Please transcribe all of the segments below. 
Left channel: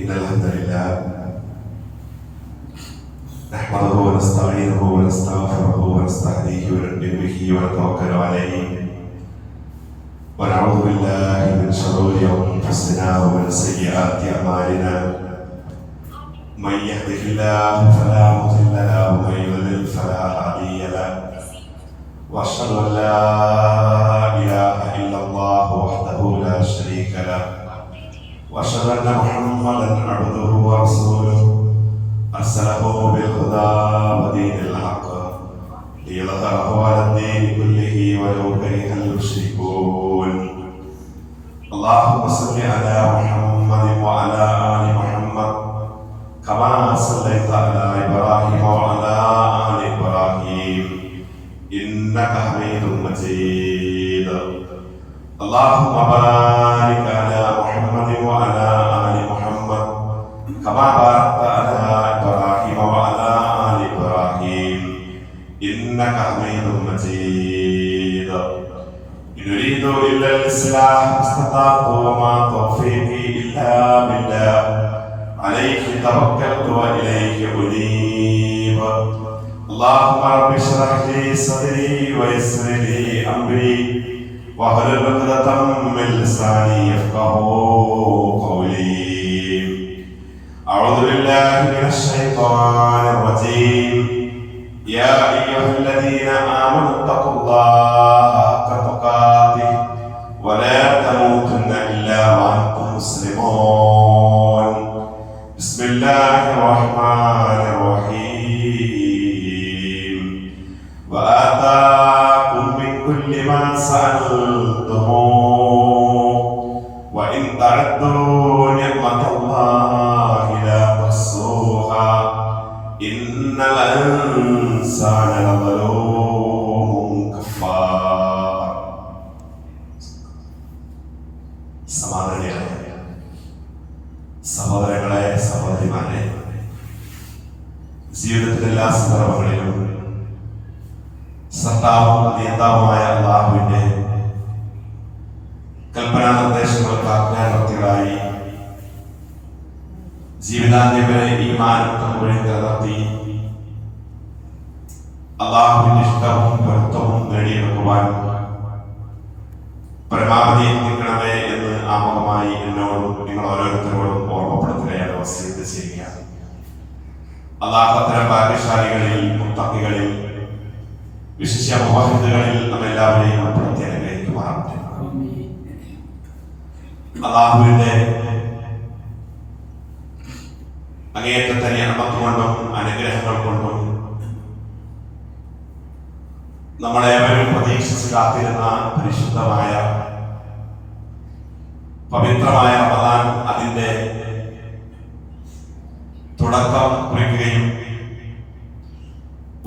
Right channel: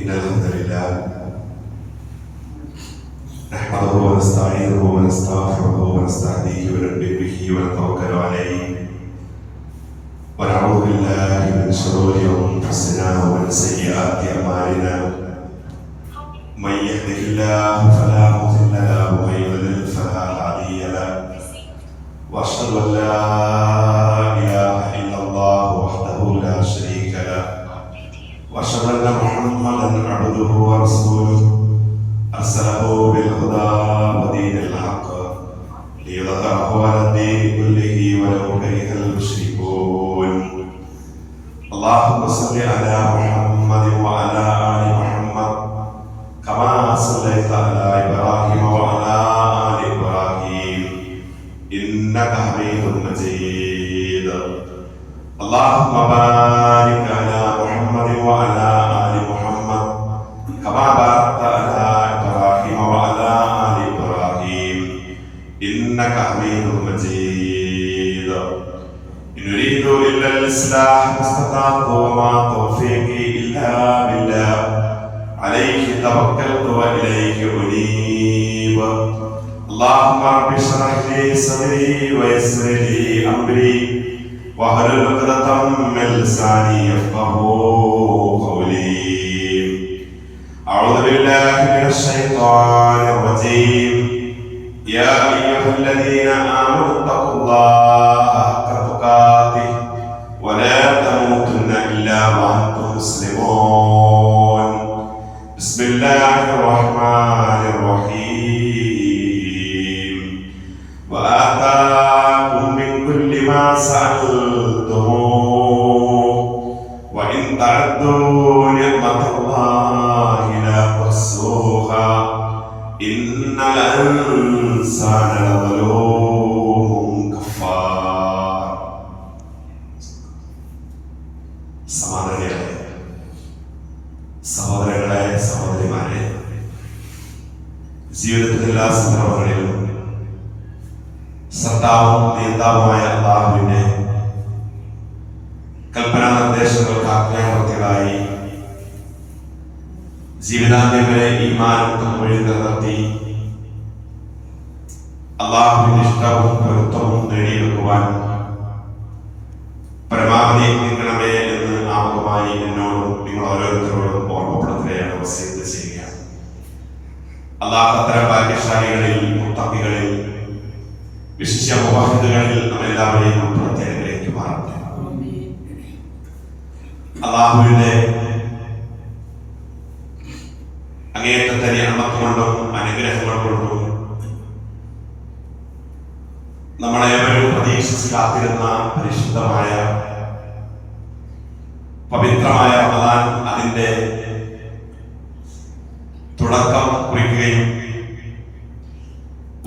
إن الحمد لله نحمده ونستعينه ونستغفره ونستهديه ونؤمن به ونتوكل عليه ونعوذ بالله من شرور أنفسنا ومن سيئات أعمالنا من يهده الله فلا مضل له ومن يضلل فلا هادي له وأشهد أن لا إله إلا الله وحده لا شريك له وأشهد أن محمدا عبده ورسوله أرسله بالهدى ودين الحق ليظهره على الدين كله ولو كره المشركون. اللهم صل على محمد وعلى آل محمد كما صليت على إبراهيم وعلى آل إبراهيم إنك حميد مجيد. اللهم بارك على محمد وعلى آل محمد كما باركت على إبراهيم وعلى آل إبراهيم إنك حميد مجيد. إن أريد إلا الإصلاح ما استطعت وما توفيقي إلا بالله عليه توكلت وإليه أنيب. اللهم رب اشرح لي صدري ويسر لي أمري واحلل عقدة من لساني يفقهوا قولي. أعوذ بالله من الشيطان الرجيم. يا أيها الذين آمنوا اتقوا الله حق تقاته ولا تموتن إلا وأنتم مسلمون. بسم الله الرحمن الرحيم. وآتاكم من كل ما سألتموه وإن تعدوا نعمة الله لا تحصوها إن الإنسان لظلوم كفار. സഹോദരങ്ങളെ സഹോദരിമാരെ, ജീവിതത്തിലെ എല്ലാ സന്ദർഭങ്ങളിലും സത്താവും നേതാവുമായ അല്ലാഹുവിന്റെ കൽപ്പനാ നിർദ്ദേശങ്ങൾക്ക് ആജ്ഞാവർത്തികളായി ജീവിതാന്ത്യം വരെ ഈമാനും തഖ്വയും നിലനിർത്തി അല്ലാഹുവിന്റെ ഇഷ്ടവും പൊരുത്തവും നേടിയെടുക്കുവാൻ പരമാവധി നിൽക്കണമേ എന്ന് ആമുഖമായി എന്നോടും നിങ്ങൾ ഓരോരുത്തരോടും ഓർമ്മപ്പെടുത്തുകയാണ്, വസിയത്ത് ചെയ്യുക. അല്ലാഹു അത്തരം ഭാഗ്യശാലികളിൽ, മുത്തഖികളിൽ, വിശിഷ്യ മുവഹിദുകളിൽ നമ്മെല്ലാവരെയും ഉൾപ്പെടുത്തി അനുഗ്രഹിക്കുമാറാകട്ടെ. അല്ലാഹുവിന്റെ അങ്ങേയറ്റത്തെ നിഅമത്ത് കൊണ്ടും അനുഗ്രഹങ്ങൾ കൊണ്ടും നമ്മളേവരും പ്രതീക്ഷിച്ച് കാത്തിരുന്ന പരിശുദ്ധമായ പവിത്രമായ റമദാൻ അതിന്റെ തുടക്കം കുറിക്കുകയും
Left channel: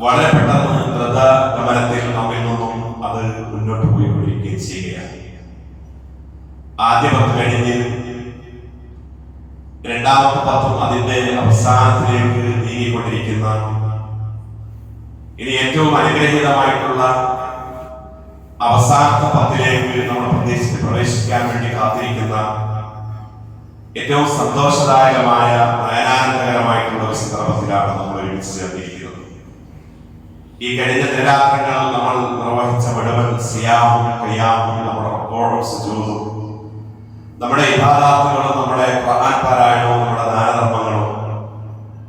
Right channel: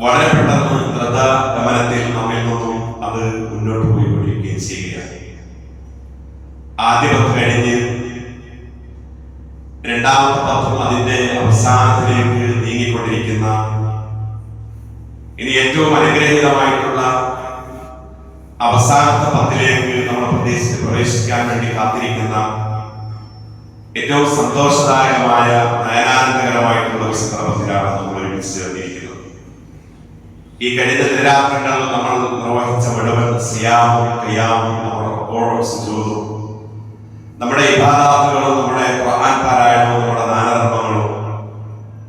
വളരെ പെട്ടെന്ന് ദ്രുതഗമനത്തിൽ നമ്മിൽ നിന്നും അത് മുന്നോട്ട് പോയിക്കൊണ്ടിരിക്കുകയും ചെയ്യുകയാണ്. ആദ്യ 10 കഴിഞ്ഞ് രണ്ടാമത്തെ 10 അതിന്റെ അവസാനത്തിലേക്ക് നീങ്ങിക്കൊണ്ടിരിക്കുന്ന, ഇനി ഏറ്റവും അനുഗ്രഹീതമായിട്ടുള്ള അവസാനത്തെ 10ലേക്ക് നമ്മൾ പ്രവേശിക്കാൻ വേണ്ടി കാത്തിരിക്കുന്ന ഏറ്റവും സന്തോഷദായകമായ നയനാനന്ദകരമായിട്ടുള്ള ഒരു സന്ദർഭത്തിലാണ് നമ്മൾ ഒരുമിച്ച് ചേർന്നിരിക്കുന്നത്. ഈ കഴിഞ്ഞ ദിനരാത്രങ്ങൾ നമ്മൾ നിർവഹിച്ച മുഴുവൻ സിയാമും ഖിയാമും നമ്മുടെ റുകൂഉം സുജൂദും നമ്മുടെ ഇബാദത്തുകളും നമ്മുടെ ഖുർആൻ പാരായണവും നമ്മുടെ ദാനധർമ്മങ്ങളും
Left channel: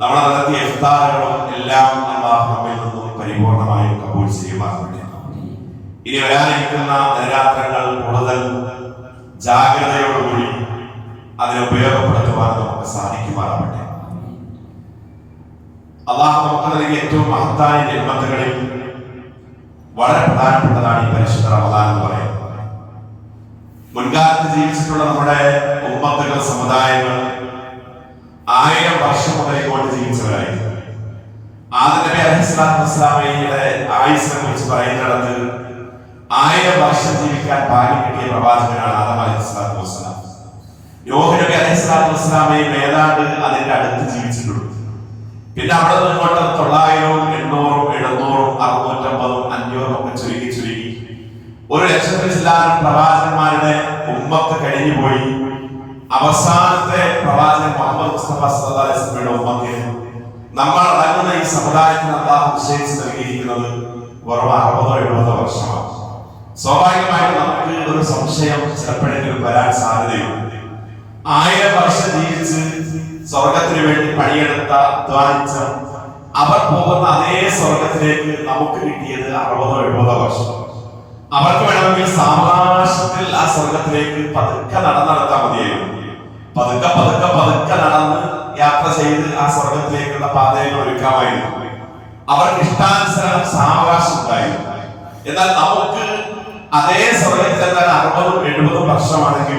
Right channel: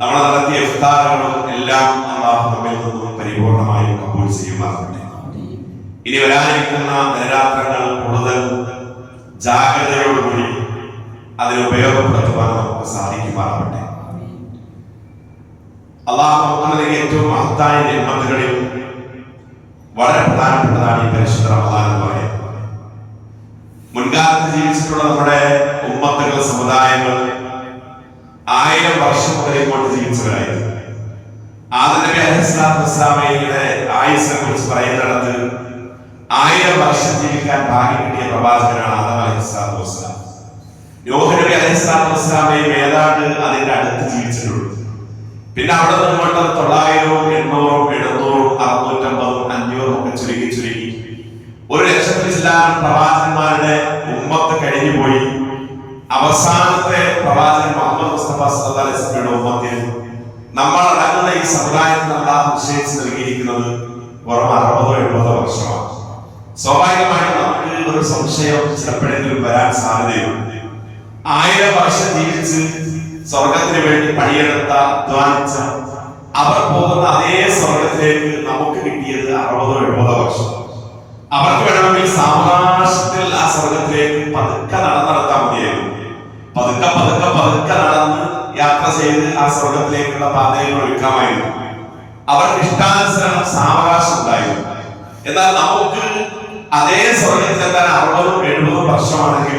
നമ്മൾ നടത്തിയ ഇഫ്താറുകളും എല്ലാം അല്ലാഹു നമ്മിൽ നിന്നും പരിപൂർണമായും കബൂൽ ചെയ്യുമാറാകട്ടെ. ഇനി വരാനിരിക്കുന്ന ദിനരാത്രങ്ങൾ കൂടുതൽ ജാഗ്രതയോടുകൂടി അതിന് ഉപയോഗപ്പെടുത്തുവാൻ നമുക്ക് സാധിക്കുമാറാകട്ടെ. അല്ലാഹു നമുക്ക് നൽകിയ ഏറ്റവും മഹത്തായ നിഅമത്തുകളിൽ വളരെ പ്രധാനപ്പെട്ടതാണ് ഈ പരിശുദ്ധ റമദാൻ എന്ന് പറയുന്നത്. മുൻകാലത്ത് ജീവിച്ചിട്ടുള്ള നമ്മുടെ ഉമ്മത്തുകൾ, സമുദായങ്ങൾ 1000 വർഷം മുതൽ ഇങ്ങോട്ട് ജീവിച്ചവരായിരുന്നു. ആദം നബി അലൈഹിസ്സലാത്തു വസ്സലാമയുടെ ആയുസ്സിനെ കുറിച്ച് പറയുന്നിടത്ത് 1000 വർഷം ജീവിക്കാൻ ഭാഗ്യം കിട്ടിയ പ്രവാചകനാണ് ആദം അലൈഹിസ്സലാത്തു വസ്സലാം. നൂഹ് നബി അലൈഹിസ്സലാത്തു വസ്സലാമയും ഏതാണ്ട് അതിന്റെ അടുത്ത് ജീവിച്ചിട്ടുള്ളൂ. പിന്നെ അവിടെ നിന്നോട്ട് 900, 800, 700, 650, 500 ഒക്കെ ചുരുക്കി 1,00,000 പ്രവാചകന്മാരുടെ ഉമ്മത്ത് കഴിഞ്ഞുപോയി. അവസാനത്തെ പ്രവാചകൻ മുഹമ്മദ് മുസ്തഫ സല്ലല്ലാഹു അലൈഹി വസല്ലമയുടെ ഉമ്മത്തിൽ നമ്മൾ അടങ്ങുന്ന ഈ സമുദായത്തിന് അല്ലാഹു നിശ്ചയിച്ച് നൽകിയിരിക്കുന്നത് വെറും 60-70 വർഷമാണ്. സ്വാഭാവികമായും നമുക്ക് ഒരു സംശയം ചിലപ്പോഴെങ്കിലും വരാൻ സാധ്യതയുണ്ട്. 1000 വർഷം ജീവിച്ച് സ്വർഗത്തിന് വേണ്ടി പണിയെടുത്ത അധ്വാനിച്ച അവർ പോകുന്ന അതേ സ്വർഗത്തിലേക്ക് നമുക്ക് കിട്ടിയത് 60-70 വർഷം. അവർക്ക് വേണമെങ്കിൽ സാവകാശത്തിൽ ആ സ്വർഗത്തിലേക്ക് പതുക്കെ നടന്നെടുത്താൽ മതിയായിരുന്നു. പതുക്കെ നടന്ന് യാത്ര ചെയ്ത് ആ സ്വർഗത്തിലേക്കുള്ള പാതയിൽ ഒരുക്കാമായിരുന്നു. അവർക്ക് ഇഷ്ടാനുസരണം സാവകാശം ഉണ്ടായിരുന്നു. എന്നാൽ നമുക്ക് അതേ സ്വർഗത്തിലെത്താൻ 60-70 വർഷമാണെങ്കിൽ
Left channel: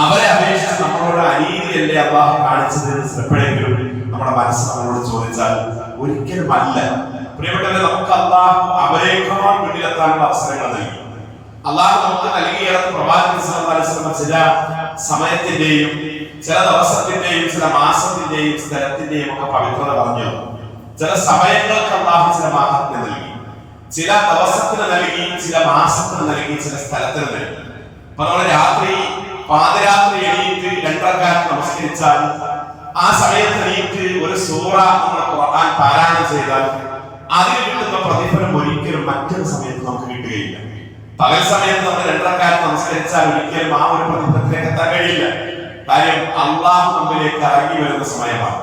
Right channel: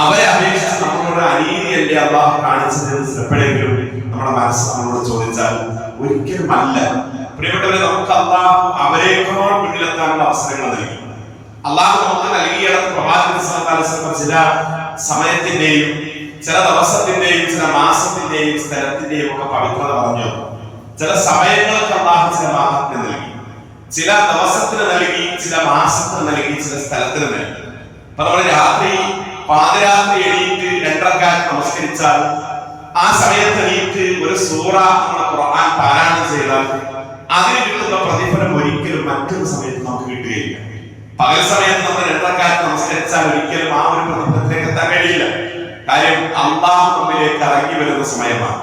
അവരെ അപേക്ഷിച്ച് നമ്മളോട് അനീതിയല്ലേ അല്ലാഹു കാണിച്ചത് എപ്പോഴെങ്കിലും നമ്മുടെ മനസ്സ് നമ്മളോട് ചോദിച്ചാൽ ഒരിക്കലും അല്ല. പ്രിയപ്പെട്ടവരെ, നമുക്ക് അല്ലാഹു അവരെക്കാൾ മുന്നിലെത്താനുള്ള അവസരങ്ങൾ നൽകി. അല്ലാഹു നമുക്ക് നൽകിയിടത്ത് പ്രവാചകൻ സല്ലല്ലാഹു അലൈഹി വസല്ലം ചില സമയത്തിന്റെയും ചില ദിവസത്തിന്റെയും ചില മാസത്തിന്റെയും സ്ഥലത്തിന്റെയും ഒക്കെ പവിത്രത പറഞ്ഞു. ചില സമയങ്ങൾക്ക് അല്ലാഹു ചില മാഹാത്മ്യം നൽകി, ചില ദിവസത്തിന് നൽകി, ചില മാസത്തിന് നൽകി, ചില സ്ഥലത്തിന് നൽകി. അതുപോലെ രാത്രി പാതിരാത്രി എണീറ്റ് 2 റക്അത്ത് നമസ്കരിച്ചാൽ ആ സമയത്ത് എണീറ്റ് ഒരു സൂറ ഖുർആൻ പാരായണം ചെയ്താൽ അതിന് കിട്ടുന്ന പ്രതിഫലം ഒരിക്കലും മറ്റൊരു സമയത്ത് നമുക്ക് കിട്ടുകയില്ല. പകൽ സമയത്ത് നമ്മൾ 2 റക്അത്ത് നമസ്കരിച്ചാൽ ഒരിക്കലും ആ ഒരു പ്രതിഫലത്തിലേക്ക് എത്താൻ കഴിയില്ല. കാര്യം അല്ലാഹു നമ്മിലേക്ക് ഇറങ്ങി വരുന്ന സമയമാണ്.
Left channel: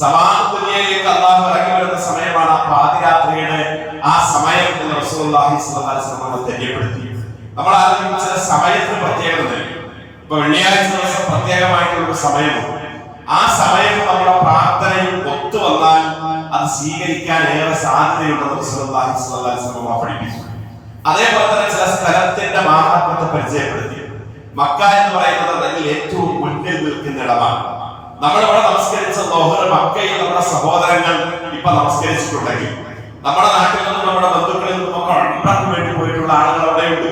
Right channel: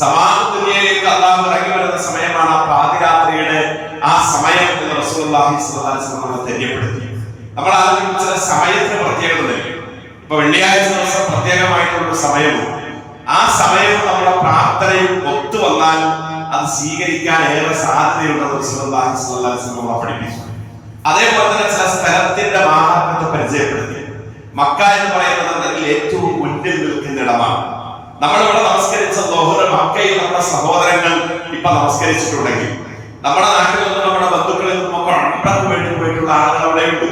സമാനത്തിലേക്ക് അല്ലാഹു ഇറങ്ങി വരുന്ന സമയമാണ് പാതിരാത്രിയുടെ ആ സമയം എന്ന് റസൂലുള്ളാഹി സ്വല്ലല്ലാഹു അലൈഹി വസല്ലം തെര്യപ്പെടുത്തി. നമ്മൾ ആലോചിക്കുന്ന ചില സമയത്തിന് പ്രത്യേകത നൽകി. ഇപ്പൊ വെള്ളിയാഴ്ച ദിവസം പ്രത്യേകമായിട്ടുള്ള സമയമുണ്ട്. ആ സമയത്ത് നമ്മുടെ പ്രാർത്ഥനയും ഒത്തു വന്നാൽ അത് സ്വീകരിക്കാൻ ഏറെ സാധ്യതയുണ്ടെന്ന് റസൂലുള്ളാഹി സ്വല്ലല്ലാഹു അലൈഹി വസല്ലം പഠിപ്പിച്ചു. അതേപോലെ തന്നെ ചില സ്ഥലത്തിന്റെ മഹാത്മ്യത്തെ പരിചയപ്പെടുത്തി. മക്ക എന്ന് പറയുന്നത് അതിൽ ഏറ്റവും മുന്നിൽ നിൽക്കുന്ന ഇടമാണ്. നമ്മളിവിടെ നമസ്കരിച്ച ലോഹർ മക്കയിൽ നമ്മുടെ സഹോദരങ്ങൾ ഇപ്പൊ നമസ്കരിച്ചിട്ടുണ്ടെങ്കിൽ നമ്മുടെ നാട്ടിൽ നിന്നും നമ്മുടെ ബന്ധുക്കളിൽ നിന്നും ഒക്കെ അഴിമക്ക് വേണ്ടി പോയിട്ടുള്ള ആളുകൾ അവിടെയുണ്ട്.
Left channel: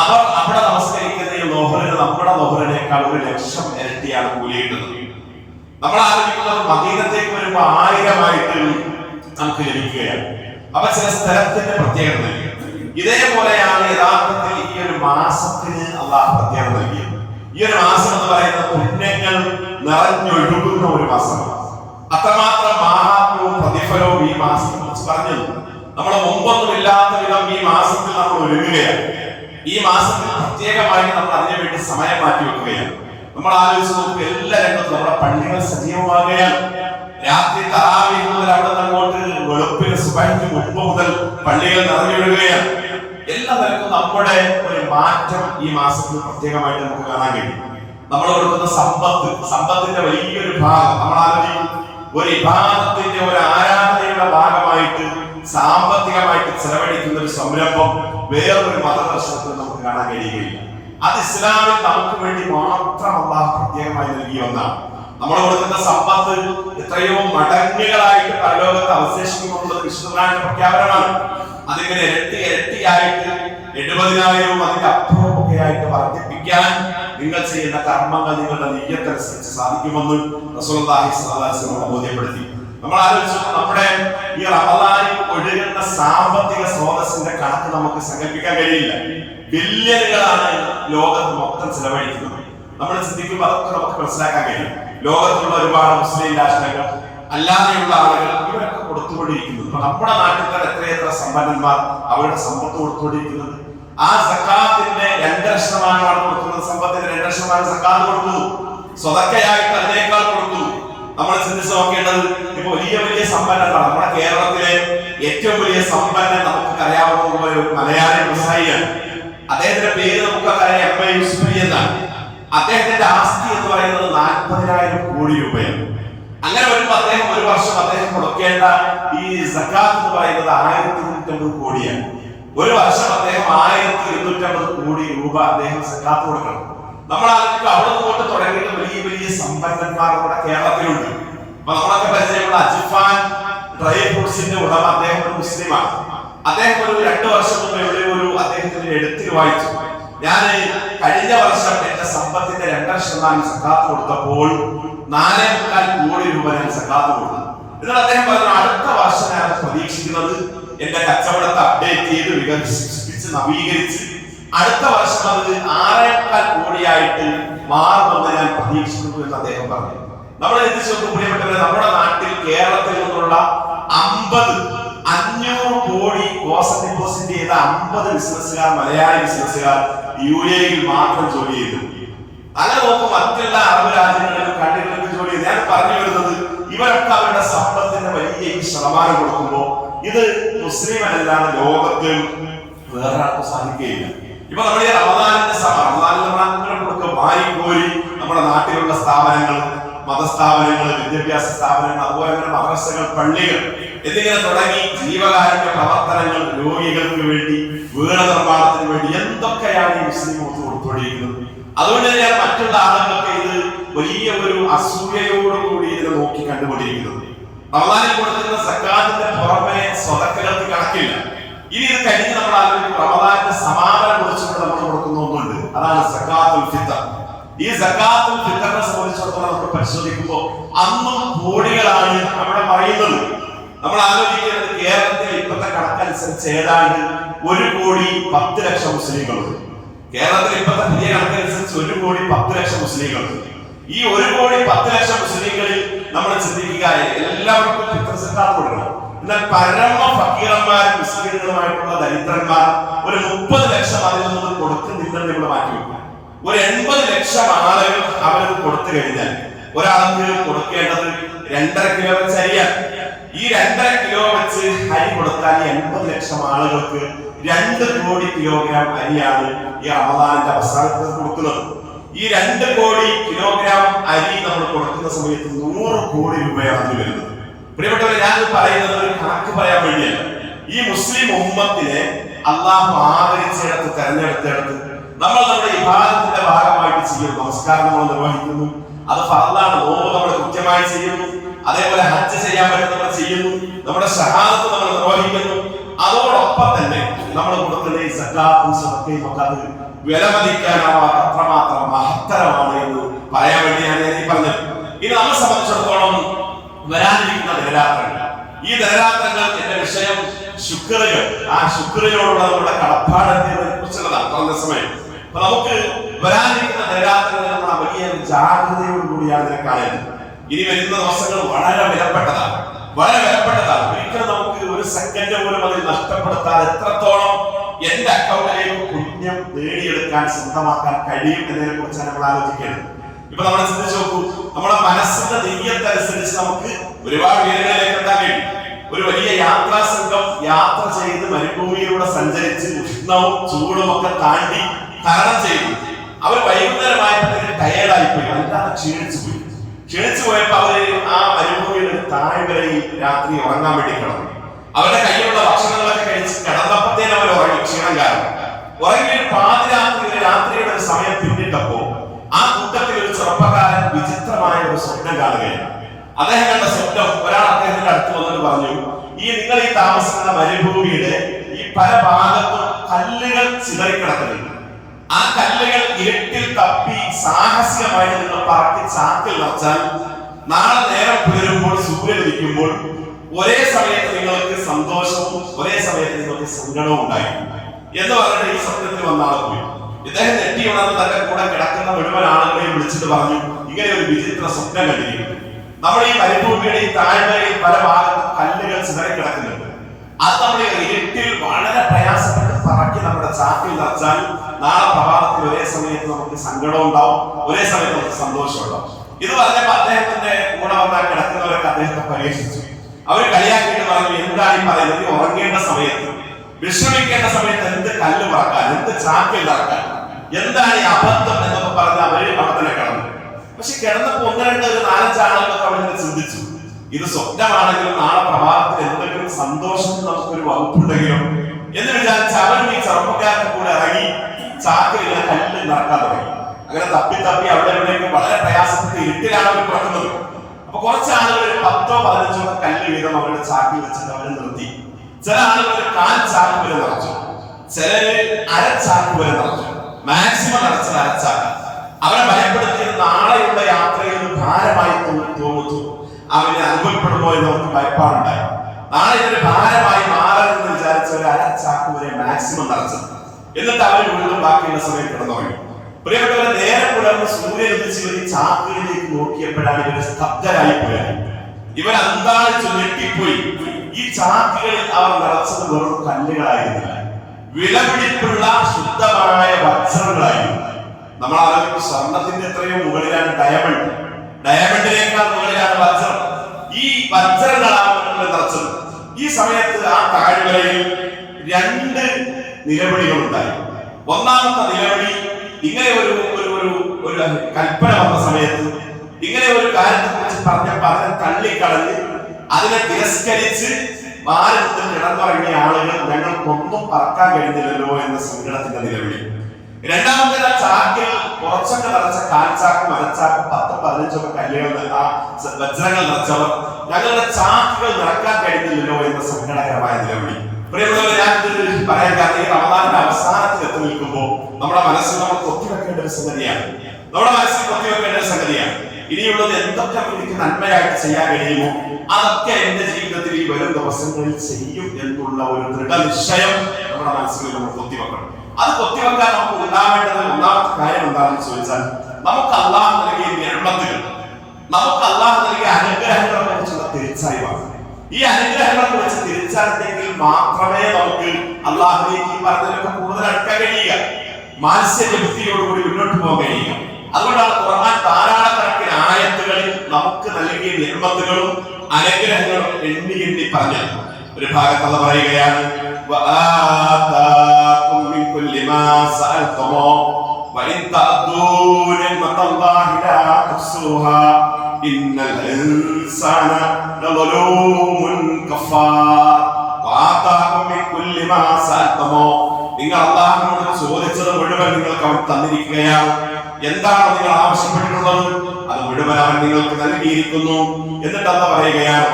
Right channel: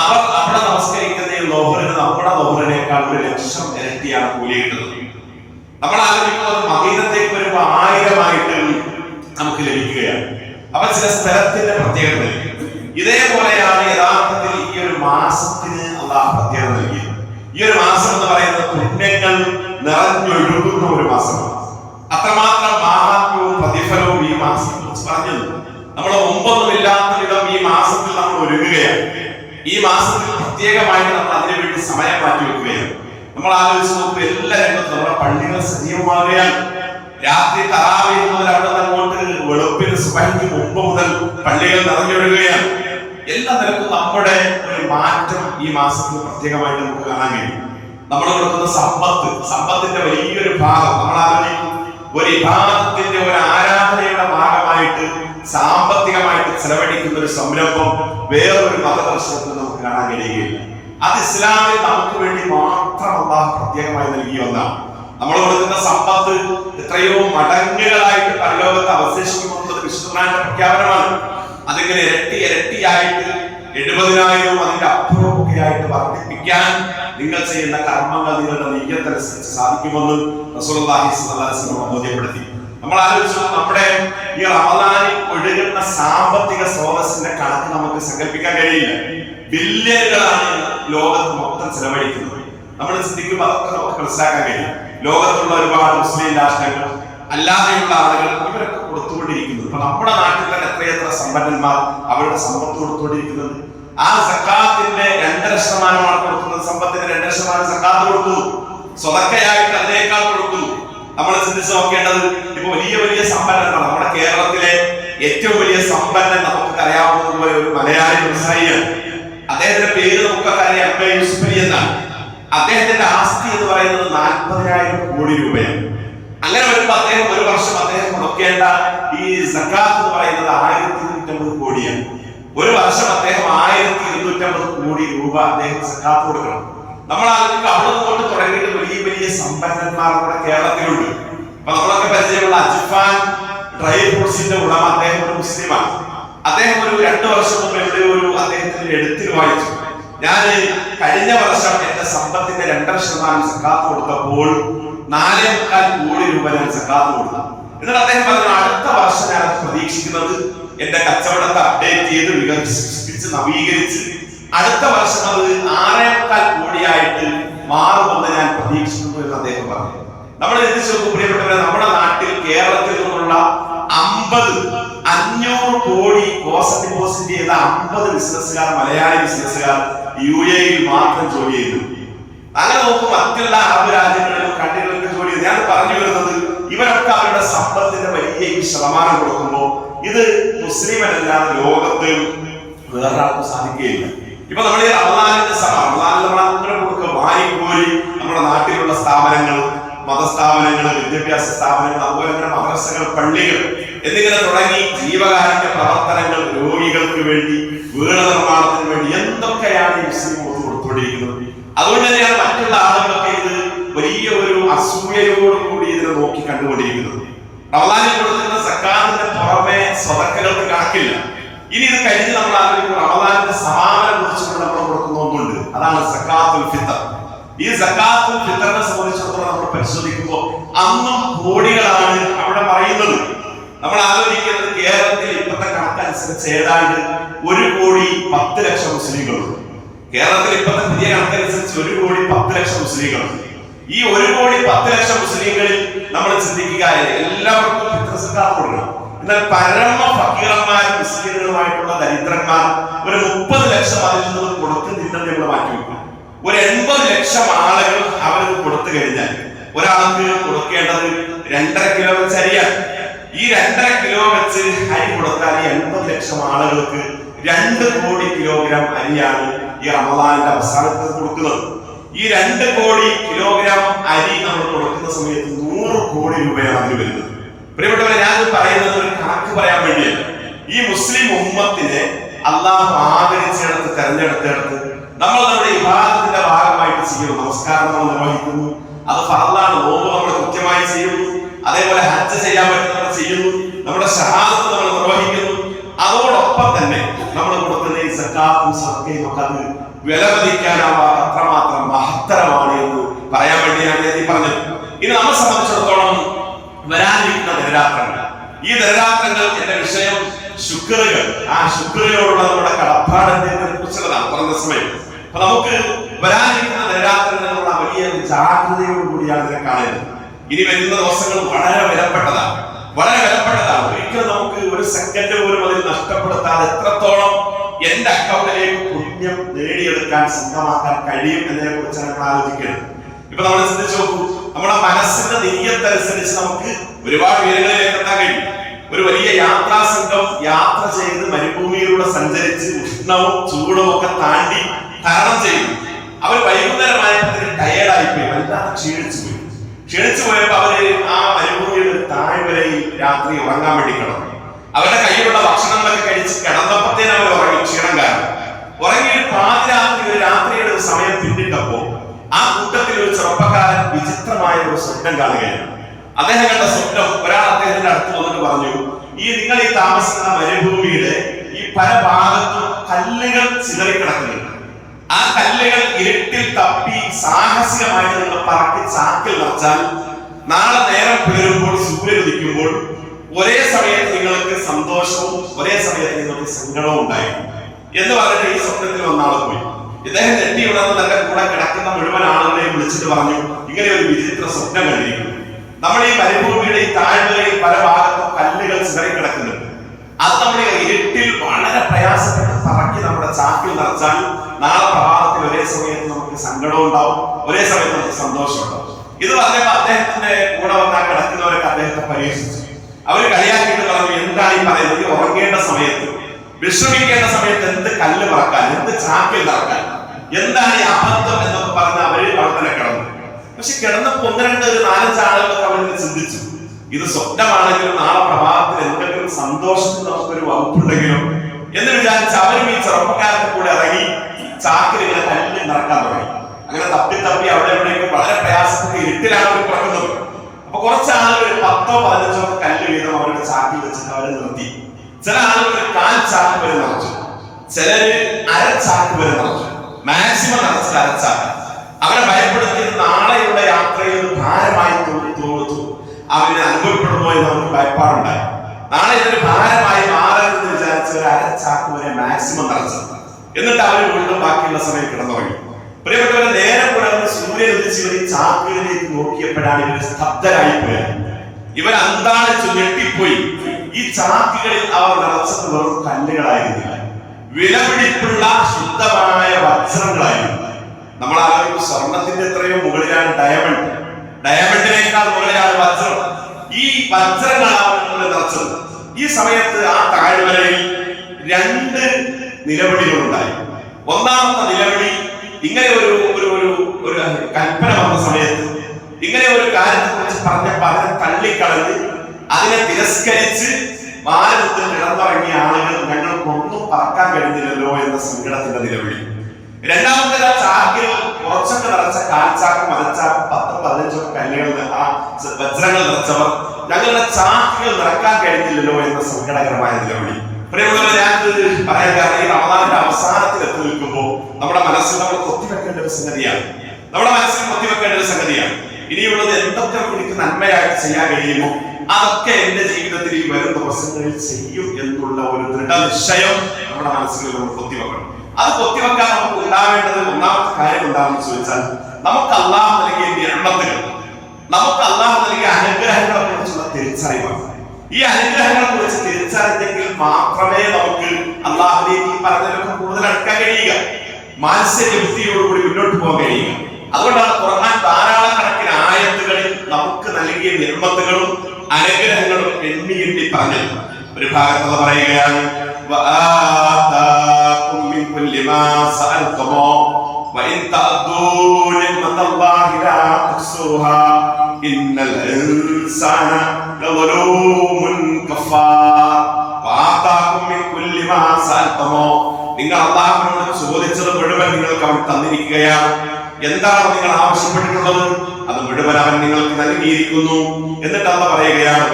അവർ അവിടെ നമസ്കരിക്കുന്ന ഈ ലോഹറിന് നമ്മുടെ ലോഹറിനേക്കാൾ 1,00,000 ഇരട്ടിയാണ് കൂലി കിട്ടുന്നത്. നമ്മൾ ആലോചിക്കുന്നത് മദീനത്തേക്ക് വരുമ്പോൾ 1000 നമുക്ക് ലഭിക്കുകയാണ്. അപ്പൊ ചില സ്ഥലത്തിന്റെ പ്രത്യേകത ഇതേപോലെയാണ് യഥാർത്ഥത്തിൽ ഈ ഒരു മാസത്തിന് അല്ലാഹു പ്രത്യേകത നൽകിയത്. ഈ ഒരു മാസം എന്ന് പറയുന്നത് പുണ്യങ്ങൾ നിറഞ്ഞൊഴുകുന്ന ഒരു മാസമാണ്. അത്രമാത്രം മാഹാത്മ്യവും പ്രതിഫലവും ഈ മാസത്തെ കുറിച്ച് പറഞ്ഞു. നമ്മൾ മുമ്പൊന്നുമില്ലാത്ത വിധം ഈ മാസത്തിൽ നമ്മൾ ഒരുങ്ങുകയാണ്. ഈ മാസത്തിൽ പ്രത്യേകമായിട്ട് നമ്മൾ അതിനു വേണ്ടി സമയം മാറ്റി വെക്കുകയാണ്. നമ്മൾ ആലോചിച്ച് നോക്കുക, എല്ലാ രംഗത്തും നമ്മുടെ പള്ളികൾ സജീവമാകുകയാണ്. രാത്രി തറാവീഹ് മുതൽ അവിടെ അങ്ങോട്ട് വെളുപ്പിന് സുബഹിക്ക് മുമ്പ് മുതൽ പള്ളികൾ നിറഞ്ഞൊഴുകുകയാണ്. എല്ലാ നിലക്കും നമ്മുടെ ഒരു മാറ്റം ഈ മാസത്തിൽ പ്രത്യേകമായിട്ട് നമുക്ക് കാണാൻ കഴിയും. നമ്മൾ കൊടുക്കുന്ന സമ്പത്തിന്റെ വലിയൊരു ഭാഗം നമ്മൾ ആലോചിക്കും. ഒരു ഇബാദത്തിന്റെ ഒരു ആരാധനയുടെ ഭാഗമായിട്ട് സാമ്പത്തികമായിട്ട് ചെലവഴിക്കുന്ന ഒരു സംരംഭം വേറൊരു മതദർശനത്തിൽ നമുക്ക് കാണാൻ കഴിയുകയില്ല. അത് ഇസ്ലാമിൽ നമുക്ക് വേണ്ടി മാത്രം അല്ലാഹു പ്രത്യേകമായി നൽകി ഒന്നാണ്. നമ്മൾ കൊടുക്കുന്ന സമ്പത്ത് എത്രയോ മടങ്ങുകളായിട്ട് പരലോകത്ത് അവശേഷിക്കുമെന്നുള്ളത് വിശുദ്ധ പ്രഖ്യാപനമാണ്. അതിങ്ങനെ ഇരട്ടിയായിട്ട് 70,000 അതിന്റെ അപ്പുറമൊക്കെ ആയിട്ട് വർദ്ധിപ്പിക്കാൻ നിങ്ങൾ ചെയ്യുന്ന കർമ്മങ്ങൾ നിങ്ങളുടെ നിയ്യത്തനുസരിച്ച് സാധിക്കുമെന്ന് റസൂലുള്ളാഹി സ്വല്ലല്ലാഹു അലൈഹി വസല്ലം ബോധ്യപ്പെടുത്തി. നമ്മൾ ആലോചിച്ചു, നമ്മുടെ ഈ റമദാനിൽ ഒഴുകുന്ന സാമ്പത്തിക സ്രോതസ്സിന്റെ കണക്ക് നമുക്ക് സങ്കല്പിക്കാൻ കഴിയില്ല. ബില്യണുകളാണ് ലോകത്ത് മൊത്തം ചെലവഴിക്കുന്നത്. നമ്മൾ ചിന്തിക്കുമ്പോൾ അതൊക്കെ നമുക്ക് മനസ്സിലാക്കാൻ കഴിയും. ലോകത്തുള്ള ഒരുപാട് മുസ്ലിം രാഷ്ട്രങ്ങൾ അല്ലാതെയുള്ള ആളുകൾ ഇവരൊക്കെ കൊടുത്തുകൊണ്ടിരിക്കുന്നത്. ഇപ്പൊ നമ്മുടെ നാട്ടിലെ എത്രയെത്ര സമ്പന്നന്മാർ അവരുടെ സമ്പത്ത് കൊടുത്തുകൊണ്ടിരിക്കുന്നത്. ആ സക്കാത്തിന്റെ 2.5% കൊടുക്കുന്നത്. സമ്പത്തിന്റെ 2% സക്കാത്ത് കൊടുക്കുന്നു. സ്വതക്കയായിട്ട് അതിനേക്കാൾ കൊടുക്കുന്നു. നമ്മൾ ചിന്തിച്ച് നോക്കേണ്ടത്, ഇപ്പൊ വലിയ വലിയ സമ്പന്നന്മാർ, നമ്മുടെ കേരളത്തിലെ ഏറ്റവും വലിയ സമ്പന്നൻ നമുക്ക് അറിയാവുന്ന ഒരു മലയാളി വ്യവസായിയാണ്. അദ്ദേഹത്തിന്റെ പേര് നമുക്കൊക്കെ അറിയാം, എം.എ. യൂസുഫ് അലി എന്നാണ്. അദ്ദേഹത്തിന്റെ ആസ്തി എന്ന് പറയുന്നത് 40,000 കോടി രൂപയാണ്. അങ്ങനെ വരുമ്പോൾ അദ്ദേഹം ഒരു വർഷം അദ്ദേഹം മുടക്കേണ്ട ഈ സക്കാത്ത് എന്ന് പറയുന്നത് 1,250 കോടിയാണ്. ഒരു വർഷം അദ്ദേഹം 1,250 കോടി രൂപ അദ്ദേഹം സക്കാത്ത് കൊടുക്കണം. നമ്മൾ ആലോചിക്കും, അവിടെ നിന്നോട്ട് തുടങ്ങിയിട്ട് വലിയ വലിയ സമ്പന്നന്മാർ നമ്മുടെ കേരളത്തിലുണ്ട്. അപ്പൊ നമ്മളൊക്കെ പരിചയമുള്ള അജിഫാൻ ഡ്രൈ ഫ്രൂട്ട്സിന്റെ ഉടമ അദ്ദേഹം ഒരു മുസ്ലിമാണ്. അദ്ദേഹം ഒരു 2 വർഷം മുമ്പ് എവിടെയോ ഒരു അദ്ദേഹത്തിന്റെ എഴുത്തിൽ വായിച്ചു, ഞാൻ കഴിഞ്ഞ വർഷം എന്റെ സമ്പത്തിന്റെ 2.5% സക്കാത്ത് കൊടുത്തപ്പോൾ 4.25 കോടി രൂപ ഞാൻ സക്കാത്ത് കൊടുത്തു. എന്നിട്ട് അദ്ദേഹം പറഞ്ഞു, അടുത്ത വർഷം ഞാൻ പ്രതീക്ഷിക്കുന്നത് എന്റെ കച്ചവടത്തെ അപ്ഡേറ്റ് ചെയ്ത് വികസിപ്പിച്ച് നവീകരിച്ച് അടുത്ത വർഷം അത് 6.25 കോടിയായിട്ട് മാറുമെന്ന് ഞാൻ പ്രതീക്ഷിക്കുന്നു എന്ന് അദ്ദേഹം പറഞ്ഞു. നമ്മൾ ചിന്തിച്ചു നോക്കും പ്രിയപ്പെട്ടവരെ, നമ്മുടെ നാട്ടിൽ കേരളത്തിൽ നിന്നുള്ള 500 കോടി കോസ്റ്റ് ഡിപ്പോസിറ്റ് ചെയ്ത 50 ബിസിനസ്സുകാർ, മലയാളി ബിസിനസ്സുകാർ UAE മാത്രം ജോലി ചെയ്തു. അങ്ങനെ നോക്കും മറ്റുള്ള അറബ് രാജ്യങ്ങളിലും കൺട്രികളിലും ജോലി ചെയ്തു. ഞാൻ പറഞ്ഞു വരുന്നത്, ഇവരൊക്കെ അവരുടെ സമ്പത്തിന്റെ വലിയ ശതമാനം കൊടുക്കുമ്പോൾ ഇത് മുസ്ലിമല്ലാതെ ലോകത്ത് വേറെ ആർക്കും സാധിക്കുകയില്ല. ഇപ്പൊ നമ്മൾ ഈ റമദാനിന്റെ കൊടുക്കുക വാരിക്കോരി നമ്മുടെ നാട്ടിലുള്ള സ്ഥാപനങ്ങൾ, മതസ്ഥാപനങ്ങൾ, വിദ്യാഭ്യാസ സ്ഥാപനങ്ങൾ, അതുപോലെ തന്നെ മദ്രസകൾ, പള്ളികൾ എന്നിങ്ങനെ തുടങ്ങി ജീവകാരുണ്യ പ്രവർത്തനങ്ങൾ, രോഗികൾക്ക് വേണ്ടി, വീട് നിർമ്മാണത്തിന് വേണ്ടി എന്തൊക്കെയാണ് ഈ മുസ്ലിം കൊടുത്തുകൊണ്ടിരിക്കുന്നത്. അതുകൊണ്ട് തന്നെയാണ് മറ്റുള്ള ആളുകളൊക്കെ ഇത് വലിയ ഒരു അസൂയയോടുകൂടി ഇതിനെ നോക്കി കണ്ടുകൊണ്ടിരിക്കുന്നത്. റമദാനിൽ കൊടുക്കുന്ന സക്കാത്തിന്റെ പുറമെ സ്വതക്കകൾക്ക് കണക്കില്ല. ഇനി ഇത് കഴിഞ്ഞ് നമ്മൾ ആലോചിക്കുന്നത് റമദാനിന്റെ സമാപനം കുറിച്ചുകൊണ്ട് നമ്മൾ കൊടുക്കുന്ന ഒന്നുണ്ട്, അതാണ് സക്കാത്തുൽ ഫിത്തർ. ഈ സക്കാത്തുൽ ഫിത്തറിനെ സംബന്ധിച്ചിടത്തോളം നമ്മൾ പരിശോധിക്കുമ്പോൾ അന്നും കോടികളാണ് അവിടെ പറയുന്നത്. നമ്മൾ ആലോചിക്കുന്നത് കേരളത്തിൽ ഇപ്പോഴത്തെ കണക്കനുസരിച്ച് ഏതാണ്ട് 1,10,00,000 മുസ്ലിങ്ങളുണ്ട്. കേരളത്തിൽ ഇപ്പോഴത്തെ പുതിയ കണക്കനുസരിച്ച് 1,10,00,000 മുസ്ലിങ്ങളുണ്ട്. ഈ 1,10,00,000 മുസ്ലിങ്ങളിൽ നമ്മൾ ചിന്തിക്കുക, എല്ലാവർക്കും ഫിത്ർ സക്കാത്ത് കൊടുക്കണം. എന്നാൽ പരമ ഫക്കീറന്മാരും മിസ്കീനുകളുമായിട്ടുള്ള ദരിദ്രന്മാർ ഒരു 30 ലക്ഷം അതിൽ നിന്ന് കൊടുക്കുന്നില്ലെന്ന് ഇവിടെ മാറ്റി വെക്കും. ഒരു 80 ലക്ഷം ആളുകൾ അവരത് കൊടുത്തു കഴിഞ്ഞാൽ ഒരാൾക്ക് കൊടുക്കേണ്ടത് 2.5 കിലോ വെച്ച് അരിയാണ്. ഈ 2.5 കിലോ വെച്ച് അരി കൊടുത്താൽ 80 ലക്ഷം ആളുകൾക്ക് 2 കോടി കിലോഗ്രാം അരിയാണ് ഈ റമദാനിന്റെ അവസാനത്തിൽ കൊടുക്കുന്നത്. ഈ 2 കോടി കിലോഗ്രാം അരി നമ്മൾ കൊടുക്കുന്ന സമയത്ത് 100 കോടി രൂപയാണ് അതിന് വരുന്നത്. പ്രിയപ്പെട്ടവരെ, ഞാൻ പറയുന്നത് ഒരു കണക്ക് പറയാൻ വേണ്ടിയല്ല. ഈ മുസ്ലിം ഉമ്മത്തിനെ അള്ളാഹു ആദരിച്ചിടത്ത്, തെരഞ്ഞെടുത്തിടത്ത് നമ്മൾ നമ്മുടെ ഇബാദത്തിന്റെ ഭാഗമായിട്ട് ചെയ്യുന്നു. നമസ്കാരം നമ്മൾ നിർവഹിക്കുന്നു, അത് ഫർളാണ്. നോമ്പ് നമ്മൾ കൃത്യമായി ചെയ്യുന്നു. അതേപോലെ ഹജ്ജ് ചെയ്യാൻ പറ്റുന്നവർ ചെയ്യുന്നു. നമ്മുടെ ഷഹാദത്ത് നമ്മൾ നിർവഹിക്കുന്നു. അതോടൊപ്പം തന്നെ നമ്മൾ കൊടുക്കുന്ന ഈ സക്കാത്തും സദഖയും ഒക്കെ അത് വിലമതിക്കാനാവാത്ത അത്രമാത്രം മഹത്തരമാണ് എന്ന് പറയാൻ വേണ്ടിയാണ് ഞാൻ ഈ പറഞ്ഞത്. ഇനി നമ്മെ സംബന്ധിച്ചിടത്തോളം വരാനിരിക്കുന്ന ദിനരാത്രങ്ങൾ, ഈ ദിനരാത്രങ്ങൾ എന്റെ വിഷയം ശുക്റുകൾ, ആ ശുക്റുകളോടുള്ള നമ്മുടെ കടപ്പാടിനെ കുറിച്ചുള്ളതാണ് പറഞ്ഞ സമയം. അപ്പൊ നമുക്ക് വരാനിരിക്കുന്ന ദിനരാത്രങ്ങൾ വലിയ ജാഗ്രതയോടുകൂടിയാണ് ഇതിനെ കാണുന്നത്. ഇനി വരുന്ന ദിവസങ്ങൾ വളരെ വിലപ്പെട്ടതാണ്, വളരെ വിലപ്പെട്ടതാണ്. ഒരിക്കലും നമുക്ക് ഒരു സെക്കൻഡ് പോലും അതിൽ നഷ്ടപ്പെടുത്താതെ എത്രത്തോളം എന്റെ അക്കൗണ്ടിലേക്ക് പുണ്യം നേടിയെടുക്കാൻ, സ്വന്തമാക്കാൻ കഴിയും എന്നതിനെ കുറിച്ചാണ് നമ്മൾ ആലോചിക്കേണ്ടത്. ഇപ്പൊ നമ്മൾ ചിന്തിച്ചു നോക്കൂ, നമ്മുടെ മനസ്സിന്റെ നിയ്യത്തനുസരിച്ച് നമുക്ക് ഒരുപാട് ഉയരങ്ങളിലേക്ക് എത്താൻ കഴിയും. ഒരു വലിയ യാത്രാ സംഘം യാത്ര ചെയ്ത് മരുഭൂമിയിലൂടെ സഞ്ചരിച്ച് ഉഷ്ണവും ചൂടും ഒക്കെ താണ്ടി തരണം ചെയ്തു. അവർ വൈകുന്നേരമായപ്പോഴത്തേക്ക് ടയേർഡായിപ്പോയി, വല്ലാതെ ക്ഷീണിച്ചു പോയപ്പോ അവര് ആ മരുഭൂമിയുടെ താഴ്വരയിൽ രാത്രി ഉറങ്ങാൻ വേണ്ടി കിടന്നു. അവരുടെ കയ്യിലുള്ള ഭക്ഷണങ്ങളൊക്കെ കഴിച്ച് കിടന്നപ്പോഴത്തേനും അവർ ഉറങ്ങി, ക്ഷീണം കാരണം ഉറങ്ങി. പാതിരാത്രി, ഒരു രാത്രിയുടെ ഒരു സമയം പിന്നിട്ടപ്പോ ആ കൂട്ടത്തിൽ ഒരു ചെറുപ്പക്കാരൻ വിചിത്രമായ ഒരു സ്വപ്നം കാണുകയാണ്. അദ്ദേഹം കണ്ട സ്വപ്നം, ഒരാൾ അദ്ദേഹത്തിന്റെ അടുത്ത് വന്നിട്ട് പറഞ്ഞു, നിങ്ങൾ ഈ താമസിക്കുന്ന മരുഭൂമിയുടെ ഈ പല ഭാഗത്തും കല്ലുകൾ ചിതറിക്കിടക്കുന്നുണ്ട്. ആ കല്ലുകൾ ഇരുട്ടിൽ തപ്പി സാഹസികമായിട്ട് നിങ്ങൾ പറക്കി ചാക്കിൽ നിറച്ചാൽ നാളെ നേരം പുലരുമ്പോൾ, സൂര്യൻ ഉദിക്കുമ്പോൾ ഒരേ സമയത്ത് നിങ്ങൾക്ക് സന്തോഷവും ഒരേ സമയത്ത് നിങ്ങൾക്ക് സങ്കടവും ഉണ്ടായിരുന്നു എന്ന് പറഞ്ഞിട്ട് ഈ സ്വപ്നത്തിൽ വന്ന ആളെ പോയി. ഇദ്ദേഹം നെട്ടി ഉണർന്ന് തന്റെ കൂടെ കിടക്കുന്ന മുഴുവൻ ആളുകളെയും വിളിച്ചിട്ട് പറഞ്ഞു, ഇങ്ങനെ ഒരു വിചിത്ര സ്വപ്നം കണ്ടിരിക്കുന്നു. നമ്മൾ ഈ മരുഭൂമിയുടെ ഈ താഴ്വരയിൽ പല ഭാഗത്തും കല്ലുകൾ ചിതറിക്കിടക്കുന്നുണ്ട്. അത് നമ്മൾ ഇരുട്ടിൽ വളരെ പ്രയാസപ്പെട്ട് പറക്കി നമ്മുടെ ചാക്കിൽ നിറച്ചാൽ നാളെ പ്രഭാതത്തിൽ ഒരേ സമയത്ത് നമുക്ക് സങ്കടം ഉണ്ടാവും, ഒരേ സമയത്ത് നമുക്ക് സന്തോഷം ഉണ്ടാവും. ഇത് പറഞ്ഞപ്പോൾ അദ്ദേഹത്തിന്റെ കൂടെ വന്നാൽ കിടക്കുന്നവരൊക്കെ അദ്ദേഹത്തെ പരീക്ഷിച്ചു. അവർ കളിയാക്കിയിട്ട് പറഞ്ഞു, എന്താണ് ഈ പറയുന്നത്? ഉറങ്ങേണ്ട സമയത്ത്, വിശ്രമിക്കേണ്ട സമയത്ത് എന്ത് കല്ല് പറക്കാൻ, എന്ത് ചാക്കിൽ നിറക്കാൻ, എന്താണ് ഈ അബദ്ധം എന്നൊക്കെ പറഞ്ഞ് അവര് അവിടെ തന്നെ കിടന്നു. പക്ഷെ കിടന്നപ്പോ 1-2-4 ആളുകളൊക്കെ അവരിങ്ങനെ ചിന്തിച്ചു, ഇത് സ്വപ്നമാണെങ്കിലും നാളെ പ്രഭാതത്തിൽ എന്തെങ്കിലും സന്തോഷത്തിന് നമുക്കൊരു വകുപ്പുണ്ടെങ്കിലും എന്ന് വിചാരിച്ച് അവരും ഈ ചെറുപ്പക്കാരുടെ കൂടെ ഇറങ്ങി ചാക്കിൽ ഇങ്ങനെ കല്ല് നിറക്കാൻ തുടങ്ങി. അങ്ങനെ തപ്പി അവിടെ എവിടെയെങ്കിലും വളരെ പ്രയാസപ്പെട്ട് ഇരുട്ടിലാണ് അവർ കിടക്കുന്നത്. അപ്പൊ കുറച്ച് ആളുകൾ 10-15 കല്ല് വീതം അവരുടെ ചാക്കിൽ വെച്ചിട്ട് അവരെ നിർത്തി. ചില ആളുകൾ 1/4 ചാക്ക് വരെ നിറച്ചു, ചിലര് 1/2 ചാക്ക് വരെ നിറച്ചു. മാക്സിമം നിറച്ചത് 1/2 ചാക്ക്. അവരെ ഭയപ്പെടുത്തിയത് നാളെയുള്ള യാത്രയിൽ ഭാരമായി തോന്നിച്ചു അവര് അനുഭവപ്പെടുമോ എന്ന് അവർക്ക് ഭയപ്പാടുണ്ടായി. നാളെ ഇതൊരു ഭാരമായി മാറരുതെന്ന് വിചാരിച്ച ഒരു 1/2 ചാക്ക് വരെ മാക്സിമം നിറച്ചത്. എന്നിട്ട് അവർ വീണ്ടും ബാക്കിയുള്ള സമയം കിടന്നുറങ്ങി. പ്രിയപ്പെട്ടവരെ, നേരം പുലർന്ന് സൂര്യൻ ഉദിച്ച് ഇവർ ചാക്കുകളിലേക്ക് നോക്കിയപ്പോഴാണ് ഇവർ സ്തബ്ധരായി പോയത്. ഇവർ അന്താളിച്ച് ഞെട്ടിപ്പോയി. ഈ ചാക്കുകളിൽ അവർ നിറച്ചത് വെറും കല്ലുകളായിരുന്നില്ല, വിലപിടിപ്പുള്ള ശുദ്ധമായ വജ്രങ്ങളായിരുന്നു. നമ്മൾ ആലോചിക്കും, സ്വർണത്തിന്റെ എത്രയോ മുകളിലാണ് ഡയമണ്ട്, ഡയമണ്ടിനേക്കാൾ മുകളിലാണ് വജ്രം. ഈ വജ്രങ്ങളാണ് നിറച്ചത്. ഈ സമയത്ത് ആ താഴ്വരയിൽ 2 നിലവിളികളുണ്ടായി. ഒന്നാമത്തെ നിലവിളി, ഇങ്ങനെ ഒരു കൽപ്പന വന്ന സമയത്ത്, ഇങ്ങനെ ഒരു കാര്യത്തെ കുറിച്ച് പറഞ്ഞപ്പോൾ അതിനെ തള്ളിക്കളഞ്ഞ് അതിനെ തിരസ്കരിച്ച് ഭാരതത്തിൽ കിടന്നിറങ്ങിയ ആളുകൾ ഞങ്ങൾക്കൊന്നും പറക്കാൻ കഴിഞ്ഞില്ലല്ലോ എന്ന സങ്കടത്തിന്റെ നിലവിളി. രണ്ടാമത്തെ ചാക്കിൽ കുറച്ചൊക്കെ നിറച്ച കാൽച്ചാക്ക്, മരച്ചാക്ക്, 10-15 കല്ലുകൾ, ആ വജ്രങ്ങൾ നിറച്ചവർ ഞങ്ങളുടെ ചാക്കുകൾ നിറക്കാൻ കഴിഞ്ഞില്ലല്ലോ എന്ന സങ്കടകരമായ നിലവിളി. പ്രിയമുള്ളവരെ, ഞാൻ പറയാൻ കാരണം ഈ റമദാനിന്റെ അവസാനത്തിൽ എത്തി നിൽക്കുമ്പോൾ നമ്മുടെ മനസ്സിൽ നമ്മൾ കൊത്തിവെക്കേണ്ട ഒരു സംഗതിയാണ്. നമ്മുടെ മനസ്സിൽ കൊത്തിവെക്കേണ്ട ഒരു സംഗതിയാണ്. ഇനിയുള്ളത് എന്തൊക്കെ എനിക്ക് നന്മയായിട്ട് ചെയ്യാൻ കഴിയുമോ അതൊക്കെ എന്റെ ജീവിതത്തിൽ ഈ വരും ദിവസങ്ങളിൽ ചെയ്യും എന്നുള്ള ഒരു ദൃഢനിശ്ചയം നമ്മുടെ മനസ്സിൽ നമ്മൾ കൊത്തിവെക്കണം. അത് കൊത്തിവെക്കാൻ നമുക്ക് ഉണ്ടാവേണ്ടത് ഒന്നാമത്തെ കാര്യം എന്താണെന്ന് ചോദിച്ചാൽ, നമുക്ക് അല്ലാഹു നൽകിയ നിഅമത്തുകൾ, നമുക്ക് അല്ലാഹു നൽകിയ അനുഗ്രഹങ്ങളെ കുറിച്ചുള്ള തിരിച്ചറിവാണ്. ഈ അനുഗ്രഹങ്ങളെ കുറിച്ച് തിരിച്ചറിഞ്ഞെങ്കിൽ മാത്രമേ നമുക്ക് അല്ലാഹുവിലേക്ക് ഈ പറഞ്ഞതിലൊക്കെ കൂടുതൽ അടുക്കാൻ കഴിയുക, മാത്സര്യബുദ്ധിയോടുകൂടി മുന്നോട്ട് പോകാൻ കഴിയുക. അതുകൊണ്ടാണ് ഖുർആൻ ധാരാളക്കണക്കിന് ആയത്തുകളിൽ നമുക്ക് നൽകിയ നിഅമത്തുകളും അനുഗ്രഹങ്ങളും എണ്ണി എണ്ണി പറഞ്ഞത്. ഒരു ഭാഗത്ത് പറയുകയാണ്, വആതാകും മിൻ കുല്ലി മാ സഅൽതുമൂ വഇൻ തഅദൂ നിഅമതല്ലാഹി ലാ തുഹ്സുഹാ ഇന്നൽ ഇൻസാന ലളൂമുൻ കഫാർ. വആതാകും മിൻ കുല്ലി മാ സഅൽതുമൂ, നിങ്ങൾ അല്ലാഹുവിനോട് ചോദിച്ചത് മുഴുവൻ നിങ്ങൾക്ക് അവൻ തന്നിരിക്കുകയാണ്. എന്താണ് നിങ്ങൾ ആവശ്യപ്പെട്ടിട്ടുള്ളത് അത് മുഴുവൻ അവൻ നിങ്ങൾക്ക് നൽകിയിരിക്കുന്നു. എന്നിട്ട് അല്ലാഹു പറയുകയാണ്,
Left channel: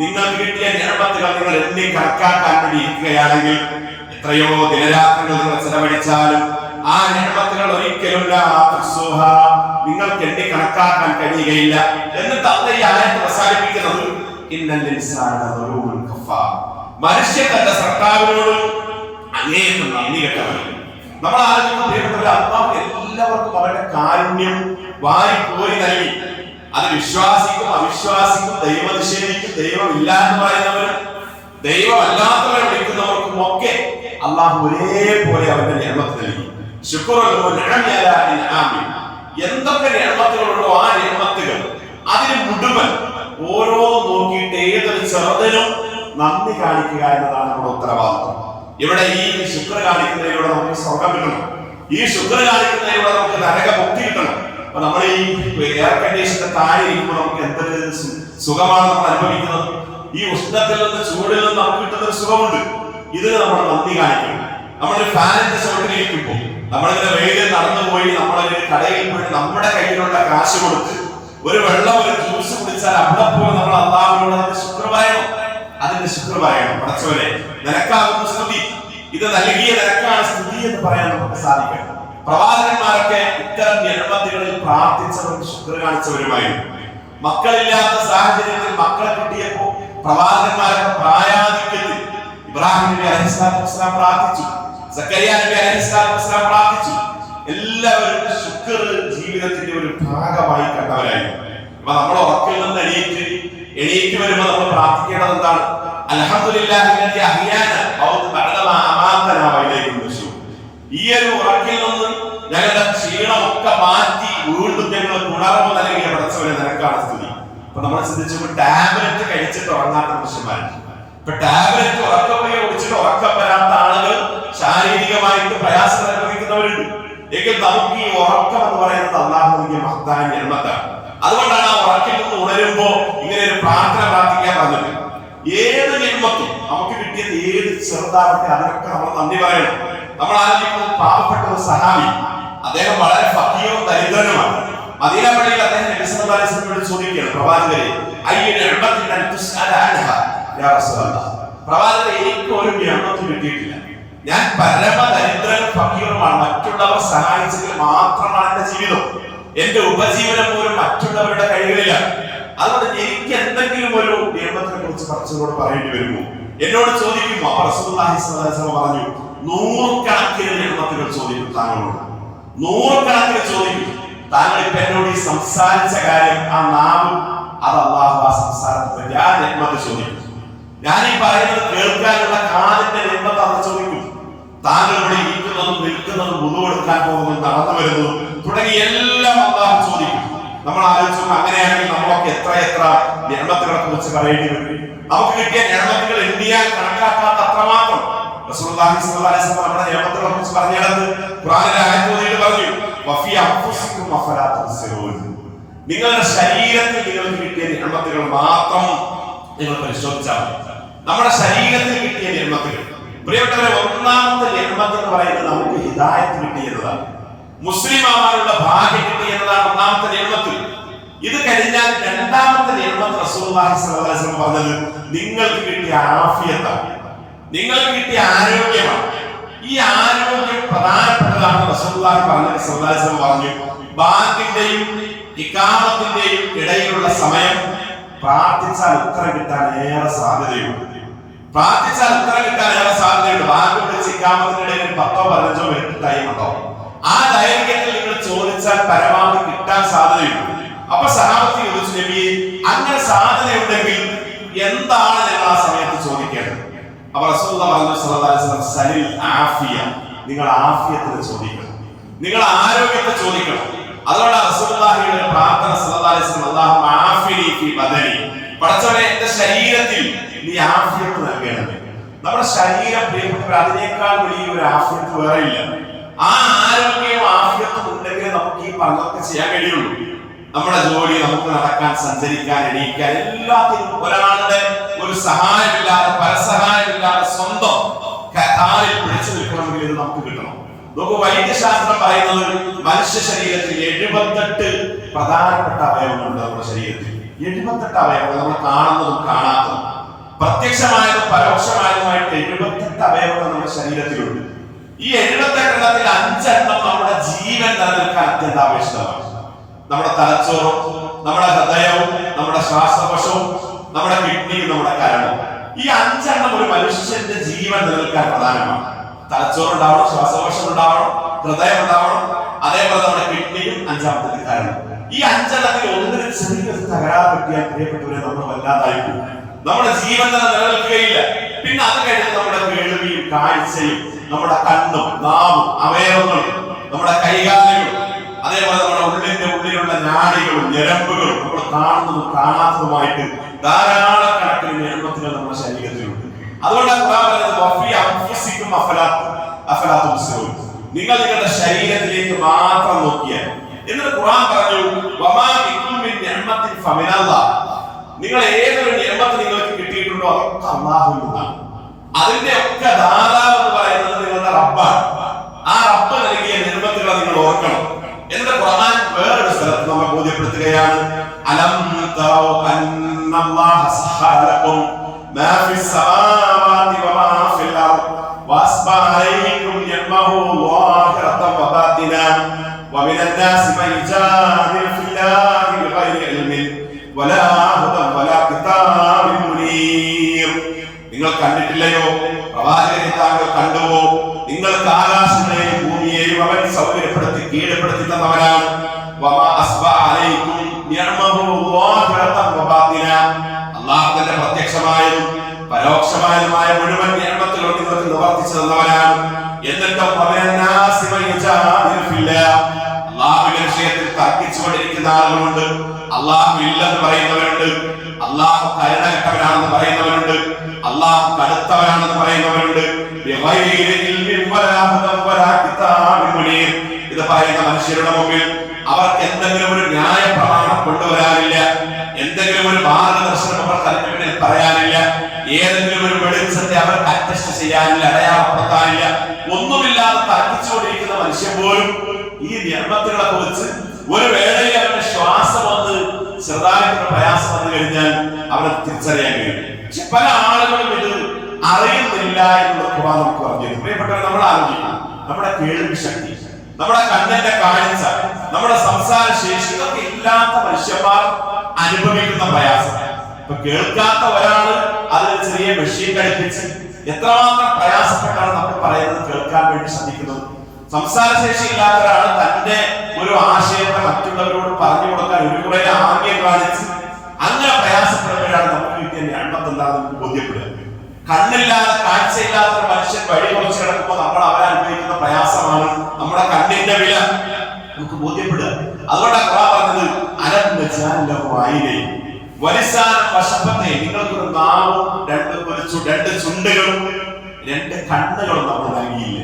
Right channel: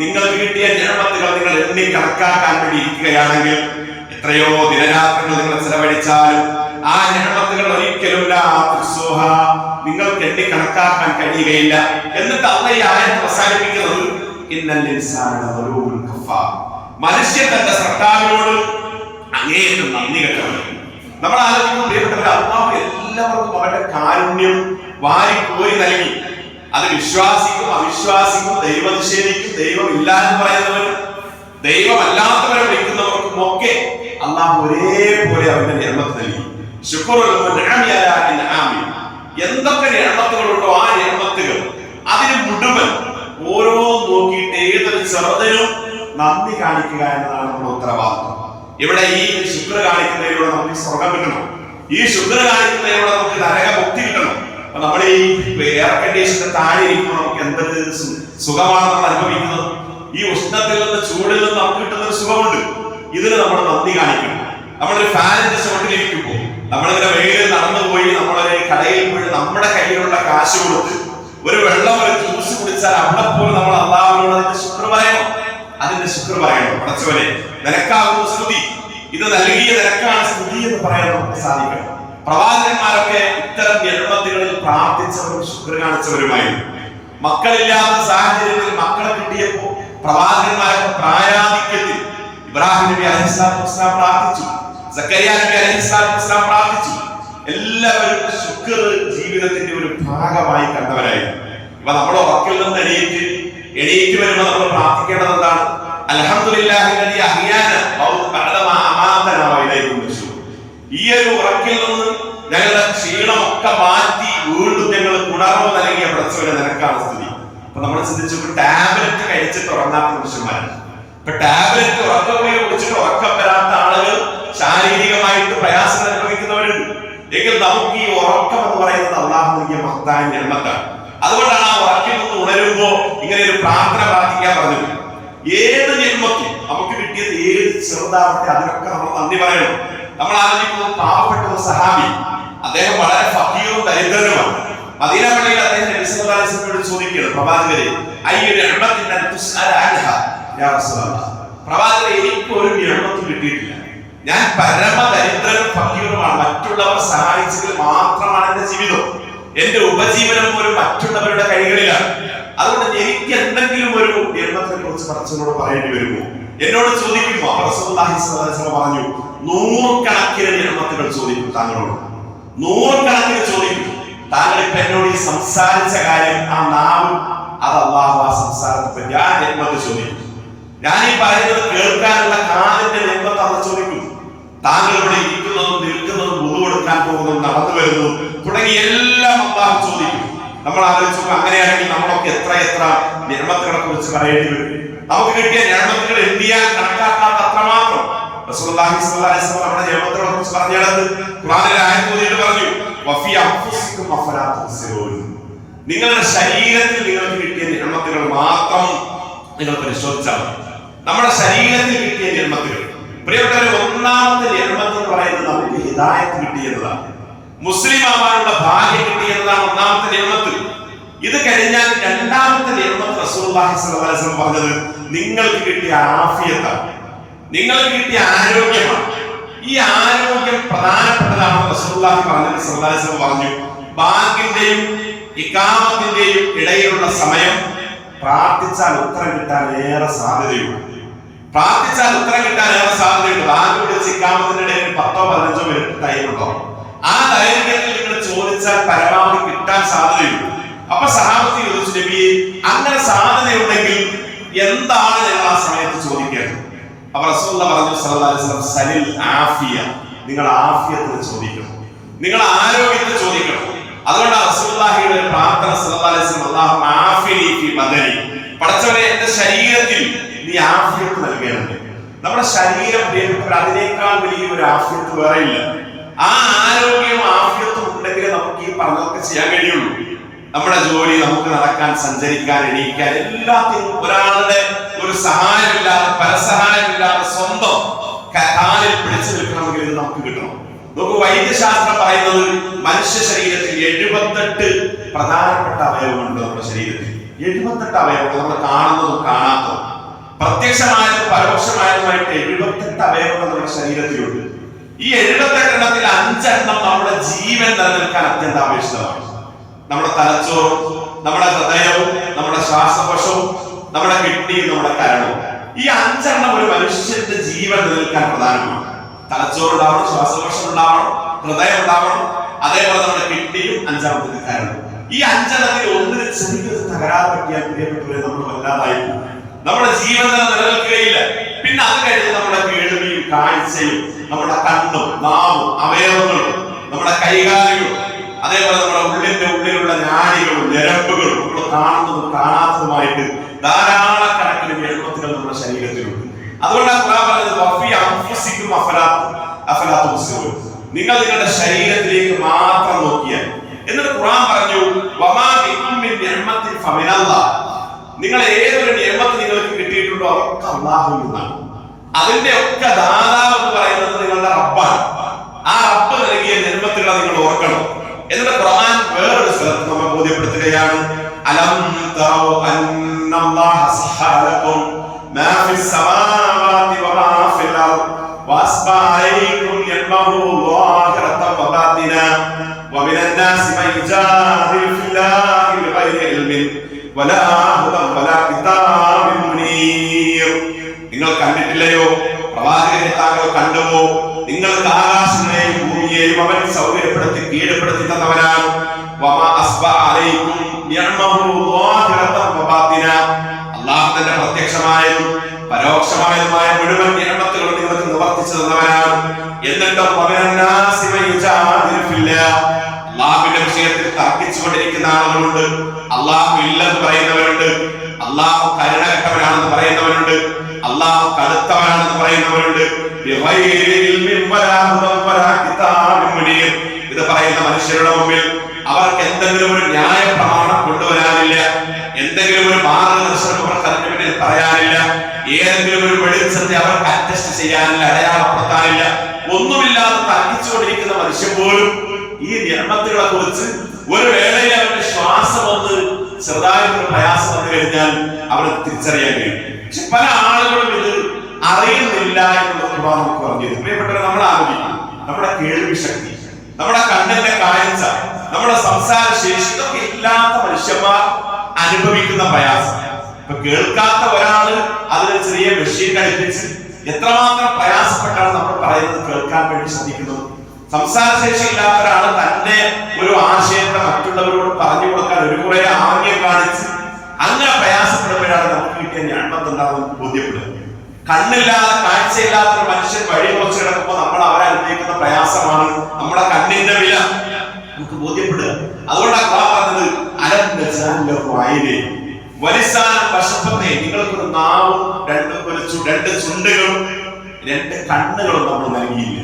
നിങ്ങൾക്ക് കിട്ടിയ നിഅമത്തുകൾ നിങ്ങൾ എണ്ണി കണക്കാക്കാൻ വേണ്ടി ഇരിക്കുകയാണെങ്കിൽ എത്രയോ ദിനരാത്രങ്ങൾ നിങ്ങൾ ചെലവഴിച്ചാലും ആ നിഅമത്തുകൾ ഒരിക്കലും നിങ്ങൾക്ക് എണ്ണി കണക്കാക്കാൻ കഴിയുകയില്ല. എന്നിട്ട് അല്ലാഹു ഈ ആയത്ത് അവസാനിപ്പിക്കുന്നത്, ഇന്നൽ ഇൻസാന ലളൂമുൻ കഫാർ, മനുഷ്യൻ തന്റെ സർക്കാരിനോട് അങ്ങേയറ്റം നന്ദി കെട്ടവൻ. നമ്മൾ ആലോചിക്കുമ്പോൾ പ്രിയപ്പെട്ടവരെ, അല്ലാഹു എല്ലാവർക്കും അവന്റെ കാരുണ്യം വാരി കോരി നൽകി. അത് വിശ്വാസിക്കും അവിശ്വാസിക്കും, ദൈവനിഷേധിക്കും, ദൈവമില്ല എന്ന് പറയുന്നവരും ദൈവമല്ലാത്തവരെ വിളിക്കുന്നവർക്കും ഒക്കെ അല്ലാഹു ഒരേപോലെ അവന്റെ നിഅമത്ത് നൽകി. എന്തൊക്കെ നിഅമത്തുകളുണ്ടോ ആ നിഅമത്തുകൾ അതിന് മുഴുവൻ ഓരോ നോക്കിയിട്ട് ഏതൊരു ചെറുതിനും നന്ദി കാണിക്കുക എന്നതാണ് നമ്മുടെ ഉത്തരവാദിത്വം. ഇവിടെ ഈ ശുക്ർ കാണിക്കുന്നതിലൂടെ നമുക്ക് സ്വർഗം കിട്ടണം, ഈ ശുക്ർ കാണിക്കുന്നതിലൂടെ നമുക്ക് നരകമുക്തി കിട്ടണം. അപ്പൊ നമ്മൾ ഈ എയർ കണ്ടീഷന്റെ താഴെ ഇരിക്കുമ്പോൾ നമുക്ക് എന്തൊരു സുഖമാണ് നമ്മൾ അനുഭവിക്കുന്നത്. ഈ ഉഷ്ണത്തിൽ നിന്ന് ചൂടിൽ നിന്ന് നമുക്ക് കിട്ടുന്ന ഒരു സുഖമുണ്ട്. ഇതിന് നമ്മൾ നന്ദി കാണിക്കണം. നമ്മളൊരു ഫാനിന്റെ ചോട്ടിലിരിക്കുമ്പോൾ, നമ്മളിങ്ങനെ വെയിലിൽ നടന്നുപോയി നമ്മളൊരു കടയിൽ പോയി നമ്മുടെ കയ്യിലുള്ള കാശ് കൊടുത്ത് ഒരു വെള്ളം, ഒരു ജ്യൂസ് കുടിച്ചാൽ അവിടെ പോലും നമ്മൾ അല്ലാഹുവിനോട് അതിന്റെ ശുക്ർ പറയണം, അതിന്റെ ശുക്ർ പറയണം. പടച്ചവനെ, നിനക്കാകുന്ന സ്തുതി, ഇത് നൽകിയ നിനക്കാണ് സ്തുതി എന്ന് പറയാൻ നമുക്ക് സാധിക്കണം. പ്രവാചകന്മാരൊക്കെ ഇത്തരം നിഅമത്തുകളിൽ പ്രാർത്ഥിച്ചവരും ശുക്ർ കാണിച്ചവരുമായിരുന്നു. മക്കളില്ലാത്ത സാഹചര്യത്തിൽ മക്കളെ കിട്ടിയപ്പോ പ്രവാചകന്മാരൊക്കെ പ്രായാധിക്യത്തിൽ ഇബ്രാഹിം നബി അലൈഹിസ്സലാത്തു വസ്സലാം പ്രാർത്ഥിച്ചു, സക്കരിയ നബി അലൈഹിസ്സലാത്തു വസ്സലാം പ്രാർത്ഥിച്ചു. എല്ലാവരും ശുക്ർ ജീവിതത്തിന്റെ ഒരു ഭാഗമായി കണ്ടവരായിരുന്നു. അപ്പൊ നമ്മൾ ഉറക്കിൽ നിന്ന് എണീറ്റ് വരുമ്പോൾ നമ്മൾ പ്രാർത്ഥിക്കേണ്ടത് എന്താണ്? അൽഹംദുലില്ലാഹി അല്ലദീ അഹ്യാന ബഅദമാ അമാതനാ വഇലൈഹി നുശൂർ. ഈ ഒരു ഉറക്കിൽ നിന്ന് ഞങ്ങളുടെ ക്ഷീണമൊക്കെ മാറ്റി വീണ്ടും ഞങ്ങൾ ഉണർവ് നൽകിയ പടച്ചവനെ നിനക്കാണ് സ്തുതി. അപ്പൊ നമ്മൾ ചിന്തിച്ചപ്പോൾ ടാബ്ലറ്റ് കഴിച്ചിട്ട് ഉറങ്ങാത്ത മനുഷ്യന്മാരുണ്ട്. ഇപ്പൊ ടാബ്ലറ്റ് ഉറക്കമേ കുടിച്ചിട്ട് ഉറക്കം വരാത്ത ആളുകൾ ശാരീരികമായിട്ട് പ്രയാസം അനുഭവിക്കുന്നവരുണ്ട്. എങ്കിൽ നമുക്ക് ഈ ഉറക്കം എന്ന് പറയുന്നത് അല്ലാഹു നൽകിയ മഹത്തായ നിഅമത്താണ്. അതുകൊണ്ടാണ് ആ ഉറക്കിൽ നിന്ന് ഉണരുമ്പോ ഇങ്ങനെ ഒരു പ്രാർത്ഥന പ്രാർത്ഥിക്കാൻ പറഞ്ഞത്. ഏത് ജന്മത്തും നമുക്ക് കിട്ടിയത് ഏത് ചെറുതാവട്ടെ അതിനൊക്കെ നമ്മൾ നന്ദി പറയണം. നമ്മൾ ആലോചിക്കുന്നത് പാവപ്പെട്ട ഒരു സഹാബി, അദ്ദേഹം വളരെ ഫഖീറും ദരിദ്രനുമാണ്. മദീന പള്ളിയിൽ അദ്ദേഹം നബി സല്ലല്ലാഹു അലൈഹി വസല്ലമയോട് ചോദിക്കുകയാണ്, പ്രവാചകരെ, അയ്യ നിഅമത്തിൻ അൻ തുസ്അല അൻഹാ യാ റസൂലല്ലാഹ്, പ്രവാചകരെ, എനിക്ക് ഒരു നിഅമത്തും കിട്ടിയിട്ടില്ല, ഞാൻ പരമദരിദ്രനും ഫഖീറുമാണ്, മറ്റുള്ളവർ സഹായിച്ചെങ്കിൽ മാത്രമാണ് എന്റെ ജീവിതം, എന്റെ ഉപജീവനം പോലും മറ്റുള്ളവരുടെ കൈകളിലാണ്. അതുകൊണ്ട് എനിക്ക് എന്തെങ്കിലും ഒരു നിയമത്തിനെ കുറിച്ച് പടച്ചവനോട് പറയേണ്ടി വരുമോ എന്നോട് ചോദിക്കും. അപ്പോൾ റസൂലുള്ളാഹി സ്വല്ലല്ലാഹു അലൈഹി വസല്ലം പറഞ്ഞു, നൂറുകണക്കിന് നിഅമത്തുകൾ ചോദിക്കും താങ്കളോട്, നൂറുകണക്കിന് ചോദിക്കും. താങ്കൾ ഇപ്പൊ എന്നോട് ഈ സംസാരിച്ച കാര്യം, ആ നാവ്, അത് അല്ലാഹു ആ സംസാരത്തെ പറ്റി ആ നിഅമത്ത് ചോദിക്കും. ഞാൻ ഈ പറയുന്നത് കേൾക്കാനുള്ള കാലിന്റെ നിഅമത്ത് അത് ചോദിക്കും. താങ്കൾ ഇവിടെ ഇരിക്കുന്നതും നിൽക്കുന്നതും വുളു എടുക്കാൻ പോകുന്നതും നടന്നു വരുന്നതും തുടങ്ങി എല്ലാം അല്ലാഹു ചോദിക്കും. നമ്മൾ ആലോചിച്ചു, അങ്ങനെയാണെങ്കിൽ നമ്മളൊക്കെ എത്ര എത്ര നിഅമത്തുകളെ കുറിച്ച് പറയേണ്ടി വരും. നമുക്ക് കിട്ടിയ നിഅമത്തുകൾ എണ്ണിയാൽ കണക്കാക്കാത്ത അത്രമാത്രം. റസൂലുള്ളാഹി സ്വല്ലല്ലാഹു അലൈഹി വസല്ലം നമ്മുടെ നിഅമത്തുകളെ കുറിച്ച് പറഞ്ഞിടത്ത് ഖുർആനിലെ ആയത്ത് ഓതിയിട്ട് പറഞ്ഞു, വഫി അൻഫുസികും അഫലാ തുബ്സിറൂൻ. നിങ്ങളുടെ ശരീരത്തിൽ നിങ്ങൾക്ക് കിട്ടിയ നിഅമത്തുകൾ മാത്രം നിങ്ങൾ പരിശോധിച്ചാൽ മതി. നമ്മുടെ ശരീരത്തിൽ കിട്ടിയ നിഅമത്തുകൾ, പ്രിയപ്പെട്ടവരെ, ഒന്നാമത്തെ നിഅമത്ത് എന്ന് പറയുന്നത് നമുക്ക് ഹിദായത്ത് കിട്ടിയതാണ്, മുസ്ലിം ആവാനുള്ള ഭാഗ്യം കിട്ടിയതാണ് ഒന്നാമത്തെ നിഅമത്ത്. ഇത് കഴിഞ്ഞാൽ രണ്ടാമത്തെ നിഅമത്ത് റസൂലുള്ളാഹി സ്വല്ലല്ലാഹു അലൈഹി വസല്ലം പറഞ്ഞത് നിങ്ങൾക്ക് കിട്ടിയ ആഫിയത്താണ്, നിങ്ങൾക്ക് കിട്ടിയ ആരോഗ്യമാണ്. ഈ ആരോഗ്യം പ്രധാനപ്പെട്ടതാണ്. റസൂലുള്ളാഹി സ്വല്ലല്ലാഹു അലൈഹി വസല്ലം പറഞ്ഞു, ബാങ്കിന്റെയും ഇഖാമത്തിന്റെയും ഇടയിലുള്ള സമയം പ്രാർത്ഥിച്ചാൽ ഉത്തരം കിട്ടാൻ ഏറെ സാധ്യതയുണ്ട്. പ്രാർത്ഥിച്ചാൽ ഉത്തരം കിട്ടാൻ ഏറെ സാധ്യതയുണ്ട്. ബാങ്ക് വിളിച്ച് ഇഖാമത്തിന്റെ ഇടയിൽ 10-15 മിനിറ്റ് ടൈം ഉണ്ടോ? ആ ദൈർഘ്യത്തിൽ നിങ്ങൾ ചോദിച്ചാൽ പരമാവധി കിട്ടാൻ സാധ്യതയുണ്ട്. അപ്പൊ സഹാബത്ത് ചോദിച്ചു, നബിയെ, അങ്ങനെ സാധ്യതയുണ്ടെങ്കിൽ എന്താണ് ഞങ്ങൾ ആ സമയത്ത് ചോദിക്കേണ്ടത്? അപ്പൊ റസൂലുള്ളാഹി പറഞ്ഞു സ്വല്ലല്ലാഹു അലൈഹി വസല്ലം, സലിൽ ആഫിയ, നിങ്ങൾ ആഫിയത്തിന് ചോദിക്കണം, നിങ്ങൾ ആരോഗ്യത്തെ ചോദിക്കണം. അതുകൊണ്ടാണ് റസൂലുള്ളാഹിയുടെ പ്രാർത്ഥന സ്വല്ലല്ലാഹു അലൈഹി വസല്ലം, അല്ലാഹുമ്മ ആഫിനി ഫീ ബദനി, പടച്ചവനെ എന്റെ ശരീരത്തിൽ നീ ആഫിയത്ത് നൽകണമേ. നമ്മുടെ ശരീരം പ്രിയപ്പെട്ടവർ, അതിനേക്കാൾ വലിയ ഒരു ആഫിയത്ത് വേറെ ഇല്ല. ആ ആരോഗ്യവും ആഫിയത്തും ഉണ്ടെങ്കിലേ നമുക്ക് ഈ പറഞ്ഞതൊക്കെ ചെയ്യാൻ കഴിയുള്ളൂ. നമ്മുടെ ജോലി, നമുക്ക് നടക്കാൻ, സഞ്ചരിക്കാൻ, എണീക്കാൻ, എല്ലാത്തിനും ഒരാളുടെ ഒരു സഹായമില്ലാതെ, പരസഹായമില്ലാതെ സ്വന്തം കാലിൽ പിടിച്ചു നിൽക്കണമെങ്കിൽ ഇത് നമുക്ക് കിട്ടണം. നമുക്ക് വൈദ്യശാസ്ത്രം പറയുന്നത് മനുഷ്യ ശരീരത്തിൽ 78 പ്രധാനപ്പെട്ട അവയവങ്ങളുണ്ട്. നമ്മുടെ ശരീരത്തിൽ 78 അവയവങ്ങൾ, നമ്മൾ കാണുന്നതും കാണാത്തതും പ്രത്യക്ഷമായതും പരോക്ഷമായതുമായിട്ട് 78 അവയവങ്ങൾ നമ്മുടെ ശരീരത്തിലുണ്ട്. ഈ 78 എണ്ണത്തിൽ 5 എണ്ണം നമ്മുടെ ജീവൻ നിലനിൽക്കാൻ അത്യന്താപേക്ഷിതമാണ്. നമ്മുടെ തലച്ചോറും, നമ്മുടെ ഹൃദയവും, നമ്മുടെ ശ്വാസകോശവും, നമ്മുടെ കിഡ്നിയും, നമ്മുടെ കരളും. ഈ 5 എണ്ണം ഒരു മനുഷ്യന്റെ ജീവൻ നിലനിൽക്കാൻ പ്രധാനമാണ്. തലച്ചോറ് ഉണ്ടാവണം, ശ്വാസകോശം ഉണ്ടാവണം, ഹൃദയം ഉണ്ടാവണം, അതേപോലെ നമ്മുടെ കിഡ്നിയും, 5ാമത്തെ കരളും. ഈ 5 എണ്ണത്തിൽ ഒന്നിന് ചെറിയൊരു തകരാറ് പറ്റിയാൽ പ്രിയപ്പെട്ടവരെ നമ്മൾ വല്ലാതായി പോകും. നമ്മുടെ ജീവൻ നിലനിൽക്കുകയില്ല. പിന്നെ അത് കഴിഞ്ഞ് നമ്മുടെ കേൾവിയും കാഴ്ചയും, നമ്മുടെ കണ്ണും നാവും അവയവങ്ങളും, നമ്മുടെ കൈകാലുകളും, അതേപോലെ നമ്മുടെ ഉള്ളിലുള്ള നാഡികളും ഞരമ്പുകളും, നമ്മൾ കാണുന്നതും കാണാത്തതുമായിട്ട് ധാരാളക്കണക്കിന് നിയമത്തുകൾ നമ്മുടെ ശരീരത്തിലുണ്ട്. അതുകൊണ്ടാണ് ഖുർആൻ പറഞ്ഞത്, വഫി അൻഫുസികും അഫലാ തുബ്സിറൂൻ, നിങ്ങൾ നിങ്ങളുടെ ശരീരത്തിലേക്ക് മാത്രം നോക്കിയാൽ. എന്നിട്ട് ഖുർആൻ പറഞ്ഞു, വമാ ബികും മിൻ നിഅമത്തിൻ ഫമിനല്ലാഹ്, നിങ്ങൾ ഏതൊരു നിയമത്ത് നിങ്ങൾക്ക് കിട്ടിയിട്ടുണ്ടോ അതൊക്കെ അല്ലാഹുവിൽ നിന്നാണ്. അതിന്റെ ഒക്കെ ദാതാവ് എന്ന് പറയുന്നത് നിങ്ങളുടെ റബ്ബാണ്. ആ റബ്ബ് നൽകിയ നിയമത്തുകളെ നിങ്ങൾ ഓർക്കണം. എന്നിട്ട് ഖുർആൻ വേറൊരു സ്ഥലത്ത് നമ്മെ ബോധ്യപ്പെടുത്തുകയാണ്, അലം തറൗ അന്നല്ലാഹ സഖറ ലക്കും മാ ഫിസ് സമാവാതി വമാ ഫിൽ അർദ് വഅസ്ബഅ അലൈക്കും യഅ്മഹു ളാഹിറതൻ വബാതിന വമിനൻ നാസി മൻ യജാദിലു ഫില്ലാഹി ബിഗൈരി ഇൽമിൻ വലാ ഹുദൻ വലാ കിതാബിൻ മുനീർ. നിങ്ങൾ കണ്ടിട്ടില്ലയോ? പ്രവാചകനെ താങ്കൾ കണ്ടുവോ? നിങ്ങൾക്ക് ആകാശങ്ങളെയും ഭൂമിയെയും അവൻ സൗകര്യപ്പെടുത്തി കീഴ്പ്പെടുത്തി തന്നവനാണ്. അല്ലാഹു തന്റെ പ്രത്യക്ഷമായതും പരോക്ഷമായതുമായ മുഴുവൻ നിഅമത്തുകളും നിങ്ങൾക്ക് നിവർത്തിച്ചു തന്നവനാണ്. എന്നിട്ടും അല്ലാഹുവിന്റെ വിഷയത്തിൽ തർക്കിച്ചുകൊണ്ടിരിക്കുന്ന ആളുകളുണ്ട്. അല്ലാഹു ഇല്ലെന്ന് പറയുന്നവരുണ്ട്, അല്ലാഹു കരുണകെട്ടവനാണെന്ന് പറയുന്നവരുണ്ട്, അല്ലാഹു കടുത്തവനാണെന്ന് പറയുന്നവരുണ്ട്. ഇത് പറയുന്ന മനുഷ്യരുടെ മുമ്പിൽ അവർക്ക് എന്തെങ്കിലും ഒരു ന്യായ പ്രമാണം കൊണ്ടുവരാനില്ല, എന്തെങ്കിലും ഒരു മാർഗദർശനം അവർക്ക് അതിന് മുന്നിൽ പറയാനില്ല, ഏതെങ്കിലും ഒരു വെളിച്ചത്തെ അവർക്ക് അറ്റസ്റ്റ് ചെയ്യാനില്ല, അടയാളപ്പെടുത്താനില്ല. ഒന്നുമില്ലാതെ തർക്കിച്ചുകൊണ്ടിരിക്കുന്ന മനുഷ്യൻ പോലും ഈ നിയമത്തുകളെ കുറിച്ച് ഒരു വേളയിൽ അവന്റെ ശ്വാസം വന്ന് ചെറുതായിട്ടൊരു പ്രയാസം വന്നു കഴിഞ്ഞാൽ അവന് തിരിച്ചറിയാൻ കഴിയും. പക്ഷെ പല ആളുകളും ഇത് അറിയുന്നില്ല എന്നുള്ളത് ഖുർആൻ നമുക്ക് പറഞ്ഞു. പ്രിയപ്പെട്ടവർ, നമ്മൾ ആലോചിക്കണം, നമ്മുടെ കേൾവി ശക്തി, നമ്മുടെ കണ്ണിന്റെ കാഴ്ച, നമ്മുടെ സംസാര ശേഷി, ഇതൊക്കെ ഇല്ലാത്ത മനുഷ്യന്മാർ അനുഭവിക്കുന്ന പ്രയാസം. ഇപ്പൊ കേൾക്കാത്ത ഒരാള് അതിന് ചെറിയ മെഷീൻ ഘടിപ്പിച്ച് എത്രമാത്രം പ്രയാസപ്പെട്ടാണ് നമ്മൾ പറയുന്നത് കേൾക്കാൻ വേണ്ടി ശ്രമിക്കുന്നത്. സംസാരശേഷി ഇല്ലാത്ത ഒരാൾ തന്റെ ഒരു ആശയത്തെ മറ്റുള്ളവരോട് പറഞ്ഞു കൊടുക്കാൻ ഒരു കുറെ ആംഗ്യം കാണിച്ച് അങ്ങനെ പ്രയാസപ്പെടുമ്പോഴാണ് നമുക്ക് കിട്ടിയ ഞണ്ടത്തുണ്ടാകുന്ന ബോധ്യപ്പെടുക. കണ്ണില്ലാതെ കാഴ്ചയില്ലാത്ത ഒരു മനുഷ്യൻ വഴി കുറച്ച് കിടക്കുമ്പോൾ നമ്മൾ അവരെ അനുഭവിക്കുന്ന പ്രയാസമാണ് നമ്മുടെ കണ്ണിന്റെ വില നമുക്ക് ബോധ്യപ്പെടുക. അതുകൊണ്ടാണ് പറഞ്ഞത് അലർവായിനെ വലിസാൻ വശപ്പത്തെ നിങ്ങൾക്കൊരു നാവും രണ്ട് ചുണ്ടുകളും രണ്ട് കണ്ണുകളും നമ്മൾ നൽകിയില്ല.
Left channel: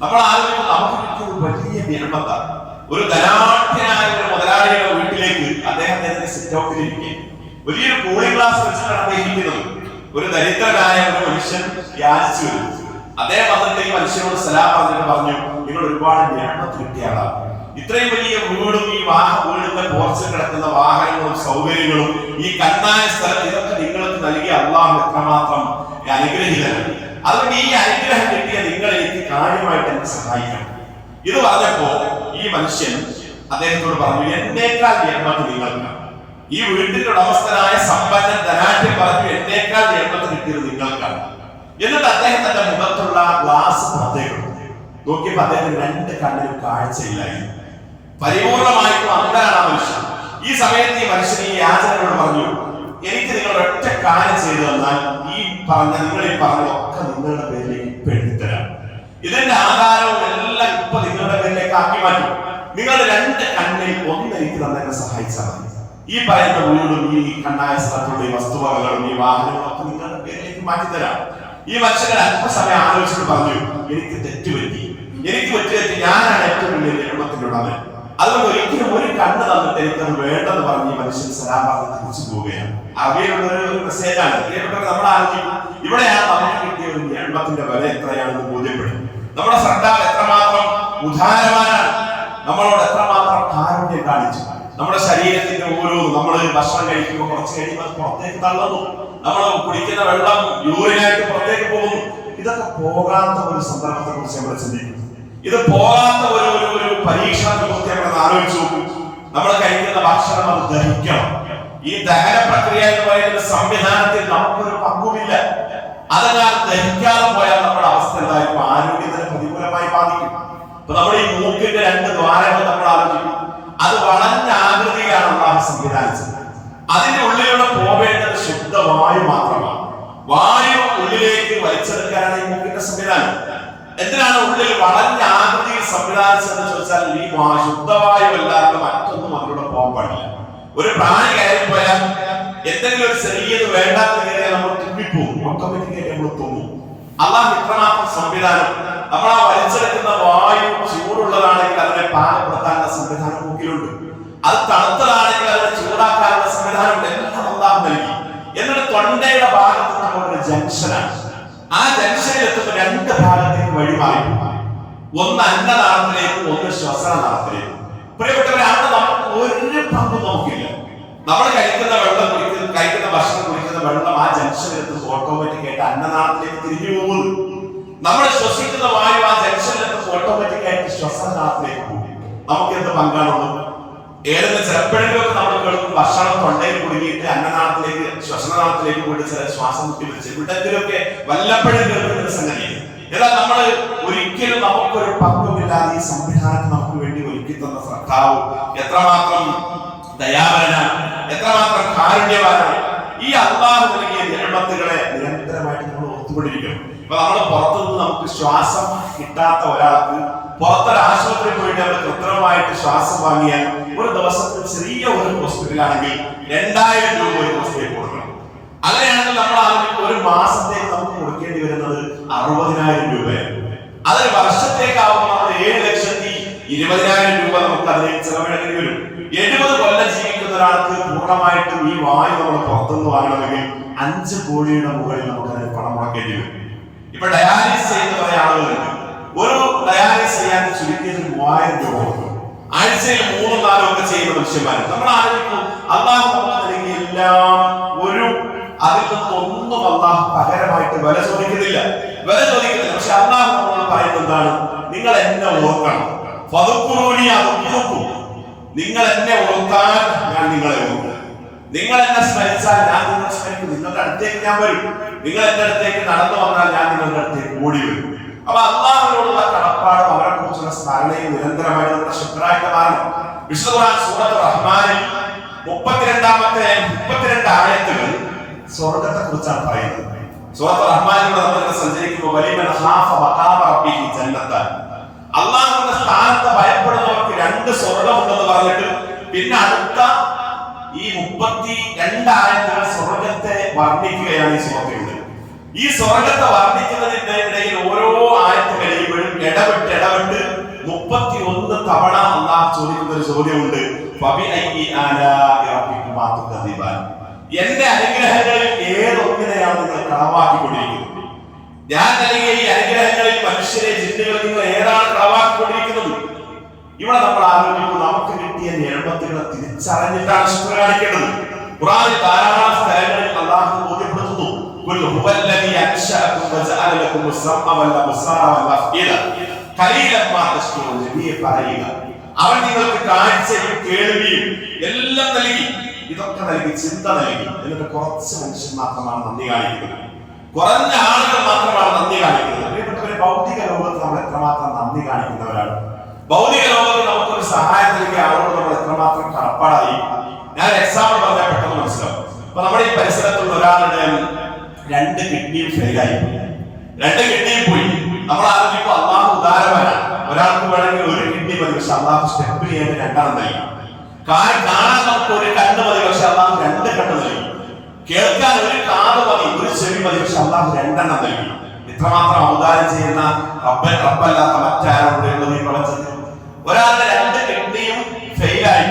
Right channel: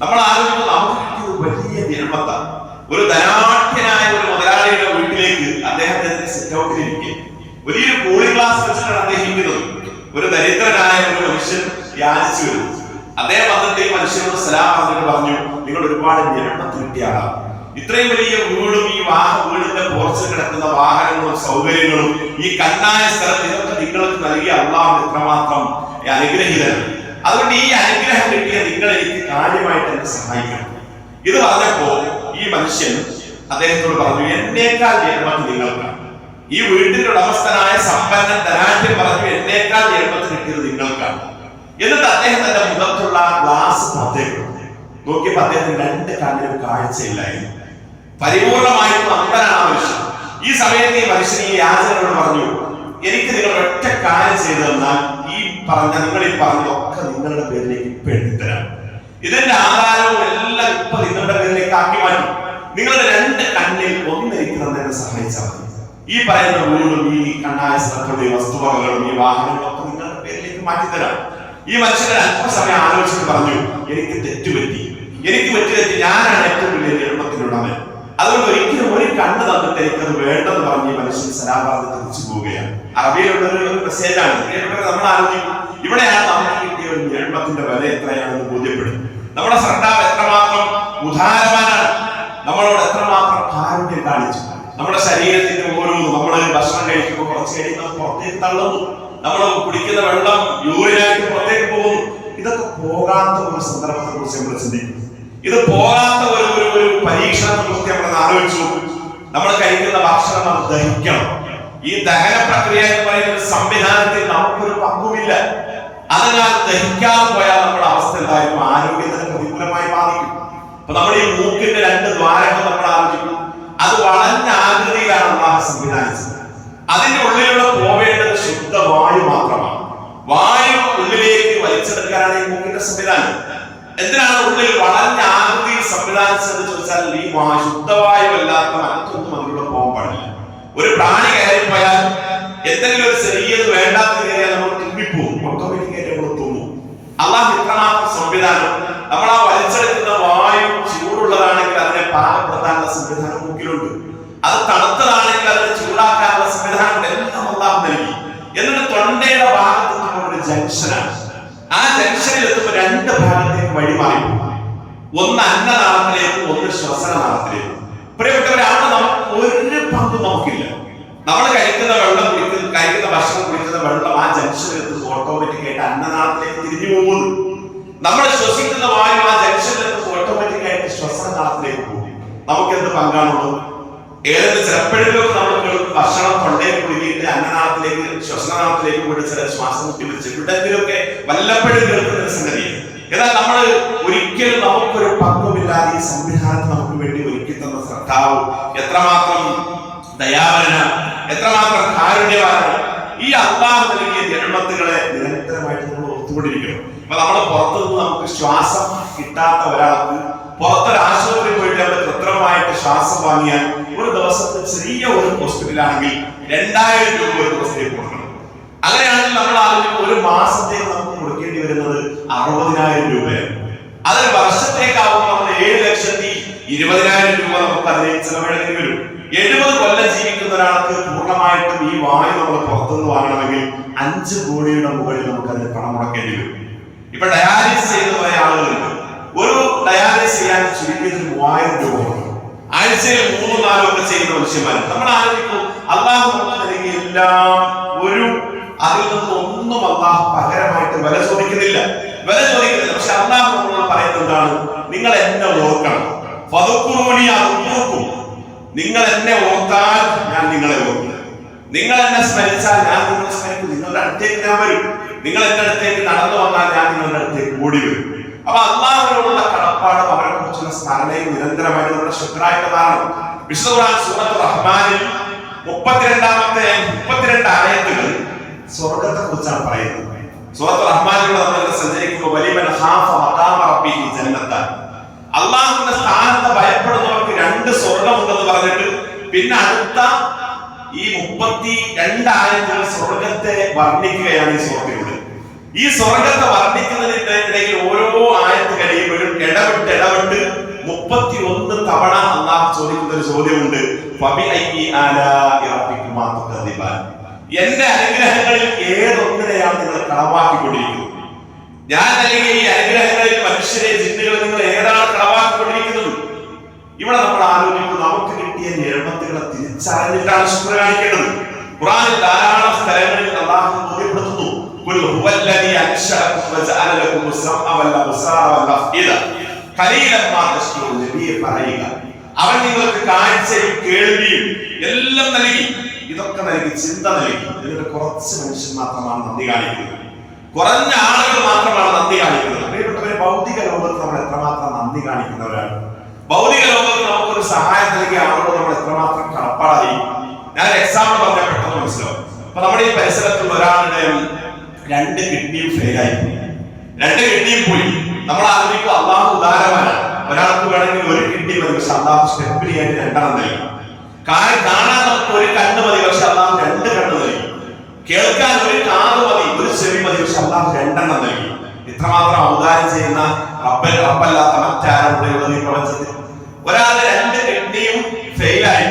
നമ്മൾ ആലോചിക്കുന്നത് നമുക്ക് കിട്ടിയത് വലിയ നിയമത്താണ്. ഒരു ധനാഢ്യനായ ഒരു മുതലാളിയുടെ വീട്ടിലേക്ക് അദ്ദേഹത്തിന്റെ സിറ്റ് ഔട്ടിലിരിക്കെ വലിയൊരു കൂളിംഗ് ഗ്ലാസ് വെച്ചിട്ടാണ് അദ്ദേഹം ഇരിക്കുന്നത്. ഒരു ദരിദ്രനായ ഒരു മനുഷ്യൻ യാചിച്ചു വരും. അദ്ദേഹം വന്നിട്ട് ഈ മനുഷ്യനോട് സലാം പറഞ്ഞിട്ട് പറഞ്ഞു, നിങ്ങൾ ഒരുപാട് നിയമത്ത് കിട്ടിയ ആളാണ്. ഇത്രയും വലിയ വീടും ഈ വീടിന്റെ പോർച്ചിൽ കിടക്കുന്ന വാഹനങ്ങളും സൗകര്യങ്ങളും ഈ കണ്ണായ സ്ഥലത്ത് ഇതൊക്കെ നിങ്ങൾക്ക് നൽകിയ അള്ളാഹു എത്രമാത്രം അനുഗ്രഹീതനാണ്. അതുകൊണ്ട് ഈ അനുഗ്രഹം കിട്ടിയ നിങ്ങൾ എനിക്ക് കാര്യമായിട്ട് എന്നെ സഹായിക്കണം. ഇത് പറഞ്ഞപ്പോ ഈ മനുഷ്യൻ അദ്ദേഹത്തോട് പറഞ്ഞു, എന്നേക്കാൾ ജന്മത്ത് നിങ്ങൾക്കാണ്. ഈ വീട്ടിന്റെ ഉടമസ്ഥനായ സമ്പന്നൻ ധനാഢ്യൻ പറഞ്ഞു, എന്നേക്കാൾ ജന്മത്ത് കിട്ടിയത് നിങ്ങൾക്കാണ്. എന്നിട്ട് അദ്ദേഹം തന്റെ മുഖത്തുള്ള ഗ്ലാസ് പുറത്തേക്ക് നോക്കിയപ്പോ അദ്ദേഹത്തിന് രണ്ട് കണ്ണിനും കാഴ്ചയില്ലായിരുന്നു. പരിപൂർണമായിട്ടും അന്ധനാണ് ആ മനുഷ്യൻ. ഈ സമയത്ത് ഈ മനുഷ്യൻ ഈ യാചകനോട് പറഞ്ഞു, എനിക്ക് നിങ്ങൾ ഒറ്റ കാര്യം ചെയ്തു തന്നാൽ ഈ നിങ്ങൾ ഈ പറഞ്ഞതൊക്കെ നിങ്ങളുടെ പേരിലേക്ക് ഇപ്പൊ എഴുതിത്തരാം. ഇതിന്റെ ആധാരവും എല്ലാം ഇപ്പൊ നിങ്ങളുടെ പേരിലേക്ക് ആക്കി മാറ്റും. നിങ്ങളുടെ രണ്ട് കണ്ണിൽ ഒന്ന് എനിക്ക് തന്നെ സഹായിച്ചാൽ മതി. ഈ പറയുന്ന വീടും ഈ കണ്ണായ സ്ഥലത്തുള്ള വസ്തുവകകളും ഈ വാഹനങ്ങളും ഒക്കെ നിങ്ങളുടെ പേരിലേക്ക് മാറ്റിത്തരാം. ഈ മനുഷ്യൻ അല്പസമയം ആലോചിച്ചിട്ട് പറഞ്ഞു, എനിക്ക് തെറ്റുപറ്റി, ഞാനാണ് ഏറ്റവും വലിയ ജന്മത്തിലുള്ളവൻ. അതുകൊണ്ട് ഒരിക്കലും ഒരു കണ്ണ് തന്നിട്ട് എനിക്കത് വേണ്ടെന്ന് പറഞ്ഞ് ഈ മനുഷ്യൻ സലാബാദ് തിരിച്ചു പോവുകയാണ്. അറബിയിലുള്ള ഒരു മെസ്സേജാണ്. നമ്മൾ ആലോചിക്കും, ഇവിടെയാണ് നമുക്ക് കിട്ടിയ ഒരു ജന്മത്തിന്റെ വില എത്രയാണെന്ന് ബോധ്യപ്പെടും. നമ്മുടെ സർക്കാർ എത്രമാത്രം ഉദാരവാനാണ്, നമ്മളോട് എത്രമാത്രം കാരുണ്യം കാണിച്ചു. നമ്മുടെ ശരീരത്തിന്റെ ഓരോന്നും, നമ്മൾ ഭക്ഷണം കഴിക്കുമ്പോൾ കുറച്ച് കഴിയുമ്പോൾ പുറത്തേക്ക് തള്ളുന്നു, നമ്മൾ കുടിക്കുന്ന വെള്ളം യൂറിനായിട്ട് പുറത്തേക്ക് പോകുന്നു. ഇതൊക്കെ പോകാത്ത ഒരു സന്ദർഭത്തെ കുറിച്ച് നമ്മൾ ചിന്തിക്കും. ഇത് പോകാത്ത ഒരു പരീക്ഷണത്തെ കുറിച്ച് നമ്മൾ ആലോചിച്ചു. നമ്മൾ കഴിക്കുന്ന ഭക്ഷണം അത് ദഹിക്കണം. ഈ ദഹന പ്രക്രിയ എന്ന് പറയുന്ന സംവിധാനത്തിൽ നമുക്കൊരു പങ്കുമില്ല. അതിനാൽ ദഹിക്കാതെ പോയാൽ നമ്മുടെ അവസ്ഥ എന്തായിരിക്കും? ആരോഗ്യത്തിന് പ്രതികൂലമായി ബാധിക്കും. അപ്പൊ നമ്മൾ ഈ മൂക്കിന്റെ രണ്ട് ദ്വാരങ്ങൾ നമ്മൾ ആലോചിക്കും. അത് വളഞ്ഞ ആകൃതിയിലാണ് അള്ളാഹു സംവിധാനിച്ചത്. അതിന്റെ ഉള്ളിലൂടെ പോവേണ്ടത് ശുദ്ധവായു മാത്രമാണ്. വായു ഉള്ളിലേക്ക് വലിച്ചെടുക്കാനാണ് ഈ മൂക്കിന്റെ സംവിധാനം. എന്തിനാണ് ഉള്ളിൽ വളഞ്ഞ ആകൃതിയിൽ സംവിധാനിച്ചതെന്ന് ചോദിച്ചാൽ, ഈ ശുദ്ധവായു അല്ലാത്ത മറ്റൊന്നും അതിലൂടെ പോകാൻ പാടില്ല. ഒരു പ്രാണി കയറിപ്പോയാൽ എന്തെങ്കിലും ഒരു ചെറിയത് വേണ്ടാത്ത കയറിയാൽ നമ്മൾ തുമ്മിപ്പോകും, ഓട്ടോമാറ്റിക്കായിട്ട് നമ്മൾ തുമ്മും. അള്ളാഹു ഇത്രമാത്രം സംവിധാനം. നമ്മൾ ആ വലിച്ചെടുക്കുന്ന വായു ചൂടുള്ളതാണെങ്കിൽ അതിനെ പാകപ്പെടുത്താനുള്ള സംവിധാനം മൂക്കിലുണ്ട്. അത് തണുത്തതാണെങ്കിൽ അതിനെ ചൂടാക്കാനുള്ള സംവിധാനം എല്ലാം അള്ളാഹു നൽകി. എന്നിട്ട് തൊണ്ടയുടെ ഭാഗത്തെത്തുമ്പോൾ ഒരു ജംഗ്ഷനാണ്. ആ ജംഗ്ഷനിൽ എത്തുമ്പോൾ രണ്ട് ഭാഗത്തേക്ക് വഴിമാറി, ഒന്ന് അന്നനാളത്തിലേക്കും ഒന്ന് ശ്വസനനാളത്തിലേക്കും. പ്രിയപ്പെട്ടവരെ, അവിടെ നമുക്ക് ഒരു പങ്കും നമുക്കില്ല. നമ്മൾ കഴിക്കുന്ന വെള്ളം കഴിക്കുന്ന ഭക്ഷണം കുടിക്കുന്ന വെള്ളം ആ ജംഗ്ഷനിൽ എത്തുമ്പോൾ ഓട്ടോമാറ്റിക്കായിട്ട് അന്നനാളത്തിലേക്ക് തിരിഞ്ഞു പോകുന്നു. നമ്മൾ ശ്വസിക്കുന്ന വായു ആ ജംഗ്ഷനിൽ എത്തുമ്പോൾ ഓട്ടോമാറ്റിക്കായിട്ട് ശ്വസനനാളത്തിലേക്ക് പോകും. നമുക്ക് എന്ത് പങ്കാണുള്ളത്? ഏതെങ്കിലും ചിലപ്പോഴെങ്കിലും നമ്മൾ ഭക്ഷണം തൊണ്ടയിൽ കുടുങ്ങിയിട്ട് അന്നനാളത്തിലേക്ക് ശ്വസനനാളത്തിലേക്ക് പോയിട്ട് ചില ശ്വാസം മുട്ടി വെച്ച് ഇവിടെങ്കിലൊക്കെ വല്ലപ്പോഴും കേൾക്കുന്ന സംഗതി. എന്നാൽ നമ്മൾ ഒരിക്കലും നമുക്കൊരു പങ്കുമില്ലാതെ ഈ സംവിധാനത്തെ നമുക്ക് വേണ്ടി ഒരുക്കി തന്ന സർക്കാവ് എത്രമാത്രം ദയാവരനാണ്, എത്രമാത്രം കാരുണ്യവാനാണ്. ഈ അള്ളാഹു നൽകിയ ജന്മത്തുകളെ നിരന്തരമായിട്ട് നമ്മൾ ഓർത്തുകൊണ്ടിരിക്കണം. അപ്പൊ നമ്മൾ പുറത്തുനിന്ന് നമുക്ക് ശ്വാസം കിട്ടാത്ത ഒരാൾക്ക് പുറത്തൊരു ആശുപത്രിയിൽ പോയിട്ട് നമ്മൾ കൃത്രിമമായിട്ട് ശ്വാസം വാങ്ങിയാൽ ഒരു ദിവസത്തെ ചെറിയ ഒരു ഹോസ്പിറ്റലാണെങ്കിൽ 2000 രൂപ ഒരു ദിവസത്തേക്ക് കൊടുക്കണം. അങ്ങനെയാണെങ്കിൽ നമ്മൾ ഒരു മാസത്തേക്ക് നമുക്ക് കൊടുക്കേണ്ടി വരുന്നത് 60,000 രൂപയാണ്. അതൊരു വർഷത്തേക്കാവുമ്പോൾ നമ്മൾ 7,20,000 രൂപ നമുക്ക് അതിനെ ചിലവിടേണ്ടി വരും. 70 കൊല്ലം ജീവിക്കുന്ന ഒരാൾക്ക് പൂർണ്ണമായിട്ടും ഈ വായു നമ്മൾ പുറത്തുനിന്ന് വാങ്ങണമെങ്കിൽ 5 കോടിയുടെ മുകളിൽ നമുക്ക് അതിന് പണം മുടക്കേണ്ടി വരും. ഇപ്പൊ ഡയാലിസിസ് ചെയ്യുന്ന കുറെ ആളുകളുണ്ട്. ഒരു ഡയാലിസിസ് ചെയ്യാൻ ചുരുക്കിയത് 3000 രൂപ ഉണ്ട്. ആഴ്ചയിൽ 3-4 ഒക്കെ ചെയ്യുന്ന മനുഷ്യന്മാർ. നമ്മൾ ആലോചിക്കും, അള്ളാഹു നമുക്ക് നൽകിയ എല്ലാം അതിൽ നിന്നൊന്നും അള്ളാഹു പകരമായിട്ട് വില ചോദിക്കുന്നില്ല. പക്ഷെ അള്ളാഹു നമ്മളോട് പറയുന്നത് എന്താണ്? നിങ്ങൾ എന്നെ ഓർക്കണം. നിങ്ങൾ എന്നെ ഓർത്താൽ ഞാൻ നിങ്ങളെ ഓർക്കും. നിങ്ങൾ എന്നെ സ്മരിച്ചാൽ ഞാൻ നിങ്ങളെ സ്മരിക്കും. നിങ്ങളുടെ അടുത്തേക്ക് ഞാൻ വരും. നിങ്ങൾ എന്റെ അടുത്തേക്ക് നടന്നു വന്നാൽ ഞാൻ നിങ്ങളുടെ അടുത്തേക്ക് ഓടി വരും. അപ്പൊ അള്ളാഹുവിനോടുള്ള കടപ്പാടും അവരെ കുറിച്ചുള്ള സ്മരണയും നിരന്തരമായിട്ട് നമ്മുടെ ശുദ്ധരായിട്ട് മാറണം. വിശുദ്ധ ഖുർആൻ സൂറത്തുർ റഹ്മാനിൽ 32 ആയത്തുകൾ സ്വർഗ്ഗത്തെ കുറിച്ചാണ് പറയുന്നത്. സൂറത്തുർ റഹ്മാനിൽ നമ്മൾ സഞ്ചരിക്കുമ്പോൾ വലിമൻ ഖാഫ മഖാമ റബ്ബിഹി ജന്നത്താൻ, അള്ളാഹുവിന്റെ സ്ഥാനത്തെ ഭയപ്പെടുന്നവർക്ക് 2 സ്വർഗ്ഗമുണ്ടെന്ന് പറഞ്ഞിട്ട് പിന്നെ അടുത്ത ഈ 32 ആയത്തുകൾ സ്വർഗ്ഗത്തെ വർണ്ണിക്കുകയാണ് ഈ സൂറത്തിലൂടെ. ഈ സ്വർഗ്ഗത്തെ വർണ്ണിക്കുന്നതിന്റെ ഇടയിൽ ഓരോ ആയത്ത് കഴിയുമ്പോഴും ഇടവിട്ട് 31 തവണ അള്ളാഹു ചോദിക്കുന്ന ഒരു ചോദ്യമുണ്ട്. എന്റെ അനുഗ്രഹങ്ങളിൽ ഏതൊന്നിനെയാണ് നിങ്ങൾ കളവാക്കിക്കൊണ്ടിരിക്കുന്നത്? ഞാൻ നൽകിയ ഈ അനുഗ്രഹങ്ങളിൽ മനുഷ്യരെ ജിന്നുകളെ നിങ്ങൾ ഏതാണ് കളവാക്കിക്കൊണ്ടിരിക്കുന്നത്? ഇവിടെ നമ്മൾ ആലോചിക്കും, നമുക്ക് കിട്ടിയ നിയമത്തുകളെ തിരിച്ചറിഞ്ഞിട്ടാണ് ശുക്ർ കാണിക്കേണ്ടത്. ഖുർആനിൽ ധാരാളം സ്ഥലങ്ങളിൽ അല്ലാഹു ബോധ്യപ്പെടുത്തുന്നു, ഖുൽ ഹുവല്ലദീ അൻശഅകും വജഅല ലക്കും അസ്സമഅ വൽ അബ്സാറ വൽ അഫ്ഇദ ഖലീലൻ മാ തശ്കുറൂൻ. നബിയെ പറയുക, അവൻ നിങ്ങൾക്ക് കാഴ്ചയും കേൾവിയും എല്ലാം നൽകി. ഇതൊക്കെ നൽകി, ചിന്ത നൽകി. ഇതിന്റെ കുറച്ച് മനുഷ്യൻ മാത്രമാണ് നന്ദി കാണിക്കുന്നത്. കുറഞ്ഞ ആളുകൾ മാത്രമാണ് നന്ദി കാണിക്കുന്നത്. പ്രിയപ്പെട്ടവരെ, ഭൗതിക ലോകത്ത് നമ്മൾ എത്രമാത്രം നന്ദി കാണിക്കുന്നവരാണ്. ഭൗതിക ലോകത്ത് നമുക്കൊരു സഹായം നൽകിയ ആളോട് നമ്മൾ എത്രമാത്രം കടപ്പാടായി. ഞാൻ എക്സാമ്പിൾ പറഞ്ഞാൽ പെട്ടെന്ന് മനസ്സിലാവും. അപ്പൊ നമ്മുടെ ഈ പരിസരത്തുള്ള ഒരാളുടെ 2 കിഡ്നിയും ഫെയിലായി, 2 കിഡ്നിയും പോയി. നമ്മൾ ആലോചിക്കും, അള്ളാഹു ഉദാരവാനാണ്. ഒരാൾക്ക് വേണമെങ്കിൽ 1 കിഡ്നി മതി, പക്ഷെ അള്ളാഹു സ്റ്റെപ്പിന് ആയിട്ട് 2 നൽകി. കാണാൻ നമുക്ക് 1 കണ്ണ് മതി, പക്ഷെ അള്ളാഹു 2 കണ്ണ് നൽകി. കേൾക്കാൻ 1 കാത് മതി, 1 ചെവി മതി, പക്ഷെ അള്ളാഹു 2 നൽകി. ഇത്രമാത്രം ഔദാര്യം ചെയ്യുന്ന റബ്ബല്ലാത്ത മറ്റാരുള്ളത് ഈ പ്രപഞ്ചത്തിൽ? ഒരാളുടെ 2 കിഡ്നിയും ഫെയിലായി.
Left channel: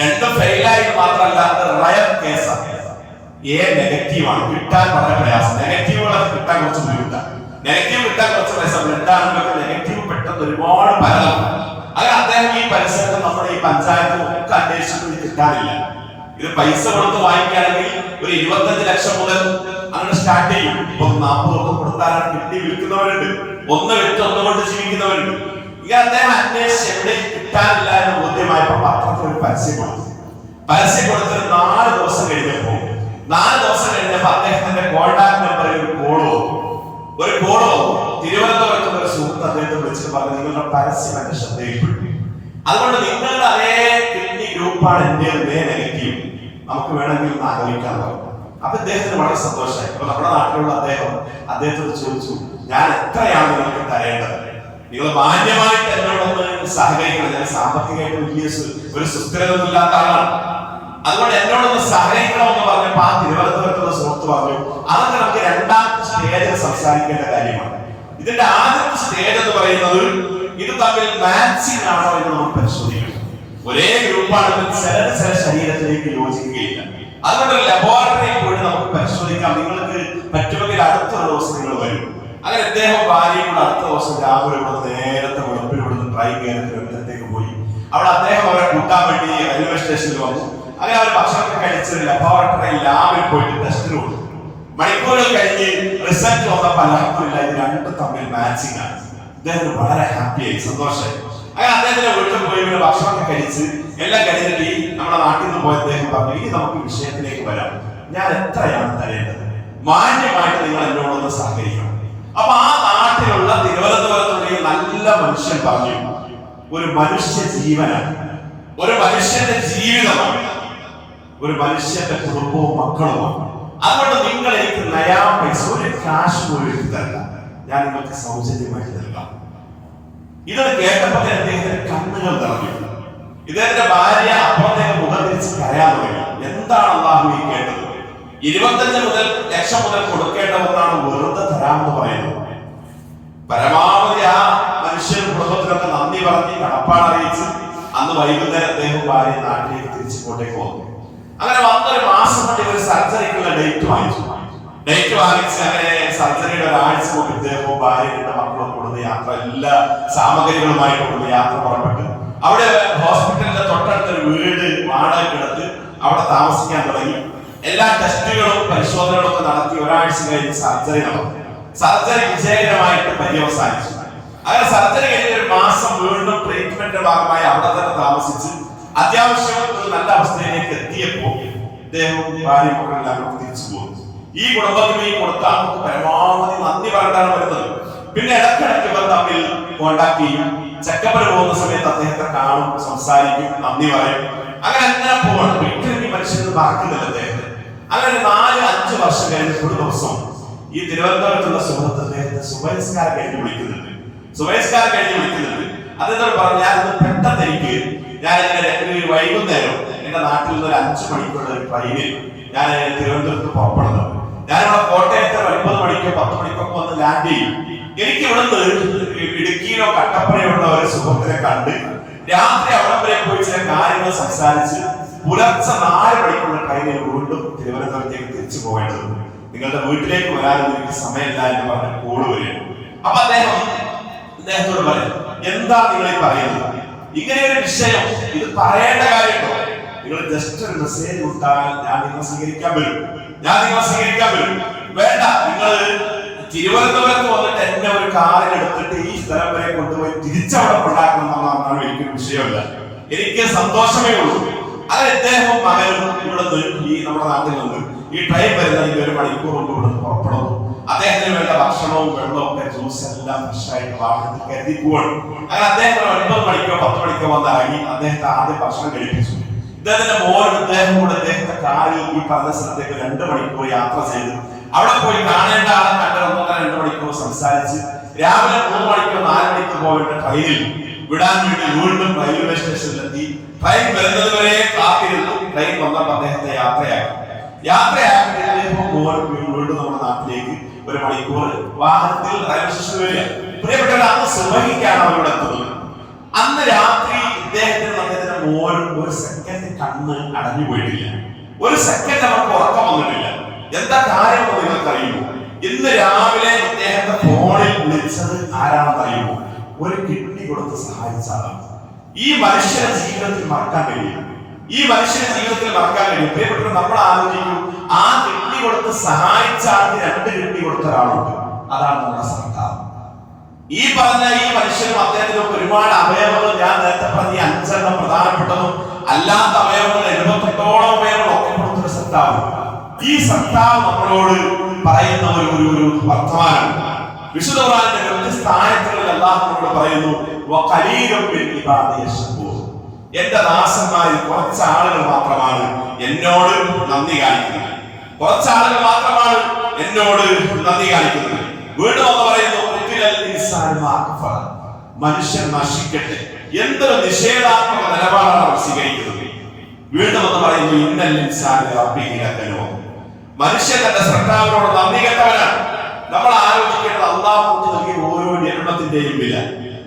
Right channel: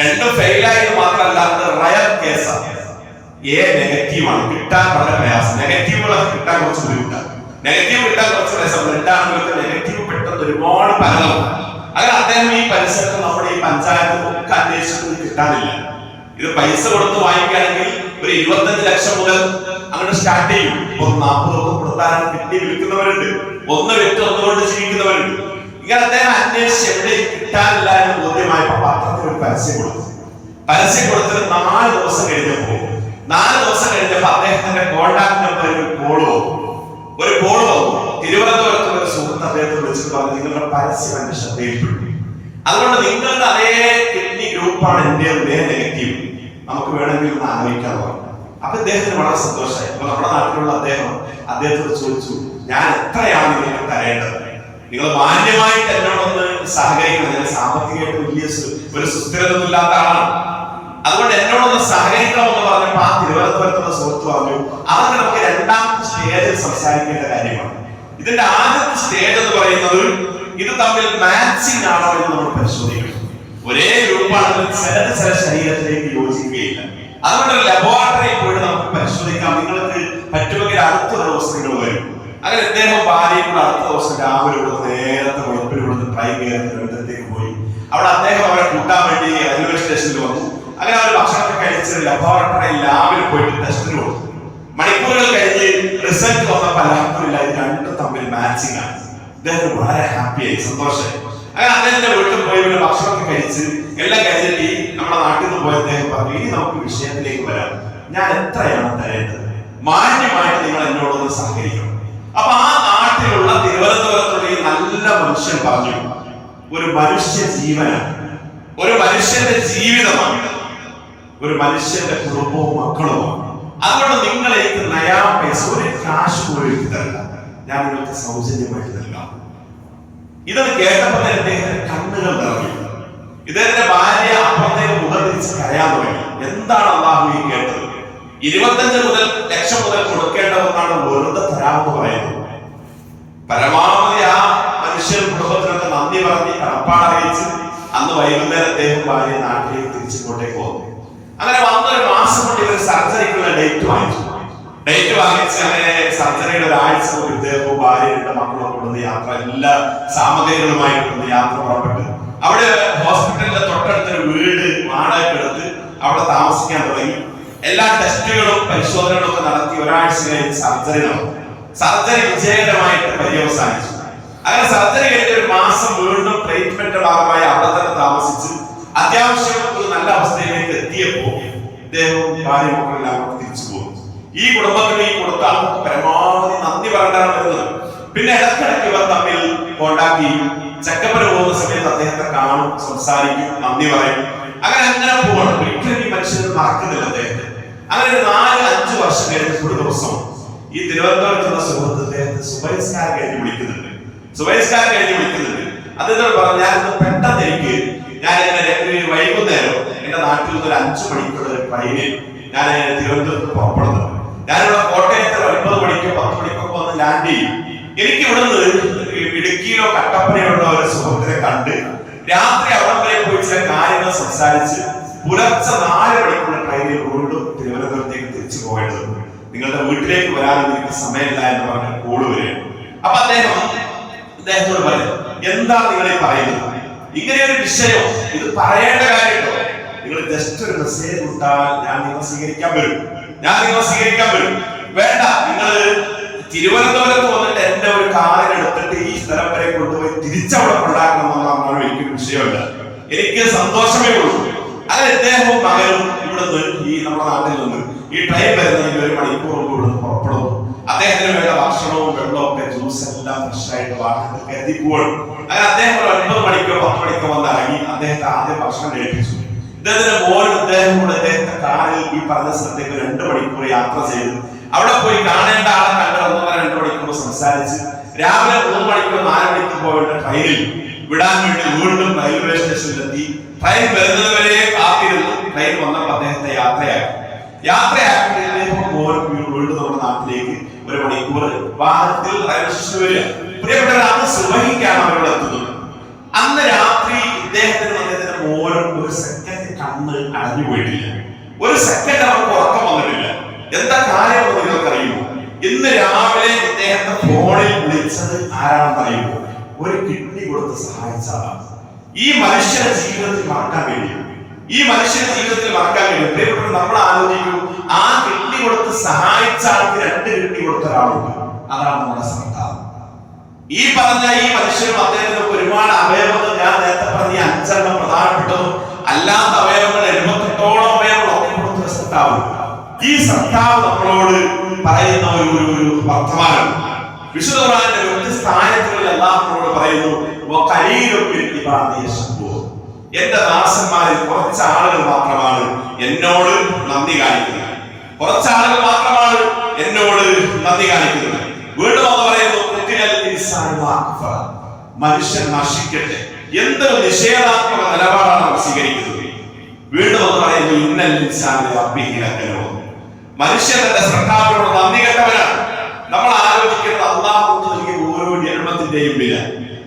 2 ഫെയിലായി മാത്രമല്ല, അത് റയർ കേസാണ്. എ നെഗറ്റീവാണ്, കിട്ടാൻ വളരെ പ്രയാസം. നെഗറ്റീവുകളൊക്കെ കിട്ടാൻ കുറച്ച് ബുദ്ധിമുട്ടാണ്. നെഗറ്റീവ് കിട്ടാൻ കുറച്ച് പ്രയാസം. രണ്ടാണെങ്കിലൊക്കെ നെഗറ്റീവ് പെട്ടെന്ന് ഒരുപാട് പരലുണ്ട്. അങ്ങനെ അദ്ദേഹം ഈ പരിസരത്ത് നമ്മുടെ ഈ പഞ്ചായത്ത് ഒക്കെ അന്വേഷിച്ചിട്ട് കിട്ടാനില്ല. ഇത് പൈസ കൊടുത്ത് വാങ്ങിക്കുകയാണെങ്കിൽ ഒരു 25 ലക്ഷം മുതൽ അങ്ങനെ സ്റ്റാർട്ട് ചെയ്യും. 40 കൊടുത്താലാണ് കിഡ്നി വിൽക്കുന്നവരുണ്ട്, 1 വിറ്റ് 1 കൊണ്ട് ജീവിക്കുന്നവരുണ്ട്. ഇങ്ങനെ അദ്ദേഹം അന്വേഷിച്ച് എവിടെയും കിട്ടാനില്ല എന്ന് ബോധ്യമായപ്പോ പത്രത്തിൽ ഒരു പരസ്യം കൊടുത്തു. പരസ്യം കൊടുത്തിട്ട് 4 ദിവസം കഴിഞ്ഞപ്പോ അദ്ദേഹത്തിന്റെ കോൺടാക്ട് നമ്പർ ഒരു കോള് വന്നു. തിരുവനന്തപുരത്ത് ഒരു സുഹൃത്ത് അദ്ദേഹത്തെ വിളിച്ചിട്ട് പറഞ്ഞു, നിങ്ങളുടെ പരസ്യം എന്റെ ശ്രദ്ധയിൽപ്പെട്ടു. അതുകൊണ്ട് നിങ്ങളുടെ അതേ കിഡ്നി ഗ്രൂപ്പാണ് എന്റെ നെഗറ്റീവ്, നമുക്ക് വേണമെങ്കിൽ ഒന്ന് ആലോചിക്കാൻ പറഞ്ഞു. അപ്പൊ അദ്ദേഹത്തിന് വളരെ സന്തോഷമായി. അപ്പൊ നമ്മുടെ നാട്ടിലുള്ള അദ്ദേഹത്തോട് ചോദിച്ചു, ഞാൻ എത്രയാണ് നിങ്ങൾക്ക് തരേണ്ടത്? നിങ്ങൾ മാന്യമായിട്ട് എന്നോടൊന്ന് സഹകരിക്കണം. ഞാൻ സാമ്പത്തികമായിട്ട് വലിയ ഒരു സുസ്ഥിരതൊന്നും ഇല്ലാത്ത ആളാണ്. അതുകൊണ്ട് എന്നോടൊന്ന് സഹകരിക്കണമെന്ന് പറഞ്ഞപ്പോ ആ തിരുവനന്തപുരത്തുള്ള സുഹൃത്ത് പറഞ്ഞു, അതൊക്കെ നമുക്ക് 2ാമത്തെ സ്റ്റേജിൽ സംസാരിക്കേണ്ട കാര്യമാണ്. ഇതിന്റെ ആദ്യത്തെ സ്റ്റേജ് എന്ന് പറയുന്നത് ഇത് തമ്മിൽ മാച്ചിങ് ആണോ എന്ന് നമ്മൾ പരിശോധിക്കണം. ഒരേ ഗ്രൂപ്പാണ്, ചില ശരീരത്തിലേക്ക് യോജിക്കുകയില്ല. അതുകൊണ്ട് ലബോറട്ടറിയിൽ പോയി നമുക്ക് പരിശോധിക്കാം. നിങ്ങൾക്ക് പറ്റുമെങ്കിൽ അടുത്ത ദിവസം നിങ്ങൾ വരും. അങ്ങനെ അദ്ദേഹം ഭാര്യയും കൂടെ അടുത്ത ദിവസം രാവിലെ നേരത്തെ വെളുപ്പിലൂടെ ട്രെയിൻ കയറി തിരുവനന്തപുരത്തേക്ക് പോയി. അവിടെ അദ്ദേഹം അവരെ കൂട്ടാൻ വേണ്ടി റെയിൽവേ സ്റ്റേഷനിൽ വന്നു. അങ്ങനെ അവർ ഭക്ഷണമൊക്കെ കഴിച്ച് ലബോറട്ടറി ലാബിൽ പോയിട്ട് ടെസ്റ്റിന് കൊടുത്തു. മണിക്കൂറുകൾ കഴിഞ്ഞ് റിസൾട്ട് വന്നപ്പോൾ അല്ലാത്തില്ല, ഇത് 2 തമ്മിൽ മാച്ചിങ് ആണ്. അദ്ദേഹത്തിന് വളരെ ഹാപ്പിയായി, സന്തോഷമായി. അങ്ങനെ അദ്ദേഹത്തിന്റെ വീട്ടിൽ പോയി ഇവിടെ ഭക്ഷണമൊക്കെ കഴിച്ച് എല്ലാം കഴിഞ്ഞിട്ട് നമ്മുടെ നാട്ടിൽ നിന്ന് പോയ അദ്ദേഹം പറഞ്ഞു, ഇനി നമുക്ക് വിഷയത്തിലേക്ക് വരാം. ഞാൻ എത്രയാണ് തരേണ്ടത്? മാന്യമായിട്ട് നിങ്ങൾ എന്നോടൊന്ന് സഹകരിക്കണം. അപ്പൊ ആ നാട്ടിലുള്ള തിരുവനന്തപുരത്തുള്ള നല്ല മനുഷ്യൻ പറഞ്ഞു, ഒരു മനുഷ്യ ജീവനാണ്, ഒരു മനുഷ്യന്റെ ജീവിതമാണ്, ഒരു മനുഷ്യന്റെ കുടുംബവും മക്കളുമാണ്. അതുകൊണ്ട് നിങ്ങൾ എനിക്ക് നയാ പൈസ, ഒരു കാശ് പോലും എനിക്ക് തരില്ല, ഞാൻ നിങ്ങൾക്ക് സൗജന്യമായിട്ട് നൽകാം. ഇതൊക്കെ കേട്ടപ്പോൾ അദ്ദേഹത്തിന്റെ കണ്ണുകൾ നിറഞ്ഞു. ഇദ്ദേഹത്തിന്റെ ഭാര്യ അപ്പുറത്തേക്ക് മുഖം തിരിച്ച് കരയാൻ തുടങ്ങി. എന്താണ് അല്ലാഹു ഈ കേട്ടത്? 25 ലക്ഷം മുതൽ കൊടുക്കേണ്ടതെന്നാണ് വെറുതെ തരാമെന്ന് പറയുന്നത്. പരമാവധി ആ മനുഷ്യൻ കുടുംബത്തിനൊക്കെ നന്ദി പറഞ്ഞ് കടപ്പാട് അറിയിച്ച് അന്ന് വൈകുന്നേരം അദ്ദേഹം ഭാര്യ നാട്ടിലേക്ക് തിരിച്ചിങ്ങോട്ടേക്ക് വന്നു. അങ്ങനെ വന്നൊരു മാസം കൊണ്ട് ഇവർ സർജറിക്കുള്ള ഡേറ്റ് വാങ്ങിച്ചു. അങ്ങനെ സർജറിയുടെ 1 ആഴ്ച കൊണ്ട് ഇദ്ദേഹവും ഭാര്യ 2 മക്കളും കൊടുത്ത് യാത്ര, എല്ലാ സാമഗ്രികളുമായി കൊടുത്ത് യാത്ര പുറപ്പെട്ടു. അവിടെ ഹോസ്പിറ്റലിന്റെ തൊട്ടടുത്തൊരു വീട് വാടകയ്ക്കെടുത്ത് അവിടെ താമസിക്കാൻ തുടങ്ങി. എല്ലാ ടെസ്റ്റുകളും പരിശോധനകളും ഒക്കെ നടത്തി 1 ആഴ്ച കഴിഞ്ഞ് സർജറി നടന്നു. സർജറി വിജയകരമായിട്ട് പര്യവസാനിച്ചു. അങ്ങനെ സർജറി കഴിഞ്ഞ 1 മാസം വീണ്ടും ട്രീറ്റ്മെന്റ് ഭാഗമായി അവിടെ തന്നെ താമസിച്ച് അത്യാവശ്യം ഒരു നല്ല അവസ്ഥയിലേക്ക് എത്തിയപ്പോ ഇദ്ദേഹവും ഭാര്യ മക്കളെല്ലാം തിരിച്ചു പോകും. ഈ കുടുംബത്തിന് ഈ കൊടുത്ത ആൾക്ക് പരമാവധി നന്ദി പറഞ്ഞിട്ടാണ് വരുന്നത്. പിന്നെ ഇടയ്ക്കിടയ്ക്ക് ഇവർ തമ്മിൽ കോണ്ടാക്ട് ചെയ്യും. ചെക്കപ്പിന് പോകുന്ന സമയത്ത് അദ്ദേഹത്തെ കാണും, സംസാരിക്കും, നന്ദി പറയും. അങ്ങനെ പോകണം. ഒരിക്കലും ഈ മനുഷ്യന് മറക്കുന്നില്ല അദ്ദേഹത്തെ. അങ്ങനെ 4-5 വർഷം കഴിഞ്ഞ ഒരു ദിവസം ഈ തിരുവനന്തപുരത്തുള്ള സുഹൃത്ത് അദ്ദേഹത്തെ സുബൈസ്കാരം കഴിഞ്ഞ് വിളിക്കുന്നുണ്ട്. അദ്ദേഹത്തോട് പറഞ്ഞു, ഞാനിന്ന് പെട്ടെന്ന് ഞാൻ വൈകുന്നേരം എന്റെ നാട്ടിൽ നിന്ന് ഒരു 5 മണിക്കുള്ള ഒരു ട്രെയിനിൽ ഞാൻ തിരുവനന്തപുരത്ത് പുറപ്പെടുന്നു. ഞാനിവിടെ കോട്ടയത്ത് 9 മണിക്കോ 10 മണിക്കോ വന്ന് ലാൻഡ് ചെയ്യും. എനിക്ക് ഇവിടുന്ന് ഇടുക്കിയിലോ കട്ടപ്പനയുള്ള ഒരു സുഹൃത്തിനെ കണ്ട് രാത്രി അവിടം വരെ പോയി ചില കാര്യങ്ങൾ സംസാരിച്ച് പുലർച്ചെ 4 മണിക്കുള്ള ട്രെയിനിൽ വീണ്ടും തിരുവനന്തപുരത്തേക്ക് തിരിച്ചു പോകേണ്ടതുണ്ട്. നിങ്ങളുടെ വീട്ടിലേക്ക് വരാനൊന്നും എനിക്ക് സമയമില്ല എന്ന് പറഞ്ഞ കോള് വരികയാണ്. അപ്പൊ അദ്ദേഹത്തോട് പറയും, എന്താ നിങ്ങൾ പറയുന്നത്? ഇങ്ങനെ ഒരു വിഷയം ഇത് പറയേണ്ട കാര്യമുണ്ടോ? നിങ്ങൾ ജസ്റ്റ് ഒരു മെസ്സേജ് വിട്ടാൽ ഞാൻ നിങ്ങളെ സ്വീകരിക്കാൻ വരും. വേണ്ട, നിങ്ങൾ തിരുവനന്തപുരത്ത് വന്നിട്ട് എന്റെ ഒരു കാറിൽ എടുത്തിട്ട് ഈ സ്ഥലം വരെ കൊണ്ടുപോയി തിരിച്ചവിടെ കൊണ്ടാക്കണം എന്നുള്ളതാണ് എനിക്കൊരു വിഷയമല്ല. എനിക്ക് സന്തോഷമേ ഉള്ളൂ. അത് ഇദ്ദേഹവും മകനും ഇവിടുന്ന് ഈ നമ്മുടെ നാട്ടിൽ നിന്ന് ഈ ട്രെയിൻ വരുന്നതിന് 1 മണിക്കൂർ കൊണ്ട് ഇവിടുന്ന് പുറപ്പെടുന്നു. അദ്ദേഹത്തിന് വേണ്ട ഭക്ഷണവും വെള്ളവും ഒക്കെ ജ്യൂസ് എല്ലാം ഫ്രഷായിട്ട് വാഹനത്തിൽ കരുതി പോകണം. അങ്ങനെ അദ്ദേഹം ഒരു 9 മണിക്കോ 10 മണിക്കോ വന്ന് ഇറങ്ങി അദ്ദേഹത്തെ ആദ്യം ഭക്ഷണം കഴിപ്പിച്ചു. ഇദ്ദേഹത്തിന്റെ മോനും ഇദ്ദേഹം കൂടെ ഇദ്ദേഹത്തെ കാറിൽ ഈ പറഞ്ഞ സ്ഥലത്തേക്ക് 2 മണിക്കൂർ യാത്ര ചെയ്തു. അവിടെ പോയി കാണേണ്ട ആളെ കണ്ട് 1-2 മണിക്കൂർ സംസാരിച്ച് രാവിലെ 3 മണിക്കോ 4 മണിക്കോ പോകേണ്ട ട്രെയിനിൽ വിടാൻ വേണ്ടി വീണ്ടും റെയിൽവേ സ്റ്റേഷനിലെത്തി. ട്രെയിൻ വരുന്നത് വരെ കാത്തിരുന്നു. ട്രെയിൻ വന്നപ്പോൾ അദ്ദേഹത്തെ യാത്രയാക്കി വീണ്ടും നമ്മുടെ നാട്ടിലേക്ക് 1 മണിക്കൂർ വാഹനത്തിൽ റെയിൽവേ സ്റ്റേഷനിൽ വരിക. പ്രിയപ്പെട്ടവർ, അന്ന് സുബഹിക്കാണ് അവരോട് എത്തുന്നത്. അന്ന് രാത്രി അദ്ദേഹത്തിന്റെ മോനും ഒരു സെക്കൻഡ് കണ്ണ് അടഞ്ഞു പോയിട്ടില്ല. ഒരു സെക്കൻഡ് അവർക്ക് ഉറക്കം വന്നിട്ടില്ല. എന്താ കാര്യം നിങ്ങൾക്ക് അറിയുമോ? ഇന്ന് രാവിലെ ഇദ്ദേഹത്തെ ഫോണിൽ വിളിച്ചത് ആരാണെന്ന് അറിയുമോ? ഒരു കിഡ്നി കൊടുത്ത് സഹായിച്ച ആളാണ്. ഈ മനുഷ്യന്റെ ജീവിതത്തിൽ മറക്കാൻ കഴിയും. പ്രിയപ്പെട്ടവർ, നമ്മൾ ആലോചിക്കും, ആ കിഡ്നി കൊടുത്ത് സഹായിച്ച ആൾക്ക് 2 കിഡ്നി കൊടുത്ത ഒരാളുണ്ട്. അതാണ് നമ്മുടെ സർക്കാർ. ഈ പറഞ്ഞ ഈ മനുഷ്യനും അദ്ദേഹത്തിന് ഒരുപാട് അവയവങ്ങൾ, ഞാൻ നേരത്തെ പറഞ്ഞ 5 പ്രധാനപ്പെട്ടതും അല്ലാത്ത അവയവങ്ങൾ 78ഓളം അവയവങ്ങൾ ഒക്കെ കൊടുത്തൊരു സർക്കാർ. ഈ സർക്കാർ നമ്മളോട് പറയുന്ന ഒരു വർത്തമാനം വിശുദ്ധ ഖുർആനിന്റെ വ്യത്യസ്ത ആയത്തുകളിൽ അല്ലാഹുവോട് പറയുന്നു, എന്റെ ദാസന്മാരിൽ കുറച്ച് ആളുകൾ മാത്രമാണ് എന്നോട് നന്ദി കാണിക്കുന്നത്. വീണ്ടും എന്ന് പറയുന്നു, മനുഷ്യൻ നശിക്കട്ടെ. എന്തൊരു നിഷേധാത്മക നിലപാടാണ് അവർ സ്വീകരിക്കുന്നത്. വീണ്ടും എന്ന് പറയുന്നു, മനുഷ്യൻ തന്റെ സർക്കാരിനോട് നന്ദി കെട്ടവനാണ്. നമ്മൾ ആലോചിക്കേണ്ടത് അല്ലാഹു നൽകിയ ഓരോ ജന്മത്തിന്റെയും വില.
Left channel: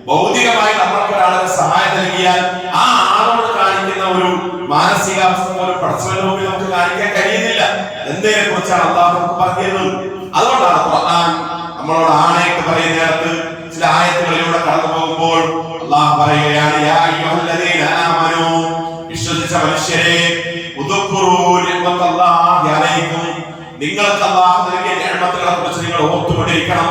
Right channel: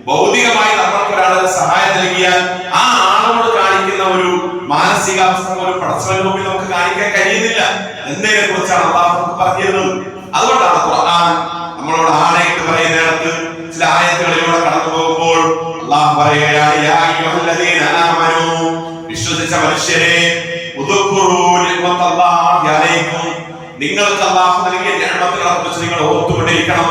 ഭൗതികമായി നമ്മൾക്ക് ഒരാളെ സഹായം നൽകിയാൽ ആ ആളോട് കാണിക്കുന്ന ഒരു മാനസികാവസ്ഥ പോലും പടച്ചവന്റെ മുമ്പിൽ നമുക്ക് കാണിക്കാൻ കഴിയുന്നില്ല. എന്നതിനെ കുറിച്ചാണ് അല്ലാഹു പറഞ്ഞത്. അതുകൊണ്ടാണ് ഖുർആൻ നമ്മളോട് ആണയിട്ട് പറയുന്നിടത്ത് ചില ആയത്തുകളിലൂടെ കടന്നു പോകുമ്പോൾ അല്ലാഹു പറയുകയാണ്, യാ അയ്യുഹല്ലദീന ആമനൂ, വിശ്വസിച്ച മനുഷ്യരെ, ഉദ്കുറൂ നിഅമത്തല്ലാഹി അലൈക്കും, നിങ്ങൾക്ക് അല്ലാഹു നൽകിയ നിഅമത്തുകളെ കുറിച്ച് നിങ്ങൾ ഓർത്തുകൊണ്ടിരിക്കണം.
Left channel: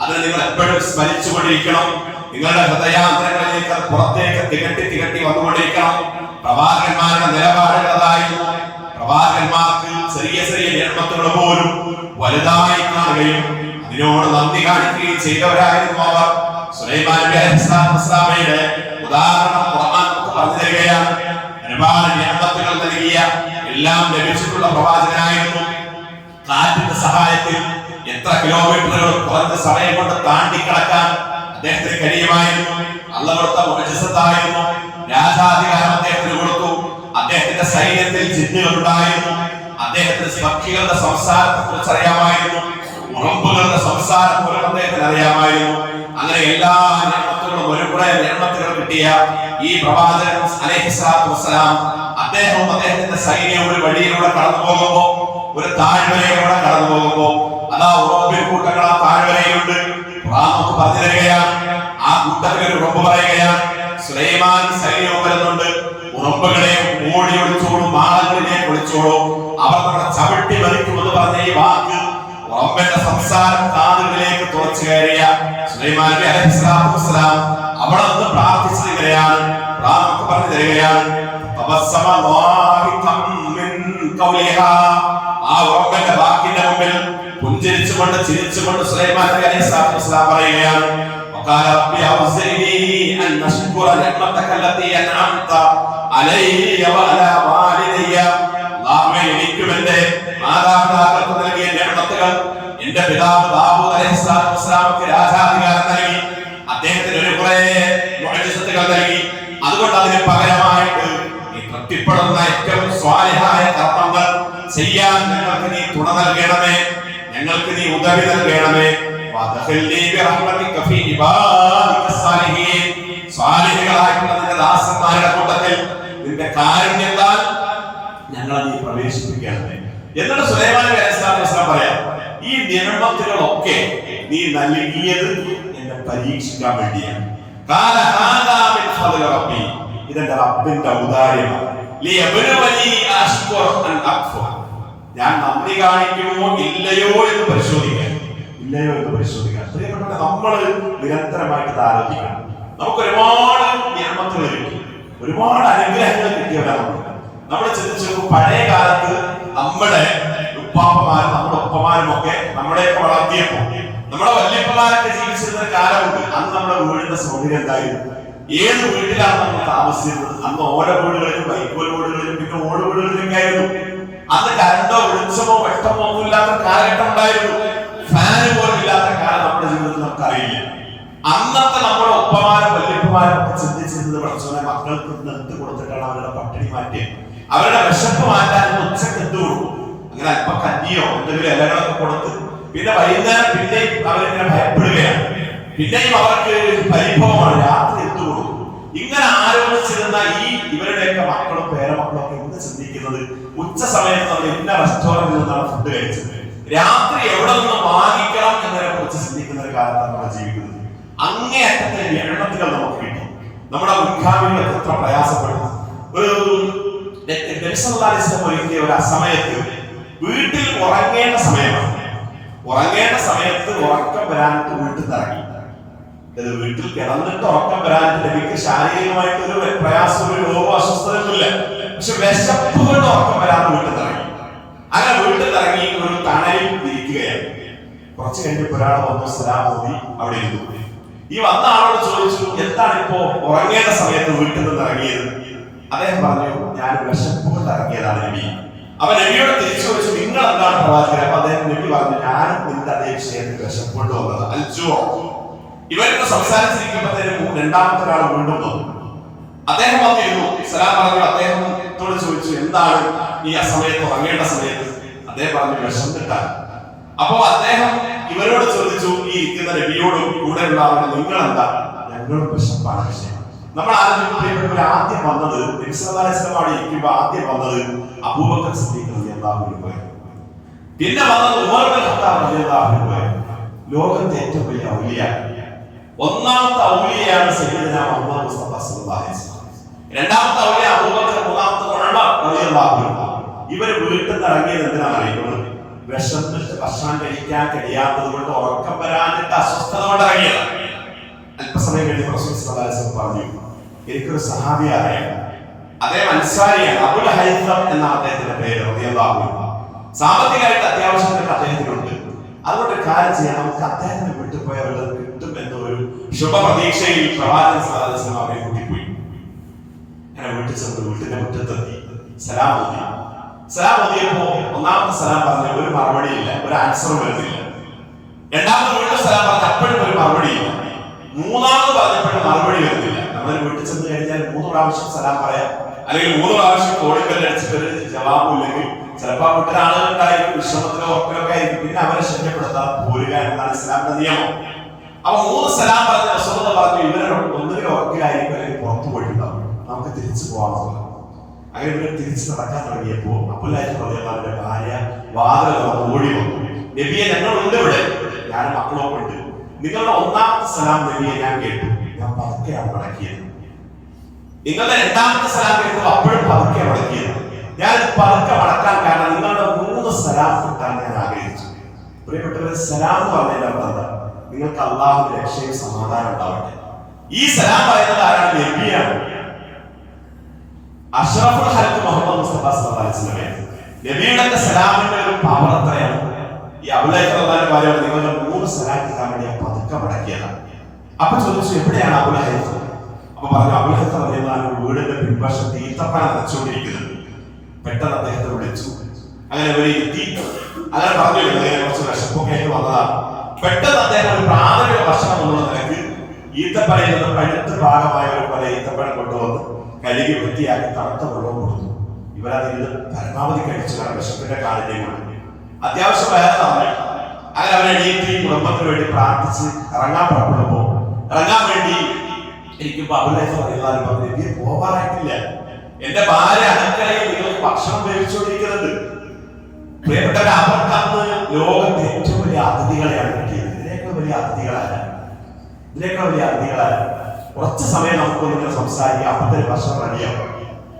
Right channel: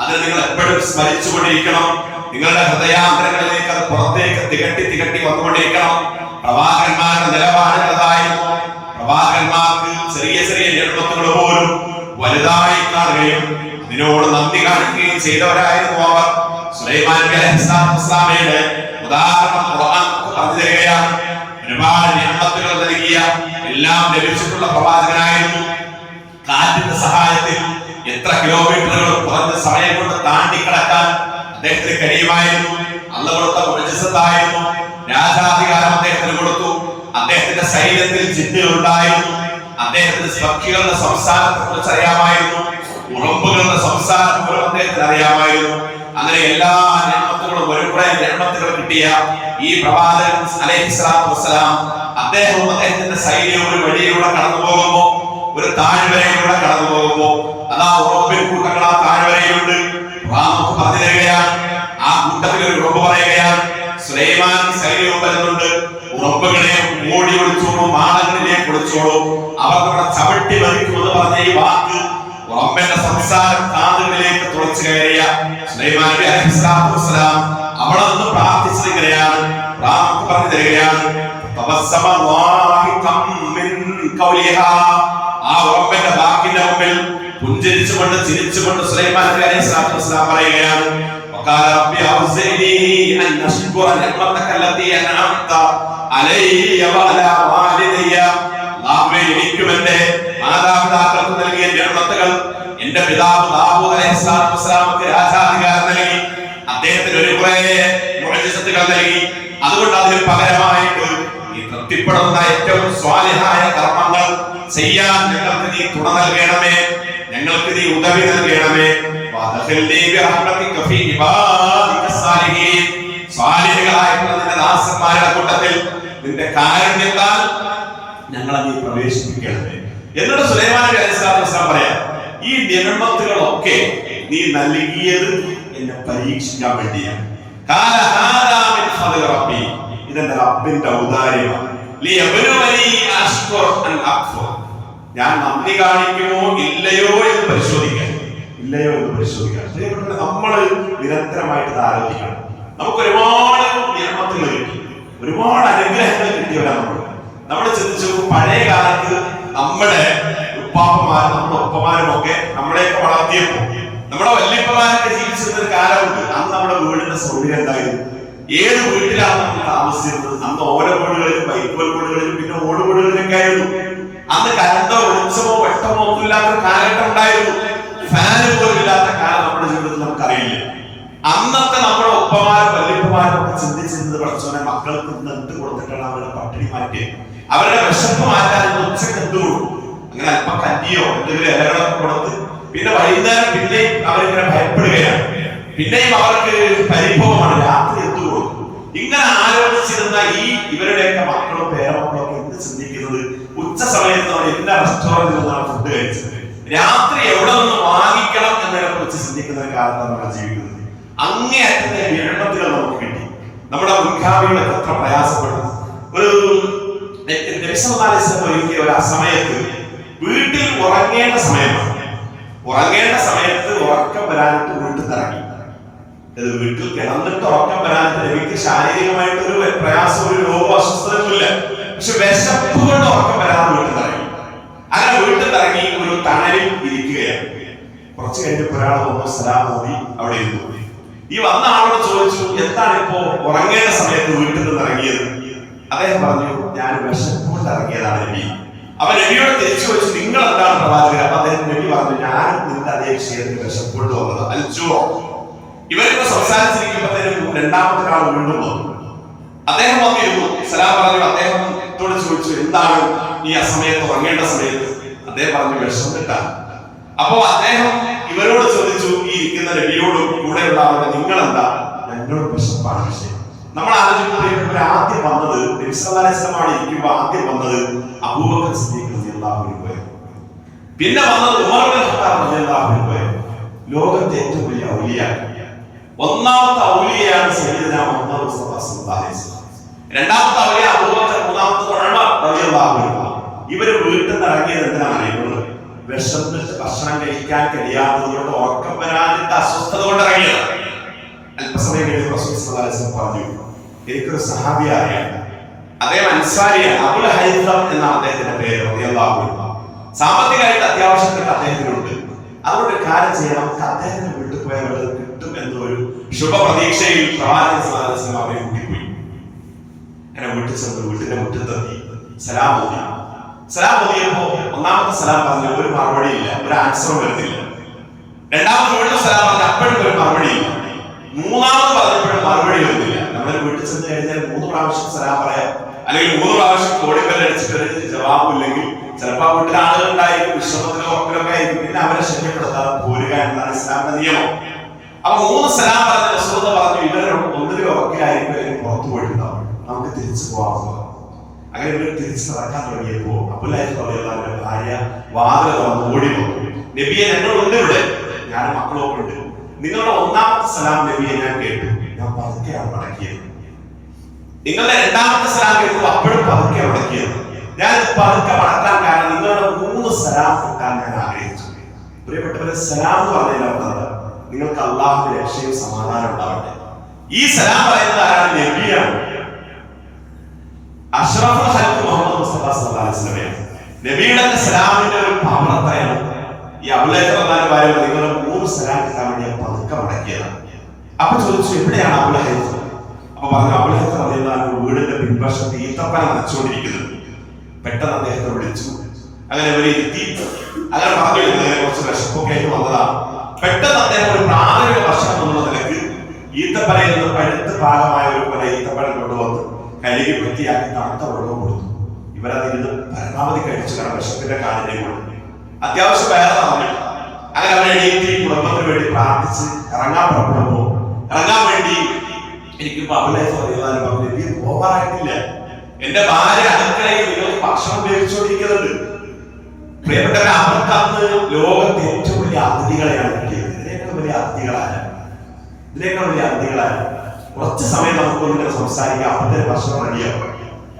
അതിനെ നിങ്ങൾ എപ്പോഴും സ്മരിച്ചുകൊണ്ടിരിക്കണം. നിങ്ങളുടെ ഹൃദയാന്തരങ്ങളിലേക്ക് അത് പുറത്തേക്ക് തികട്ടി വന്നുകൊണ്ടിരിക്കണം. പ്രവാചകന്മാരുടെ നിലപാടുകൾ അതായിരുന്നു. പ്രവാചകന്മാർക്ക് ചെറിയ നിഅമത്തുകൾ പോലും വലുതായി കാണുകയും അതിനോട് നന്ദി കാണിക്കുകയും ചെയ്തവരായിരുന്നു അവർ. സുലൈമാൻ നബി അലൈഹിസ്സലാമയുടെ ഉദാഹരണം ഖുർആൻ നമുക്ക് പറഞ്ഞു തരികയാണ്. ഒരുപാട് നിഅമത്തുകൾ നൽകിയ, എല്ലാം ലഭിച്ചിട്ടുള്ള പ്രവാചകനായിരുന്നു. കാറ്റിന്റെ സഹായത്തിൽ എത്ര കിലോമീറ്ററുകൾ കുറഞ്ഞ സമയം കൊണ്ട് താണ്ടി കടക്കാൻ അദ്ദേഹത്തിന് കഴിയുമായിരുന്നു. അല്ലാഹു കൊടുത്ത മുഅ്ജിസത്തായിരുന്നു. രാജാധികാരം അദ്ദേഹത്തിന് കൊടുത്തു. അദ്ദേഹത്തിന്റെ ശരീരത്തിൽ ജിന്നുകൾ ഉണ്ടായിരുന്നു. അദ്ദേഹത്തിന് പക്ഷികളുടെ സംസാരത്തെ കുറിച്ച് അറിയാമായിരുന്നു. ഉറുമ്പുകളുടെ സംസാരം പോലും അദ്ദേഹത്തിന് അറിയാമായിരുന്നു. അങ്ങനെ എല്ലാ നിഅമത്തുകളും ഒരുപാട് നിഅമത്തുകൾ കിട്ടിയ ഈ പ്രവാചകൻ അലൈഹിസ്സലാത്തു വസ്സലാം അദ്ദേഹവും അദ്ദേഹത്തിന്റെ സൈന്യവും ഒരു വഴിയിലൂടെ കടന്നു പോകുമ്പോൾ, ഒരു താഴ്വരയിലൂടെ കടന്നു പോകുമ്പോൾ, അതാ ഉറമ്പിൻ കൂട്ടങ്ങൾ ആ താഴ്വരയിലുണ്ട്. നമുക്ക് പറഞ്ഞു തരികയാണ്, ആ കൂട്ടത്തിൽ ഒരു ഉറമ്പ് പറയുകയാണ്, സുലൈമാൻ സൈന്യവും വരുന്നുണ്ട്, ഉറമ്പുകളെ ഓടി ഒളിച്ചോളൂ, മാളങ്ങളിലേക്ക് ഒളിച്ചോളൂ, അവർ നമ്മുടെ ചവിട്ടി മറിക്കുമെന്ന് പറഞ്ഞ ഈ വാക്ക് ഉറമ്പിന്റെ സംസാരം കാതുകളിലേക്ക് തുളച്ചു കയറിയ സുലൈമാൻ നബി അലൈഹിസ്സലാത്തു വസ്സലാം അവിടെ നിന്ന് പ്രാർത്ഥിച്ചത് ഇങ്ങനെയാണ്. നമുക്ക് പറഞ്ഞു തരികയാണ്, ആ ഉറപ്പിന്റെ വാക്കിന്റെ മുമ്പിൽ പുഞ്ചിരിച്ചുകൊണ്ട് ചിരിച്ചുകൊണ്ട് സുലൈമാൻ നബി അലൈഹിസ്സലാത്തു വസ്സലാം പറയുകയാണ്, وقال ربي أوزعني أن أشكر نعمتك التي أنعمت علي وعلى والدي. അല്ലാഹുവേ, എനിക്കും എൻ്റെ മാതാപിതാക്കൾക്കും നൽകിയ നിഅമത്തുകൾ, എൻ്റെ പിതാവ് ദാവൂദ് അലൈഹിസ്സലാത്തു വസ്സലാമക്ക് രാജാധികാരം നൽകി, അദ്ദേഹത്തിന് ഒരു കുറേ മുഅ്ജിസത്തുകൾ നൽകി. അതുകൊണ്ട് അതിന് പകരമായിട്ട് നീ തൃപ്തിപ്പെടുന്ന ഏറ്റവും സ്വാലിഹായ കർമ്മങ്ങൾ ചെയ്യാൻ ഞങ്ങൾക്ക് നീ തുണ നൽകണമേ, ഞങ്ങൾക്ക് നീ ഉദവി നൽകണമേ. സ്വാലിഹീകളായിട്ടുള്ള നിന്റെ ദാസന്മാരുടെ കൂട്ടത്തിൽ നിന്റെ കാരുണ്യത്താൽ ഞങ്ങളെ നീ പ്രവേശിപ്പിക്കണമേ. എന്നിട്ട് സുലൈമാൻ നബി അലൈഹിസ്സലാത്തു വസ്സലാം പറയാം, ഈ നിഅമത്തുകളൊക്കെ നീ നൽകിയത് എന്നെ പരീക്ഷിക്കാൻ വേണ്ടിയാണ്. ഇതെന്റെ റബ്ബിന്റെ ഔദാര്യമാണ്. ഞാൻ നന്ദി കാണിക്കുമോ ഇല്ലയോ എന്ന് പരിശോധിക്കാൻ. നമ്മൾ നിരന്തരമായിട്ട് ആലോചിക്കണം. നമുക്ക് ഒരുപാട് നിയമത്തുകൾ കിട്ടി, ഒരുപാട് അനുഗ്രഹങ്ങൾ കിട്ടിയവരാണ് നമ്മൾ. ചിന്തിച്ചു നോക്കും, പഴയ കാലത്ത് നമ്മുടെ ഉപ്പാപ്പമാരും നമ്മുടെ ഒപ്പമാരും ഒക്കെ നമ്മളെയൊക്കെ വളർത്തിയപ്പോ, നമ്മുടെ വല്യപ്പമാരൊക്കെ ജീവിച്ചിരുന്ന ഒരു കാലമുണ്ട്. അന്ന് നമ്മുടെ വീടിന്റെ സൗകര്യം എന്തായിരുന്നു? ഏത് വീട്ടിലാണ് നമ്മൾ താമസിച്ചിരുന്നത്? അന്ന് ഓരോ വീടുകളിലും, വൈക്കോൽ വീടുകളിലും, പിന്നെ ഓട് വീടുകളിലൊക്കെ ആയിരുന്നു. അന്ന് കരണ്ടോ വെളിച്ചമോ വെട്ടമോ ഒന്നും ഇല്ലാത്ത കാലഘട്ടം ഉണ്ടായിരുന്നു. ഫാന് പോലും ഇല്ലാത്ത കാലം നമ്മുടെ ജീവിതത്തിൽ നമുക്കറിയില്ല. അന്നത്തെ നമ്മുടെ ഒപ്പമാരും വല്യപ്പമാരും ഒക്കെ ചിന്തിച്ചിരുന്നത്, പഠിച്ചോനെ മക്കൾക്ക് എന്ത് കൊടുത്തിട്ടാണ് അവരുടെ പട്ടിണി മാറ്റി, അവരുടെ വിശപ്പ് മാറ്റാൻ ഉച്ചക്ക് എന്ത് കൊടുക്കും? അങ്ങനെ അല്പം കഞ്ഞിയോ എന്തെങ്കിലും ഇലകളൊക്കെ കൊടുത്ത്, പിന്നെ വൈകുന്നേരം പിന്നെയും അവരിങ്ങനെ ഭയപ്പെടുകയാണ്. പിന്നെയും അവർക്ക് പരിഭവമാണ്, രാത്രി എന്ത് കൊടുക്കും? ഇങ്ങനെ ആലോചിച്ചിരുന്ന ഇവരുടെയൊക്കെ മക്കളും പേരമക്കളും ഒക്കെ എന്ത് ചിന്തിക്കുന്നത്? ഉച്ച സമയത്ത് നമ്മൾ എല്ലാ റെസ്റ്റോറന്റിൽ നിന്നാണ് ഫുഡ് കഴിച്ചത്, രാത്രി എവിടെ നിന്ന് വാങ്ങിക്കണം എന്നതിനെ കുറിച്ച് ചിന്തിക്കുന്ന ഒരു കാലത്താണ് നമ്മൾ ജീവിക്കുന്നത്. അങ്ങേയറ്റത്തെ എണ്ണത്തുകൾ നമുക്ക് കിട്ടി. നമ്മുടെ മുൻഗാമികളൊക്കെ എത്ര പ്രയാസപ്പെട്ടു. ഒരു ഒരു സമയത്ത് വീട്ടിൽ ഉറങ്ങേണ്ട സമയമാണ്. ഉറങ്ങേണ്ട സമയത്ത് ഉറക്കം വരാനിട്ട് വീട്ടിൽ ഇറങ്ങി. വീട്ടിൽ കിടന്നിട്ട് ഉറക്കം വരാനിട്ട് എനിക്ക് ശാരീരികമായിട്ട് ഒരു പ്രയാസം, ഒരു രോഗം, അസ്വസ്ഥതയൊന്നുമില്ല. പക്ഷെ വിശപ്പ് കൊണ്ട് ഉറക്കം വരാതെ വീട്ടിൽ ഇറങ്ങി. അങ്ങനെ വീട്ടിൽ ഇറങ്ങി ഒരു തണലിൽ ഇരിക്കുകയാണ്. കുറച്ച് കഴിഞ്ഞപ്പോൾ ഒരാൾ വന്നു, സലാം ഓതി അവിടെ ഇരുന്നു. ഈ വന്ന ആളോട് ചോദിച്ചു, എന്താണ് ഇപ്പോ ഉറങ്ങേണ്ട സമയത്ത് വീട്ടിൽ നിന്ന് ഇറങ്ങിയത്? അദ്ദേഹം പറഞ്ഞു, ഞാൻ വിശപ്പ് കൊണ്ട് ഇറങ്ങിയതാണ് നബി. അവൻ നബിയോട് തിരിച്ചു ചോദിച്ചു, നിങ്ങൾ എന്താണ് പ്രവാചകൻ? അപ്പൊ അദ്ദേഹം നബി പറഞ്ഞു, ഞാനും നിന്റെ അതേ വിഷയത്തിൽ വിശപ്പ് കൊണ്ട് വന്നത്. അൽജോ. ഇവരിപ്പോ സംസാരിച്ചിരിക്കുമ്പോഴത്തേനും രണ്ടാമത്തെ ആൾ വീണ്ടും വന്നു. അദ്ദേഹം വന്നിരുന്നു, സലാം പറഞ്ഞു. അദ്ദേഹത്തോട് ചോദിച്ചു, എന്താണ് ഈ അസമയത്ത് ഉറങ്ങേണ്ട സമയത്ത്? അദ്ദേഹം പറഞ്ഞു, വിശന്നിട്ടാണ്. അപ്പോ അദ്ദേഹം ഇവരോട് ചോദിച്ചു, ഈ ഇരിക്കുന്ന നബിയോടും കൂടെയുള്ള ആളുടെ, നിങ്ങൾ എന്താ? ഞങ്ങളുടെ വിശപ്പാണ് വിഷയം. നമ്മൾ ആലോചിക്കുമ്പോൾ ആദ്യം വന്നത് നബി സല്ലല്ലാഹു അലൈഹി വസല്ലം ഇരിക്കുമ്പോൾ ആദ്യം വന്നത് അബൂബക്കർ സിദ്ദീഖ് റളിയല്ലാഹു അൻഹു പോയ, പിന്നെ വന്നത് ഉമർ ഇബ്നു ഖത്താബ് റളിയല്ലാഹു അൻഹു. ലോകത്തെ ഏറ്റവും വലിയ ഔലിയ, ഒന്നാമത്തെ ഔലിയാണ് സയ്യിദുന മുഹമ്മദ് മുസ്തഫ സല്ലല്ലാഹു അലൈഹി വസല്ലം. രണ്ടാമത്തെ ഔലിയ അബൂബക്കർ, മൂന്നാമത്തെ ഉമർ റളിയല്ലാഹു അൻഹു. ഇവര് വീട്ടിൽ നിന്ന് ഇറങ്ങിയത് എന്തിനാണ് അറിയുന്നത്? വിശന്നിട്ട് ഭക്ഷണം കഴിക്കാൻ കഴിയാത്തത് കൊണ്ട്, ഉറക്കം വരാനിട്ട് അസ്വസ്ഥത കൊണ്ട് ഇറങ്ങിയത്. അല്പസമയം കഴിഞ്ഞ് റസൂൽ സല്ലല്ലാഹു അലൈഹി വസല്ലം പറഞ്ഞു, എനിക്കൊരു സഹാബിയെ അറിയാം, അദ്ദേഹം അൻസാരിയാണ്, അബുൽ ഹൈസം എന്നാണ് അദ്ദേഹത്തിന്റെ പേര് റളിയല്ലാഹു അൻഹു. സാമ്പത്തികമായിട്ട് അത്യാവശ്യത്തിന് അദ്ദേഹത്തിനുണ്ട്. അതുകൊണ്ട് ഒരു കാര്യം ചെയ്യാം, നമുക്ക് അദ്ദേഹത്തിന് വീട്ടിൽ പോയാൽ വല്ലതും കിട്ടും എന്നൊരു ശുഭപ്രതീക്ഷയിൽ പ്രവാചകൻ സല്ലല്ലാഹു അലൈഹി വസല്ലം അവരെ കൂട്ടിപ്പോയി. അങ്ങനെ വീട്ടിൽ ചെന്ന് വീട്ടിന്റെ മുറ്റത്തെത്തി സലാം ഓതി. സലാം ഓതിയപ്പോ ഒന്നാമത്തെ സലാം പറഞ്ഞു, ഒരു മറുപടിയില്ല, ഒരു ആൻസറും വരുന്നില്ല. രണ്ടാമത് വീണ്ടും സലാം പറഞ്ഞു, അപ്പോഴും ഒരു മറുപടിയില്ല. മൂന്നാമത് പറഞ്ഞപ്പോഴും മറുപടി വരുന്നില്ല. നമ്മൾ വീട്ടിൽ ചെന്ന് കഴിഞ്ഞാൽ 3 പ്രാവശ്യം സലാം പറയാം, അല്ലെങ്കിൽ 3 പ്രാവശ്യം കോടിക്കല്ലടിച്ചിട്ട് ഒരു ജവാബും ഇല്ലെങ്കിൽ ചിലപ്പോൾ ആ വീട്ടിൽ ആളുകളുണ്ടായിരിക്കും, വിശ്രമത്തിലോ ഉറപ്പിലൊക്കെ ആയിരിക്കും. പിന്നെ അവരെ ശല്യപ്പെടുത്താൻ പോരുക എന്നാണ് ഇസ്ലാമിന്റെ നിയമം. അപ്പൊ 3 സലാം പറഞ്ഞ റസൂൽ പറഞ്ഞു, ഇവരെ ഒന്നിലും ഉറക്കിലായിരിക്കും, അല്ലെങ്കിൽ പുറത്തു പോയിട്ടുണ്ടാവും, നമുക്ക് തിരിച്ചു പോകാമെന്ന്. അങ്ങനെ ഇവർ തിരിച്ചു നടക്കാൻ തുടങ്ങിയപ്പോ അബ്ദുൽ റളിയല്ലാഹുവിന്റെ ഭാര്യ വാതിൽ തുറന്ന് ഓടി വന്നു, നബിയെ ഞങ്ങളുണ്ട് ഇവിടെ, ഞാൻ മക്കളൊക്കെ ഉണ്ട്, നിങ്ങളുടെ ഒന്നാമത്തെ സലാം നബിയെ ഞാൻ കേട്ടു, ഞാൻ പതുക്കെയാണ് മടക്കിയത്. നിങ്ങളുടെ രണ്ടാമത്തെ സലാം കേട്ടു, അപ്പോഴും പതുക്കെയാണ് മടക്കിയത്. ഞാൻ പതുക്കെ മടക്കാൻ കാരണം നിങ്ങളുടെ 3 സലാം കിട്ടാൻ ഞാൻ ആഗ്രഹിച്ചു. പ്രിയപ്പെട്ടവരെ, സലാം എന്ന് പറഞ്ഞാൽ എന്താ? നിങ്ങൾക്ക് അള്ളാഹുവിന്റെ രക്ഷയും സമാധാനം ഉണ്ടാവട്ടെ. ഈ സലാം പറയുന്നത് ആരാണ്? നബിയാണ്. അഷ്റഫുൽ ഖൽഖ് മുഹമ്മദ് മുസ്തഫ സല്ലല്ലാഹു അലൈഹി വസല്ലം. നബിയുടെ സലാമിന്റെ ഒരു പവർ എത്രയാണ്? ഈ അബൂലഹബ് റളിയല്ലാഹു അൻഹു നിങ്ങളുടെ 3 സലാം കിട്ടാൻ വേണ്ടി പതുക്കെ മടക്കിയതാണ്. അപ്പൊ ചോദിച്ചു, എവിടെയാണ് അബൂലഹബ്? അപ്പൊ പറഞ്ഞു, അബൂലഹബ് റളിയല്ലാഹു അൻഹു വീടിന്റെ പിൻവശത്ത് ഈത്തപ്പന നനച്ചുകൊണ്ടിരിക്കുന്നത്. പെട്ടെന്ന് അദ്ദേഹത്തെ വിളിച്ചു. അങ്ങനെ അവര് എത്തി. അങ്ങനെ പറഞ്ഞു, ഇങ്ങനെ കുറച്ച് വിശപ്പൊക്കെ ആയിട്ട് വന്നതാണ്. പെട്ടെന്ന് അദ്ദേഹം ഒരു പ്രാഥമിക ഭക്ഷണം എന്നുള്ള നിലക്ക് ഈത്തപ്പനയിൽ നിന്ന് പഴുത്ത് ഭാഗമായ ഒരു പോലെ ഈത്തപ്പഴം കൊണ്ടുവന്ന് കഴുകി വൃത്തിയാക്കി തണുത്ത വെള്ളവും കൊടുത്തു. ഇവരതിന് പരമാവധി കഴിച്ചു. കാരണം വിശപ്പിന്റെ കാഠിന്യങ്ങൾ അത്യാവശ്യം വേറെ തന്നു. അങ്ങനെ അവരെ എണീറ്റ് കുടുംബത്തിന് വേണ്ടി പ്രാർത്ഥിച്ച് ഇറങ്ങാൻ പുറപ്പെടുമ്പോ ഇറങ്ങാൻ വേണ്ടി എനിക്കിപ്പോ അബൂലഹബ് റളിയല്ലാഹു അൻഹു പറഞ്ഞു, എനിക്ക് പോകാനായിട്ടില്ല, എന്റെ ഭാര്യ അടുക്കളയിൽ നിങ്ങൾ ഭക്ഷണം ഉപയോഗിച്ചുകൊണ്ടിരിക്കുന്നുണ്ട്. പ്രിയപ്പെട്ടവരെ, അവർക്ക് അന്ന് ലോകത്തെ ഏറ്റവും വലിയ അതിഥികളെയാണ് കിട്ടിയത്. ഇതിനേക്കാൾ വലിയ അതിഥികളായ കുറച്ച് സമയം നമുക്കൊന്നിങ്ങനെ സംസാരിക്കാം. അപ്പത്തിന് ഭക്ഷണം റെഡിയാകും.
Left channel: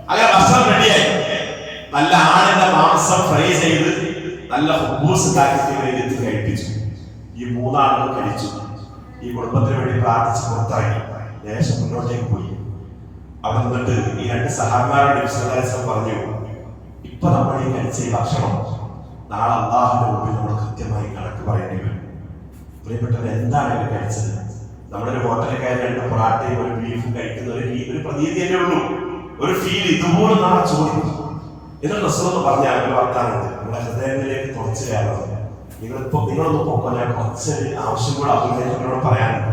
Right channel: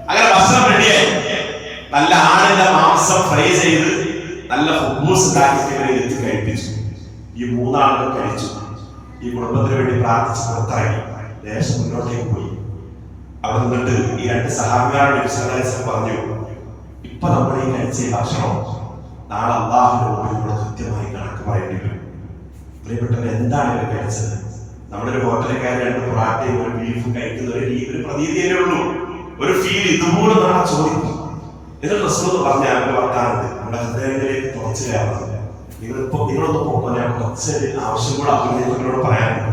അങ്ങനെ ഭക്ഷണം റെഡിയായി. നല്ല ആടിന്റെ മാംസം ഫ്രൈ ചെയ്ത് നല്ല ഹുബൂസ് ഉണ്ടാക്കിയിട്ട് ഇവരെ എത്തി കഴിപ്പിച്ചു. ഈ 3 ആളുകൾ കഴിച്ചു. ഈ കുടുംബത്തിന് വേണ്ടി പ്രാർത്ഥിച്ച് പുറത്തിറങ്ങി ദേശം മുന്നോട്ടേക്ക് പോയി. അവിടെ നിന്നിട്ട് ഈ 2 സഹാബിമാരോട് വിശദീകരിച്ച് പറഞ്ഞു, ഇപ്പൊ നമ്മൾ ഈ കഴിച്ച ഈ ഭക്ഷണം നാളെ അല്ലാഹുവിന്റെ മുമ്പിൽ നമ്മൾ കൃത്യമായി കണക്ക് പറയേണ്ടി വരും. പ്രിയപ്പെട്ടവർ, എന്താണ് ഇവർ കഴിച്ചത്? നമ്മുടെ ഒരു ഹോട്ടലിൽ കയറി 2 പൊറാട്ടയും ഒരു ബീഫും കഴിക്കുന്ന ഒരു പ്രതീതിയല്ലേ ഉള്ളൂ, ഒരു ഫീൽ. ഇതുപോലെ നാളെ ചോദിക്കും. എന്നിട്ട് റസൂൽ പറഞ്ഞാൽ ഒരു വർത്താനുണ്ട്, നമ്മുടെ ഹൃദയങ്ങളിലേക്ക് തുറച്ചു കയറുന്നത്. നിങ്ങളൊന്ന് പോകുമ്പോൾ ഞാൻ കുറച്ചൊരു ആവശ്യം കൂടെ അഭിനയിക്കുന്നവരോട് പറയാനുണ്ട്.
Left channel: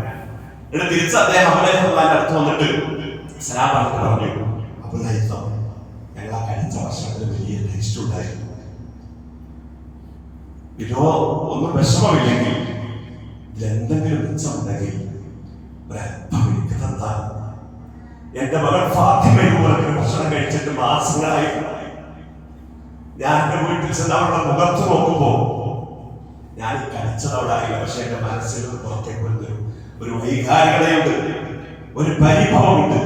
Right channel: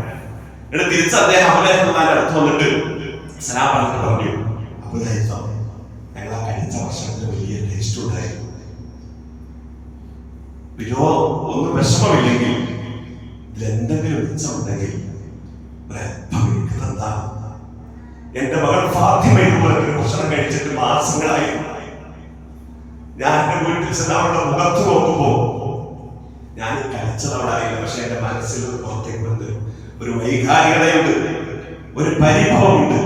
എന്നിട്ട് തിരിച്ച് അദ്ദേഹം അബൂലഹബിന്റെ അടുത്ത് വന്നിട്ട് സലാം പറഞ്ഞിട്ട് പറഞ്ഞു, അബൂലഹബ്, ഞങ്ങൾ ആ കഴിച്ച ഭക്ഷണത്തിന് വലിയ ടേസ്റ്റ് ഉണ്ടായിരുന്നു. ഒന്നും വിഷമമില്ലെങ്കിൽ ഇതിലെന്തെങ്കിലും മിച്ചമുണ്ടെങ്കിൽ ഒരല്പം എനിക്ക് തന്നാണ്. എന്റെ മകൾ ഫാത്തിമയുടെ ഭക്ഷണം കഴിച്ചിട്ട് മാസങ്ങളായിരുന്നു. ഞാൻ എന്റെ വീട്ടിൽ ചെന്ന് അവളുടെ മുഖത്ത് നോക്കുമ്പോ ഞാൻ കഴിച്ചതവളായില്ല, പക്ഷെ എന്റെ മനസ്സിൽ പുറത്തേക്ക് വരുന്ന ഒരു വൈകാരികതയുണ്ട്, ഒരു പരിഭവമുണ്ട്.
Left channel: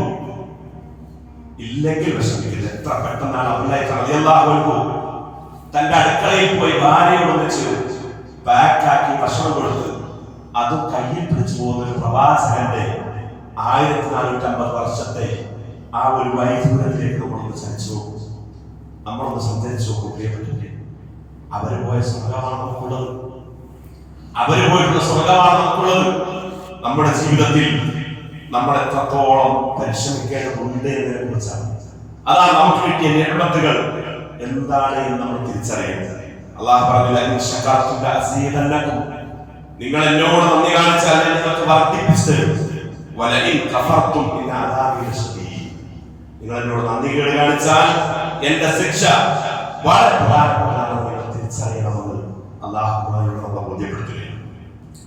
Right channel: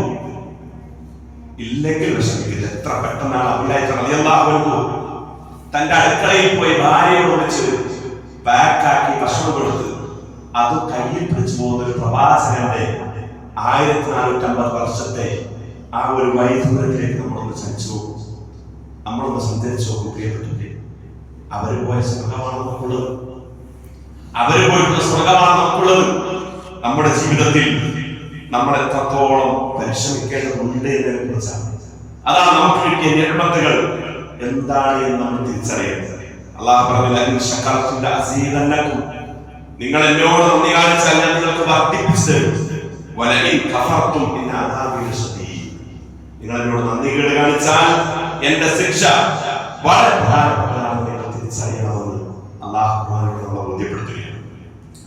ഇല്ലെങ്കിൽ വിഷമിക്കില്ല. എത്ര പെട്ടെന്നാണ് അബൂലഹബ് റളിയല്ലാഹു അൻഹു തന്റെ അടുക്കളയിൽ പോയി ഭാര്യയെ ഒന്നിച്ച് പാക്കാക്കി ഭക്ഷണം കൊടുത്ത് അത് കയ്യിൽ പിടിച്ചു പോകുന്ന ഒരു പ്രവാചകന്റെ 1450 വർഷത്തെ ആ ഒരു വൈദൂരത്തിലേക്ക് നമ്മളൊന്ന് ചലിച്ചു നോക്കും, നമ്മളൊന്ന് സഞ്ചരിച്ചു നോക്കും. പ്രിയപ്പെട്ടവരെ, അവര് പോയ സ്വർഗമാണ് നമുക്കുള്ളത്. അവര് പോയിട്ടുള്ള സ്വർഗമാണ് നമുക്കുള്ളത്. നമ്മുടെ ജീവിതത്തിൽ നമ്മൾ എത്രത്തോളം പരിശ്രമിക്കേണ്ടതുണ്ട് എന്നതിനെ കുറിച്ചാണ്. അതാണ് നമുക്ക് കിട്ടിയ നിയമത്തുകൾ എന്താണ് എന്ന് നമ്മൾ തിരിച്ചറിയുന്നത്. അല്ലാഹു പറഞ്ഞില്ല, നിങ്ങൾ എന്നോട് നന്ദി കാണിച്ചാൽ ഞാൻ നിങ്ങൾക്ക് വർദ്ധിപ്പിച്ചു തരും. നിങ്ങൾ എന്നോട് നന്ദി കാണിച്ചാൽ എന്റെ ശിക്ഷ വളരെ പ്രധാനപ്പെട്ടതാണെന്ന് നിങ്ങൾ തിരിച്ചറിയണമെന്ന് അല്ലാഹു നമ്മളെ ബോധ്യപ്പെടുത്തുകയാണ്.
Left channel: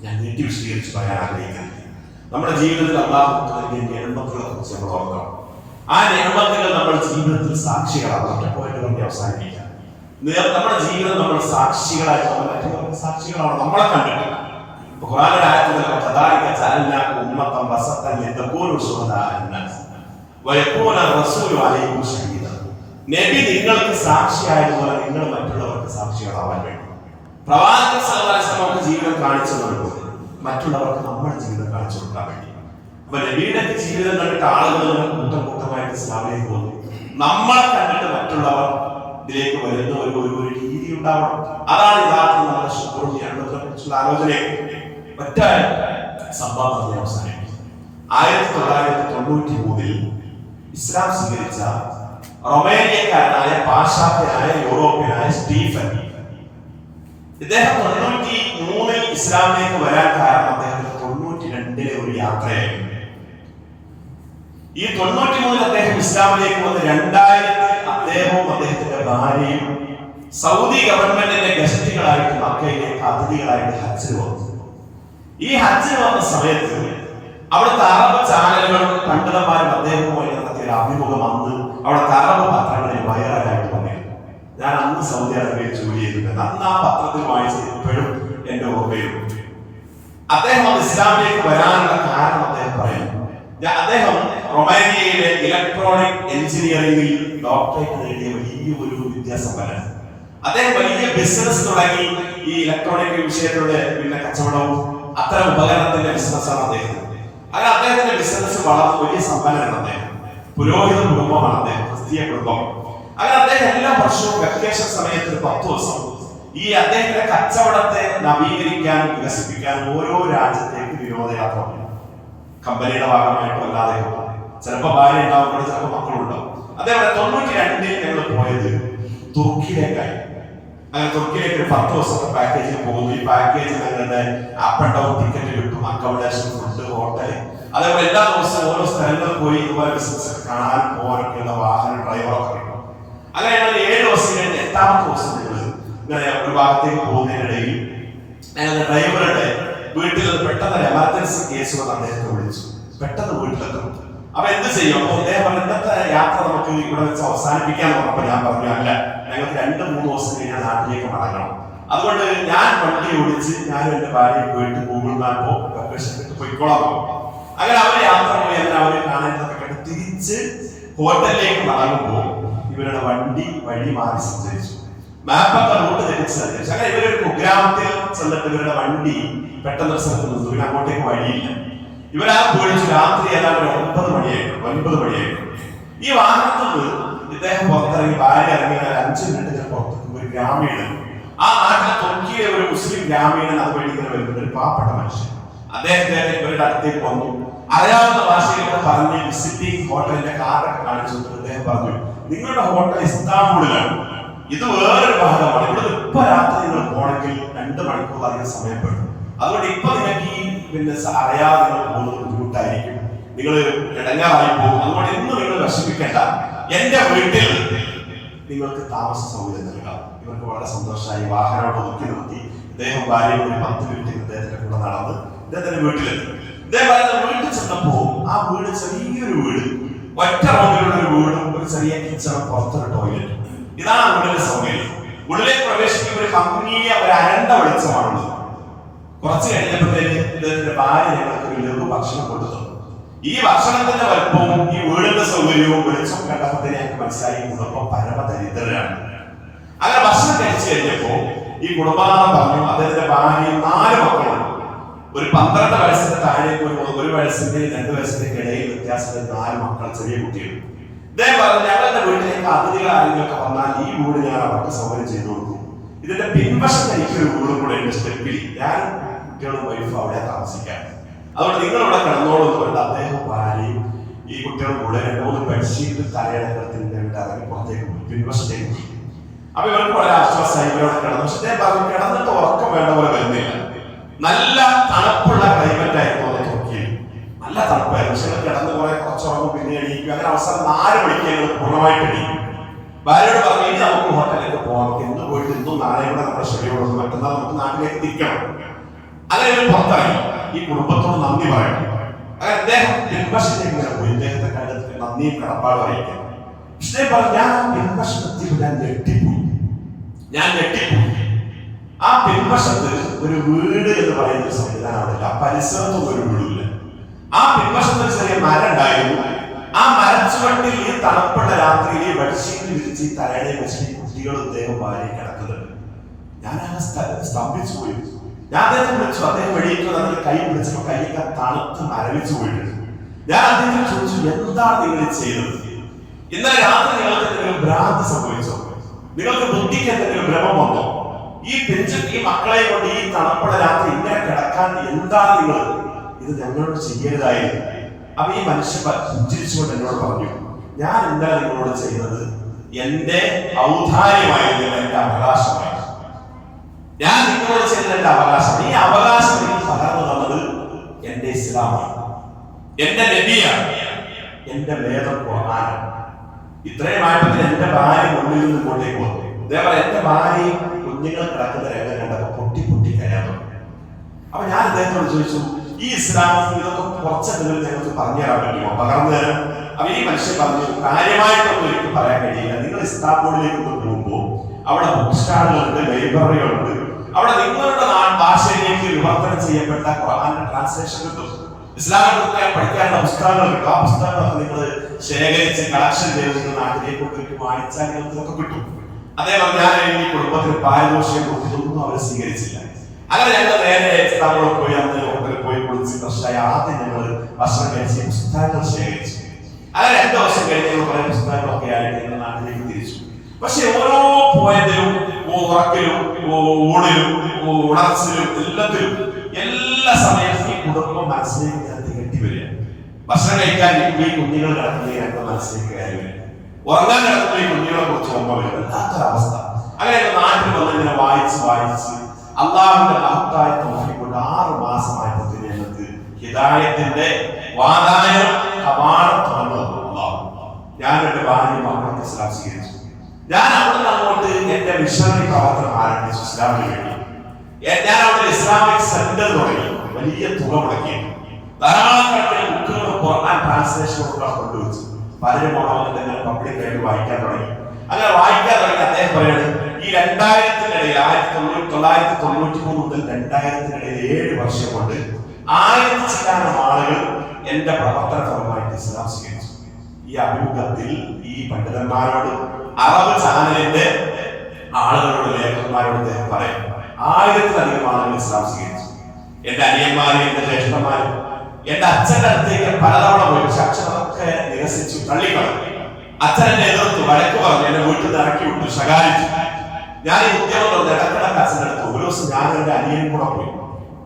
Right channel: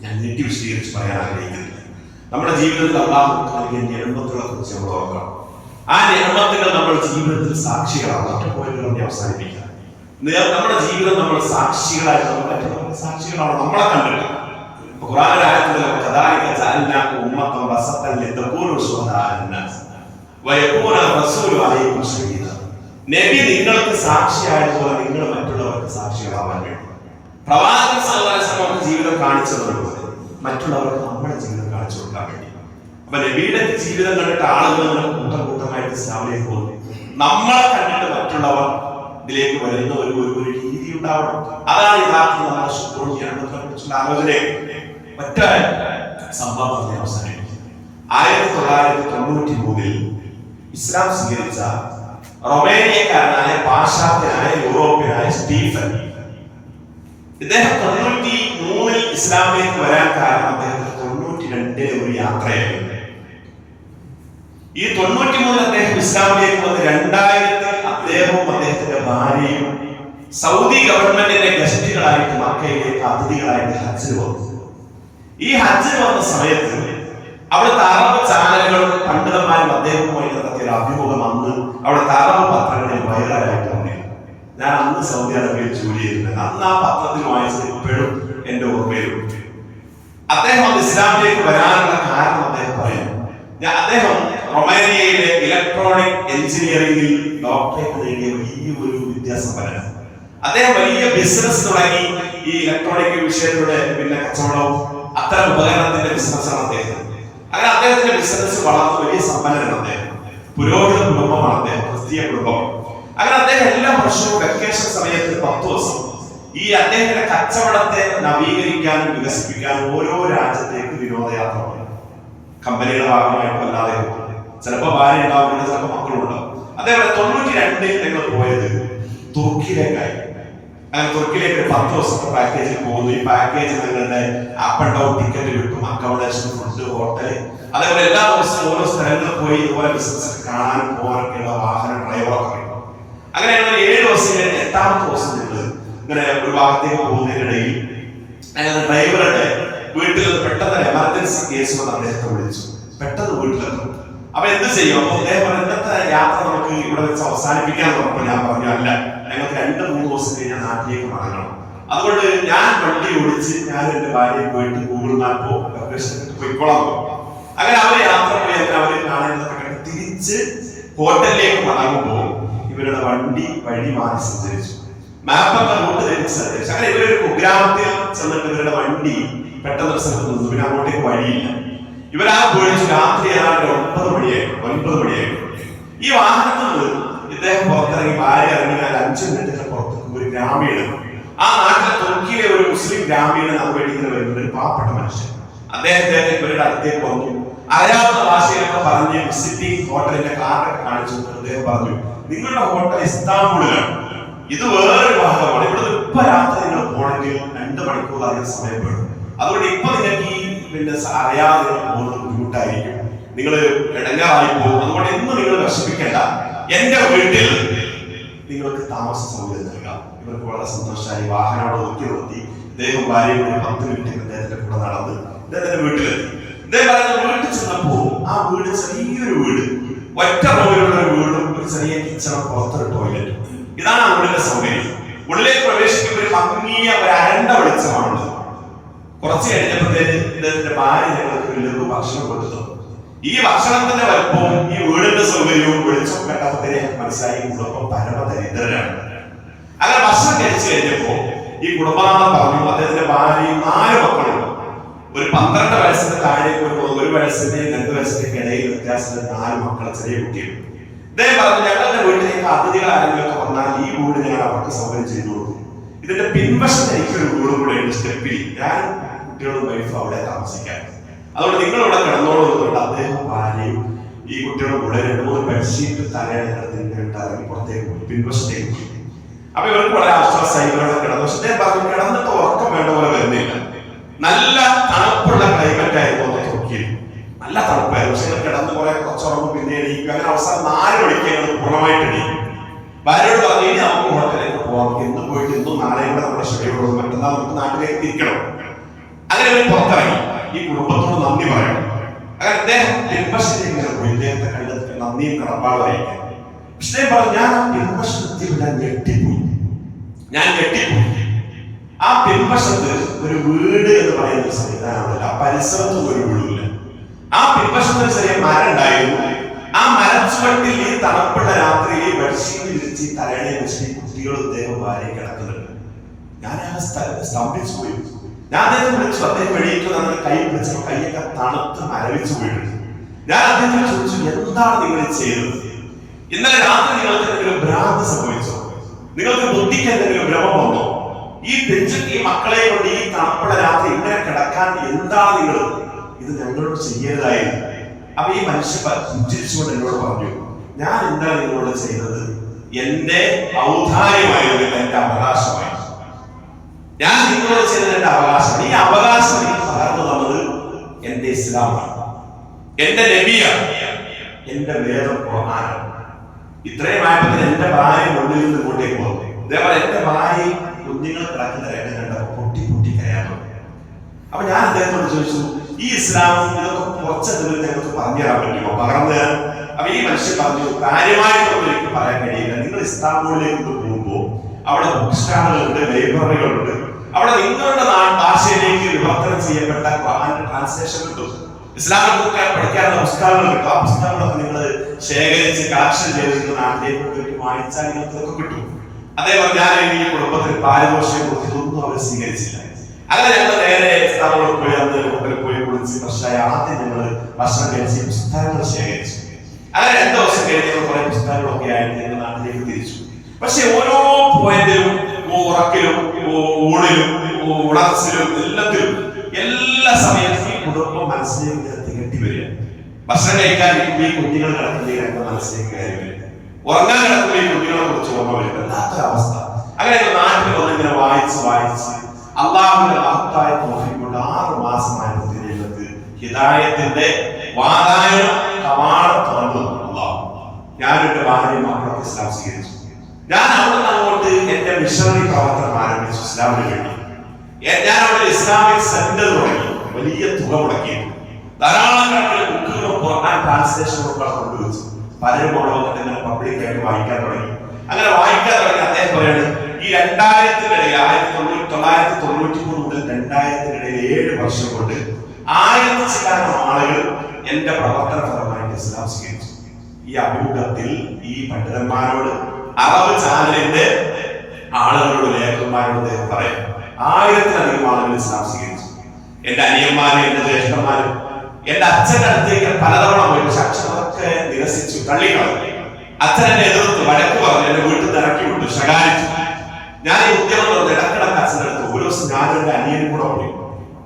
ഞാൻ നീട്ടി വിശദീകരിച്ച് പറയാൻ ആഗ്രഹിക്കുന്നില്ല. നമ്മുടെ ജീവിതത്തിൽ അല്ലാഹു നൽകിയ നിഅമത്തുകളെ കുറിച്ച് നമ്മൾ ഓർക്കണം. ആ നിഅമത്തുകൾ നമ്മുടെ ജീവിതത്തിൽ സാക്ഷികളാണ്. ഒറ്റ പോയിന്റ് പറഞ്ഞ് അവസാനിപ്പിക്കാം. നമ്മുടെ ജീവിതം നമ്മൾ സാക്ഷികളായിട്ട് സാക്ഷികളാണ് നമ്മളെ കണ്ടിട്ട്. ഖുർആനിലെ ആയത്തിൽ കദാലിക ജഅൽനാകും ഉമ്മത്തൻ വസത്തൻ ലിതകൂനു ശുഹദാഅ അലന്നാസ് വയകൂന റസൂലു അലൈക്കും ഷഹീദ. നബി നിങ്ങൾക്ക് സാക്ഷിയായതുപോലെ നിങ്ങൾ മറ്റുള്ളവർക്ക് സാക്ഷികളാവാൻ വേണ്ടി പ്രവാചകൻ സല്ലല്ലാഹു അലൈഹി വസല്ലം ജീവിതം കാണിച്ചു തന്നതുപോലെ മറ്റുള്ളവർക്ക് നമ്മുടെ ജീവിതം കാണിച്ചു കൊടുക്കാൻ വേണ്ടി. അപ്പൊ നബിയുടെ ജീവിതം കണ്ടിട്ട് ആളുകൾ കൂട്ടമായിട്ട് ഇസ്ലാമിലേക്ക് പോകുന്നു. നമ്മളെ കണ്ടിട്ട് മറ്റുള്ളവർ ഇതിലേക്ക് വരുന്ന ഒരു രീതി ഉണ്ടാവണം. അതാണ് യഥാർത്ഥത്തിൽ നമ്മുടെ ശുശ്രൂഷ ആലോചന. ഒറ്റ സംഭവം പറഞ്ഞ അവസാനം 1993 ഇസ്ലാം സ്വീകരിച്ച റൊമേനിയക്കാരനായ പാശ്ചാത്യനായ യൂറോപ്യനായ സ്റ്റീഫൻ, ഇദ്ദേഹം 93 ഇസ്ലാമിലേക്ക് വരാൻ കാരണം അദ്ദേഹത്തിന് 92 ഒരു യാത്രയായിരുന്നു. ഈ 93 അദ്ദേഹം ഇസ്ലാമിലേക്ക് വന്ന് 2000 അദ്ദേഹവും അദ്ദേഹത്തിന്റെ ഭാര്യയും സൗദി ഗവൺമെന്റിന്റെ ഗസ്റ്റുകളായിട്ട് മക്കയിലേക്ക് അതിഥികളായിട്ട് ഹജ്ജിന് വന്നു. ഈ ഹജ്ജിന് വന്ന സമയത്ത് അവിടുത്തെ അറബ് ചാനലുകളും പണ്ഡിതന്മാരും അദ്ദേഹവുമായി നടത്തിയ ഒരു അഭിമുഖം അന്ന് അവിടുത്തെ അറബ് പത്രങ്ങളിൽ വൈറലായിട്ട് വന്നിരുന്നു. ഞാൻ അന്ന് സൗദി അറേബ്യയിൽ ജോലി ചെയ്തിട്ടുണ്ട്. അന്ന് ആ പത്രത്തിൽ വായിച്ചത് ഇപ്പോഴും എന്റെ ഓർമ്മയിലുണ്ട്. അദ്ദേഹം ഇസ്ലാമിലേക്ക് വരാനുള്ള കാരണം അദ്ദേഹം പറയുന്നു. അദ്ദേഹം റൊമേനിയയിലെ ഇലക്ട്രോണിക് എഞ്ചിനീയറിംഗിൽ ഡോക്ടറേറ്റ് നേടിയ വലിയൊരു വിദ്യാസമ്പന്നനാണ്. അദ്ദേഹം വലിയ ബിസിനസ് തുടങ്ങി. ഈ ഇലക്ട്രോണിക് വിഷയത്തിലൂടെ പിന്നെ കച്ചവടവും അത്തരം ഉപകരണത്തിന്റെ ബിസിനസ്സാണ് അദ്ദേഹം. അങ്ങനെ അദ്ദേഹത്തിന്റെ ബിസിനസ് വളർന്ന് വലിയ സമ്പന്നനാണ് അദ്ദേഹം. പുരോഹിത കുടുംബമാണ് അദ്ദേഹം, ക്രിസ്തീയ കുടുംബം. അങ്ങനെ അദ്ദേഹം എല്ലാ വർഷവും വെക്കേഷൻ സമയത്ത് 10 ദിവസം ഈ അദ്ദേഹത്തിന്റെ കച്ചവടത്തെ നവീകരിക്കാനും വികസിപ്പിക്കാനും ഓരോ രാജ്യത്തേക്ക് വിനോദയാത്ര പോകും. കമ്പനിയുടെ ഭാഗമായിട്ടും അല്ലാതെ ചിലപ്പോൾ ഭാര്യ ഉണ്ടാവും, ചിലപ്പോൾ മക്കളുണ്ടാവും. അതേപോലെ 92 ഞങ്ങൾ പോയത് തുർക്കിയിലേക്കായി. അങ്ങനെ തുർക്കിയിലേക്ക് 10 ദിവസത്തെ പാക്കേജിൽ പോകുന്നു. ഈ പാക്കേജ് ഞങ്ങളുടെ അപ്പ് ആൻഡ് ഡൗൺ ടിക്കറ്റ് കിട്ടും, അക്കോമഡേഷൻ, ഫുഡ്, ഹോട്ടൽ, അതേപോലെ എല്ലാ ദിവസവും ഓരോ സ്ഥലങ്ങളിൽ പോയി ഇതുപോലെ ബിസിനസ് കാണാനും പോകാനൊക്കെയുള്ള വാഹനം, ഡ്രൈവറൊക്കെ കിട്ടും. അങ്ങനെ ഞങ്ങൾ 7 ദിവസം കഴിഞ്ഞ് 8ാമത്തെ ദിവസം ഞങ്ങൾ ഇങ്ങനെ ഒരു ഭാഗത്തേക്ക് പോകുന്നതിനിടയിൽ ഞങ്ങളുടെ ഡ്രൈവറുടെ വീട്ടിൽ നിന്ന് പെട്ടെന്ന് എമർജൻസി കേസ് വന്ന് അദ്ദേഹത്തെ വിളിച്ചു. പെട്ടെന്ന് വീട്ടിലെത്തും. അപ്പൊ എന്ത് ചെയ്യും? അപ്പൊ അദ്ദേഹം പറഞ്ഞു, ഇന്നത്തെ യാത്ര നമുക്ക് ഇവിടെ വെച്ച് അവസാനിപ്പിക്കാൻ പറഞ്ഞപ്പോൾ ഞാൻ പറഞ്ഞു, അല്ല, ഞങ്ങൾക്ക് 2-3 ദിവസം കഴിഞ്ഞാൽ നാട്ടിലേക്ക് മടങ്ങണം. അതുകൊണ്ട് ഞാൻ വണ്ടി ഓടിച്ച് ഞാൻ എന്റെ ഭാര്യയെ പോയിട്ട് ഗൂഗിൾ മാപ്പോ ലൊക്കേഷൻ ഇട്ട് പോയിക്കോളാം. അങ്ങനെ അവർ യാത്ര പോയി. അങ്ങനെ അവര് കാണേണ്ടതൊക്കെ കണ്ട് തിരിച്ച് ഹോട്ടലിലേക്ക് മടങ്ങുമ്പോൾ ഇവരുടെ വണ്ടി വഴി മാറി സഞ്ചരിച്ചു. മാപ്പൊക്കെ റൂട്ട് തിരിച്ച് സഞ്ചരിച്ചു. അങ്ങനെ ഇവരൊരു കുഗ്രാമത്തിൽ ചെന്നിട്ട് ഇവരുടെ വണ്ടി പെട്ടെന്ന് സ്ഥലത്ത് നിന്നു. പിന്നെ അങ്ങോട്ടേക്ക് വഴിയില്ല. ഇവരാ പേടിച്ചു. രാത്രി ഏതാണ്ട് 9 മണിയായിരുന്നു. ഈ വാഹനത്തിൽ നിന്ന് ഇദ്ദേഹം പുറത്തിറങ്ങി, ഭാര്യ ഇറങ്ങി 5 മിനിറ്റ് പുറത്തേക്ക് ഒരു ഗ്രാമീണൻ, ആ നാട്ടിലെ തുർക്കിയിലെ ഒരു മുസ്ലിം ഗ്രാമീണൻ അതുവഴി ഇങ്ങനെ വരുന്ന ഒരു പാവപ്പെട്ട മനുഷ്യൻ അദ്ദേഹത്തെ ഇവരുടെ അടുത്തേക്ക് വന്നു. അറിയാവുന്ന ഭാഷയിലൊക്കെ പറഞ്ഞ് വിസിറ്റിംഗ് ഹോട്ടലിന്റെ കാർഡൊക്കെ കാണിച്ചു. അദ്ദേഹം പറഞ്ഞു, നിങ്ങളുടെ ഹോട്ടൽ ഇസ്താംബൂളിലാണ്, ഇത് വേറൊരു ഭാഗമാണ്. ഇവിടെ ഇപ്പൊ രാത്രി നിങ്ങൾ പോകണമെങ്കിൽ 2 മണിക്കൂർ അധികം സമയപ്പെടും. അതുകൊണ്ട് ഇപ്പൊ നിങ്ങൾക്ക് ഈ അറിയാതെ പോകുന്നത് ബുദ്ധിമുട്ടായിരിക്കും, നിങ്ങൾ ഇടങ്ങാറായി പോകും. അതുകൊണ്ട് ഇന്ന് നിങ്ങൾ വിഷമിക്കേണ്ട, എന്റെ വീട്ടിൽ നിങ്ങൾക്ക് താമസ സൗകര്യം നൽകാം. ഇവർക്ക് വളരെ സന്തോഷമായി. വാഹനോട് ഒതുക്കി നിർത്തി ഇദ്ദേഹം ഭാര്യയും ഒരു 10 മിനിറ്റ് ഇദ്ദേഹത്തിന്റെ കൂടെ നടന്ന് ഇദ്ദേഹത്തിന്റെ വീട്ടിലെത്തി. ഇദ്ദേഹം വീട്ടിൽ ചെന്നപ്പോ ആ വീട് ചെറിയൊരു വീട്, ഒറ്റ റൂമിലുള്ള ഒരു വീടും ഒരു ചെറിയ കിച്ചണും പുറത്തൊരു ടോയ്ലറ്റ്. ഇതാണ് ആ വീടിന്റെ സൗകര്യം. ഉള്ളിലേക്ക് പ്രവേശിക്കുമ്പോൾ ഒരു ഭംഗിയ ഒരു അരണ്ട വെളിച്ചമാണുള്ളത്. കുറച്ച് കഴിഞ്ഞപ്പോഴത്തേക്ക് ഇദ്ദേഹത്തിന്റെ ഭാര്യ ഞങ്ങൾക്ക് ഒരു ലഘു ഭക്ഷണം കൊടുത്തു. ഈ ഭക്ഷണത്തിന്റെ വലുപ്പവും ഈ വീടിന്റെ സൗകര്യവും വെളിച്ചം കണ്ടപ്പോഴത്തേക്ക് ഞങ്ങൾക്ക് മനസ്സിലായി കുടുംബം പരമദരിദ്രരാണ്. അങ്ങനെ ഭക്ഷണം കഴിച്ചു കഴിഞ്ഞപ്പോ ഈ കുടുംബനാഥൻ പറഞ്ഞു, അദ്ദേഹത്തിന്റെ ഭാര്യയും 4 മക്കളുണ്ട്. ഒരു 12 വയസ്സിന്റെ താഴേക്ക് 1 വയസ്സിന്റെയും 2 വയസ്സിന്റെയും ഇടയിൽ വ്യത്യാസത്തിൽ 4 മക്കൾ, ചെറിയ കുട്ടികൾ. ഇദ്ദേഹം പറഞ്ഞു, ഞങ്ങളുടെ വീട്ടിലേക്ക് അതിഥികൾ ആരെങ്കിലുമൊക്കെ വന്നാൽ ഈ വീട് ഞാൻ അവർക്ക് സൗകര്യം ചെയ്തു കൊടുക്കും. ഇതിന്റെ പിൻവശത്ത് എനിക്കൊരു വീടും കൂടെ ഉണ്ട്, സ്റ്റെപ്പിൽ. ഞാൻ കുട്ടികളും വൈഫും അവിടെ താമസിക്കാൻ, അതുകൊണ്ട് നിങ്ങൾ ഇവിടെ കിടന്നോളൂ എന്ന് പറഞ്ഞിട്ട് അദ്ദേഹം ഭാര്യയും ഈ കുട്ടികളും കൂടെ 2-3 ബെഡ്ഷീറ്റ് തലയിണക്കത്തിന്റെ ഇറങ്ങി പുറത്തേക്ക് പോയി, പിൻവശത്തേക്ക് പോയി. അപ്പൊ ഇവർക്ക് വളരെ ആശ്വാസമായി ഇവരോട് കിടന്നു. പക്ഷെ അദ്ദേഹം പറഞ്ഞു, കിടന്നിട്ട് ഉറക്കം വേണ്ട പോലെ വരുന്നില്ല. നല്ല തണുപ്പുള്ള ക്ലൈമറ്റ് ആയിരുന്നു തുർക്കിയിൽ, നല്ല തണുപ്പായിരുന്നു. പക്ഷെ കിടന്ന് കുറച്ചുറങ്ങും, പിന്നെ എണീക്കും. അങ്ങനെ അവസാനം 4 മണിക്ക് ഞങ്ങൾ പൂർണ്ണമായിട്ട് എണീക്കും. ഭാര്യയോട് പറഞ്ഞു, ഇനി നമുക്ക് ഹോട്ടലിലേക്ക് പോകാം, ഇന്ന് പോയിട്ട് ഇന്നും നാളെയും കൂടെ നമ്മുടെ ഷെഡ്യൂൾ മറ്റന്നാൾ നമുക്ക് നാട്ടിലേക്ക് തിരിക്കണം. അങ്ങനെ അവർ പുറത്തിറങ്ങി ഈ കുടുംബത്തോട് നന്ദി പറയണം. അങ്ങനെ അദ്ദേഹം പിൻവശത്തേക്ക് ഇങ്ങനെ പോയി ഇദ്ദേഹത്തെ കണ്ടെത്തി നന്ദിയും കടപ്പാടും അറിയിക്കാൻ. പക്ഷേ പറഞ്ഞു, ഞാൻ ആ പിൻവശത്തിൽ ഞാൻ ഞെട്ടിപ്പോയി. ആ പിൻവശത്ത് ഒരു വീട് എന്ന് പറയുന്ന സംവിധാനമില്ല, ആ പരിസരത്തും ഒരു വീടില്ല. ആ പിൻവശത്ത് ചെറിയ മരം ഉണ്ടായിരുന്നു. ആ മരച്ചുവട്ടിൽ ഈ തണുപ്പുള്ള രാത്രിയിൽ ബെഡ്ഷീറ്റ് വിരിച്ച് തലയെ വെച്ച് കുട്ടികൾ ഇദ്ദേഹം ഭാര്യ കിടക്കുന്നുണ്ട്. ഞാൻ ആ സ്തംഭിച്ചു പോയി. ഞാൻ അദ്ദേഹത്തെ വിളിച്ചു. അദ്ദേഹം എണീറ്റ് നമ്മുടെ കൈ പിടിച്ചപ്പോൾ കൈയൊക്കെ തണുത്ത് മരവിച്ചു പോയിട്ടുണ്ട്. ഞാൻ അദ്ദേഹത്തെ ചോദിച്ചു, എന്താണ് നിങ്ങൾ ചെയ്തത്? ഇന്നലെ രാത്രി നിങ്ങൾക്ക് എന്തെങ്കിലും ഭ്രാന്ത് സംഭവിച്ചോ? നിങ്ങൾക്ക് ബുദ്ധിക്ക് എന്തെങ്കിലും ഭ്രമം വന്നോ? ഈ പെഞ്ചിൽ ഈ മക്കളെ കൊണ്ട് ഈ തണുപ്പുള്ള രാത്രി ഇങ്ങനെ കിടക്കാൻ എന്താണ് നിങ്ങൾ? ഇത് ഞങ്ങളോട് ചെയ്യരുതായിരുന്നു. അപ്പൊ ഈ മനുഷ്യൻ പുഞ്ചിരിച്ചുകൊണ്ട് എന്നോട് പറഞ്ഞു, ഞാൻ എന്താ നിങ്ങളോട് ചെയ്തത്? എന്റെ ഔദാര്യമായിരുന്നു, എന്റെ അവകാശമായി. ഞാൻ നിങ്ങളോട് ചെയ്തത് എന്റെ അവകാശം. ഈ അവകാശം എനിക്ക് പകർന്നു തന്നത് എന്റെ ഇസ്ലാമാണ്, എന്റെ നബിയാണ്, എന്റെ വേദം ഖുർആനാണ്. ഇത്രയുമായപ്പോൾ എന്റെ ഭാര്യ മുന്നിൽ നിന്ന് ഇങ്ങോട്ടേക്ക് വന്നു. ഇതേപോലെ എന്റെ ഭാര്യ കുഞ്ഞുങ്ങൾ കിടക്കുന്ന രംഗം കണ്ടപ്പോൾ പൊട്ടി കരയാൻ. അപ്പൊ ഞാൻ അദ്ദേഹത്തോട് ചോദിച്ചു, ഈ ഇസ്ലാമും ഇതൊക്കെ കുറച്ചെന്തെങ്കിലും ഞങ്ങൾക്ക് പറഞ്ഞു തരാൻ പറ്റുമോ, പകർന്നു തരാൻ? അപ്പൊ ഈ മനുഷ്യൻ പറഞ്ഞു, കാര്യമായിട്ടൊന്നും എനിക്ക് പറയാൻ കഴിയില്ല. നിങ്ങൾ ഇസ്താംബൂളിലേക്ക് പോകുമ്പോൾ അവിടെ ബുക്ക് സ്റ്റാളുകളുണ്ട്, ലൈബ്രറികളുണ്ട്. അവിടെ നിങ്ങളുടെ ഭാഷയിലേക്ക് വിവർത്തനം ചെയ്യപ്പെട്ട ഖുർആന്റെ ട്രാൻസ്ലേഷൻ കിട്ടും. ഇസ്ലാമിക പഠിക്കാനുള്ള പുസ്തകങ്ങൾ കിട്ടും. ആ പുസ്തകങ്ങളൊക്കെ നിങ്ങൾ ശേഖരിച്ച് കളക്ഷൻ ചെയ്ത് നിങ്ങൾ നാട്ടിലേക്ക് വായിച്ചാൽ നിങ്ങൾക്ക് കിട്ടും. അതേപോലെ ഞാൻ ഈ കുടുംബത്തിൽ പാരിതോഷികം കൊടുത്തിട്ടൊന്നും അവർ സ്വീകരിച്ചില്ല. അങ്ങനെ ഞങ്ങൾ നേരെ ഇസ്ലാമിൽ പോയി, അന്ന് ഹോട്ടലിൽ പോയി കുളിച്ച് ഫ്രഷായി ആദ്യം ഞങ്ങൾ ഭക്ഷണം കഴിച്ച് പുസ്തകങ്ങൾ ശേഖരിച്ചു. അങ്ങനെ 2 വർഷം കഴിഞ്ഞ കുറെ പുസ്തകങ്ങളൊക്കെ ആയിട്ട് എന്റെ നാട്ടിലേക്ക് തിരിച്ചു. പക്ഷെ ഓരോ പോയിന്റിലും, ഉറക്കിലും, ഊണിലും, ഉണർച്ചിലും, എല്ലാത്തിലും എല്ലാ സമയത്തും ഈ കുടുംബം മനസ്സിലേക്ക് ഇങ്ങനെ തികട്ടി വരിക. ഭക്ഷണം കഴിക്കാൻ ഈ കുഞ്ഞുങ്ങൾ കിടക്കുന്നതിനൊക്കെ മനസ്സിലേക്ക് കയറി വരിക. ഉറങ്ങാൻ കിടക്കുന്ന ഈ കുഞ്ഞുങ്ങളെ കുറിച്ച് ഓർമ്മ വരിക. വല്ലാത്തൊരവസ്ഥ. അങ്ങനെ നാട്ടിൽ വന്ന് ഇങ്ങനെ വായിച്ച് അള്ളാഹുവിന്റെ മഹത്തായ തൗഫീഖ് കൊണ്ട് 6 മാസമായപ്പോഴത്തേന് ഞങ്ങൾക്ക് ഹിദായത്തിന്റെ വാതായനം കവാടം തുറന്നു അള്ളാഹു. ഞാനെന്റെ ഭാര്യ മക്കളൊക്കെ ഇസ്ലാം സ്വീകരിച്ചു. ഞാൻ അവിടെ അങ്ങോട്ട് എന്റെ മിഷണറി പ്രവർത്തനം ആരംഭിച്ചു ഇസ്ലാമിന് വേണ്ടി. ഞാൻ അവിടെ ഇസ്ലാമിക് സെന്റർ തുടങ്ങി. വലിയ തുക മുടക്കി ധാരാളം കണക്കിന് ബുക്കുകൾ ഖുർആൻ ട്രാൻസ്ലേഷനൊക്കെ കൊണ്ടുവച്ചു. പലരും ഓണമൊക്കെ തന്നെ പബ്ലിക്കായിട്ട് വായിക്കാൻ തുടങ്ങി. അങ്ങനെ വായിക്കാൻ തുടങ്ങി. അദ്ദേഹം പറയാണ് ഈ 2000-ത്തിനിടയിൽ 1993 മുതൽ 2000-ത്തിനിടയിൽ 7 വർഷം കൊണ്ട് 1000 ചില്ലാനം ആളുകൾ എന്റെ പ്രവർത്തന ഫലമായിട്ട് ഇസ്ലാം സ്വീകരിച്ചു. ഈ അഭിമുഖത്തിൽ ഈ പണ്ഡിതന്മാരോട്, അറബ് ചാനലിന്റെ ആളുകളോട്, ലേഖകന്മാരോട് പറയും 1000-ത്തിലധികം ആളുകൾ ഇസ്ലാം സ്വീകരിച്ചു. എന്റെ അനിയന്മാരും എന്റെ ജ്യേഷ്ഠന്മാരും എന്റെ അച്ഛന്റെ അടുത്തേക്ക് പലതവണ പോയി. പക്ഷെ അച്ഛനൊക്കെ നിരസിച്ചു, തള്ളിക്കളഞ്ഞു. അച്ഛൻ എന്നെ എതിർത്തു, വഴക്ക് പറഞ്ഞു, എന്നെ വീട്ടിൽ നിന്ന് ഇറക്കി വിട്ടു, ശകാരിച്ചു. ഞാൻ ഈ ഉദ്യോഗം പറഞ്ഞ് ഇടക്കിടക്ക് അച്ഛൻ്റെ അടുത്ത്. ഒരു ദിവസം ഞാനും എന്റെ അനിയനും കൂടെ പോയി.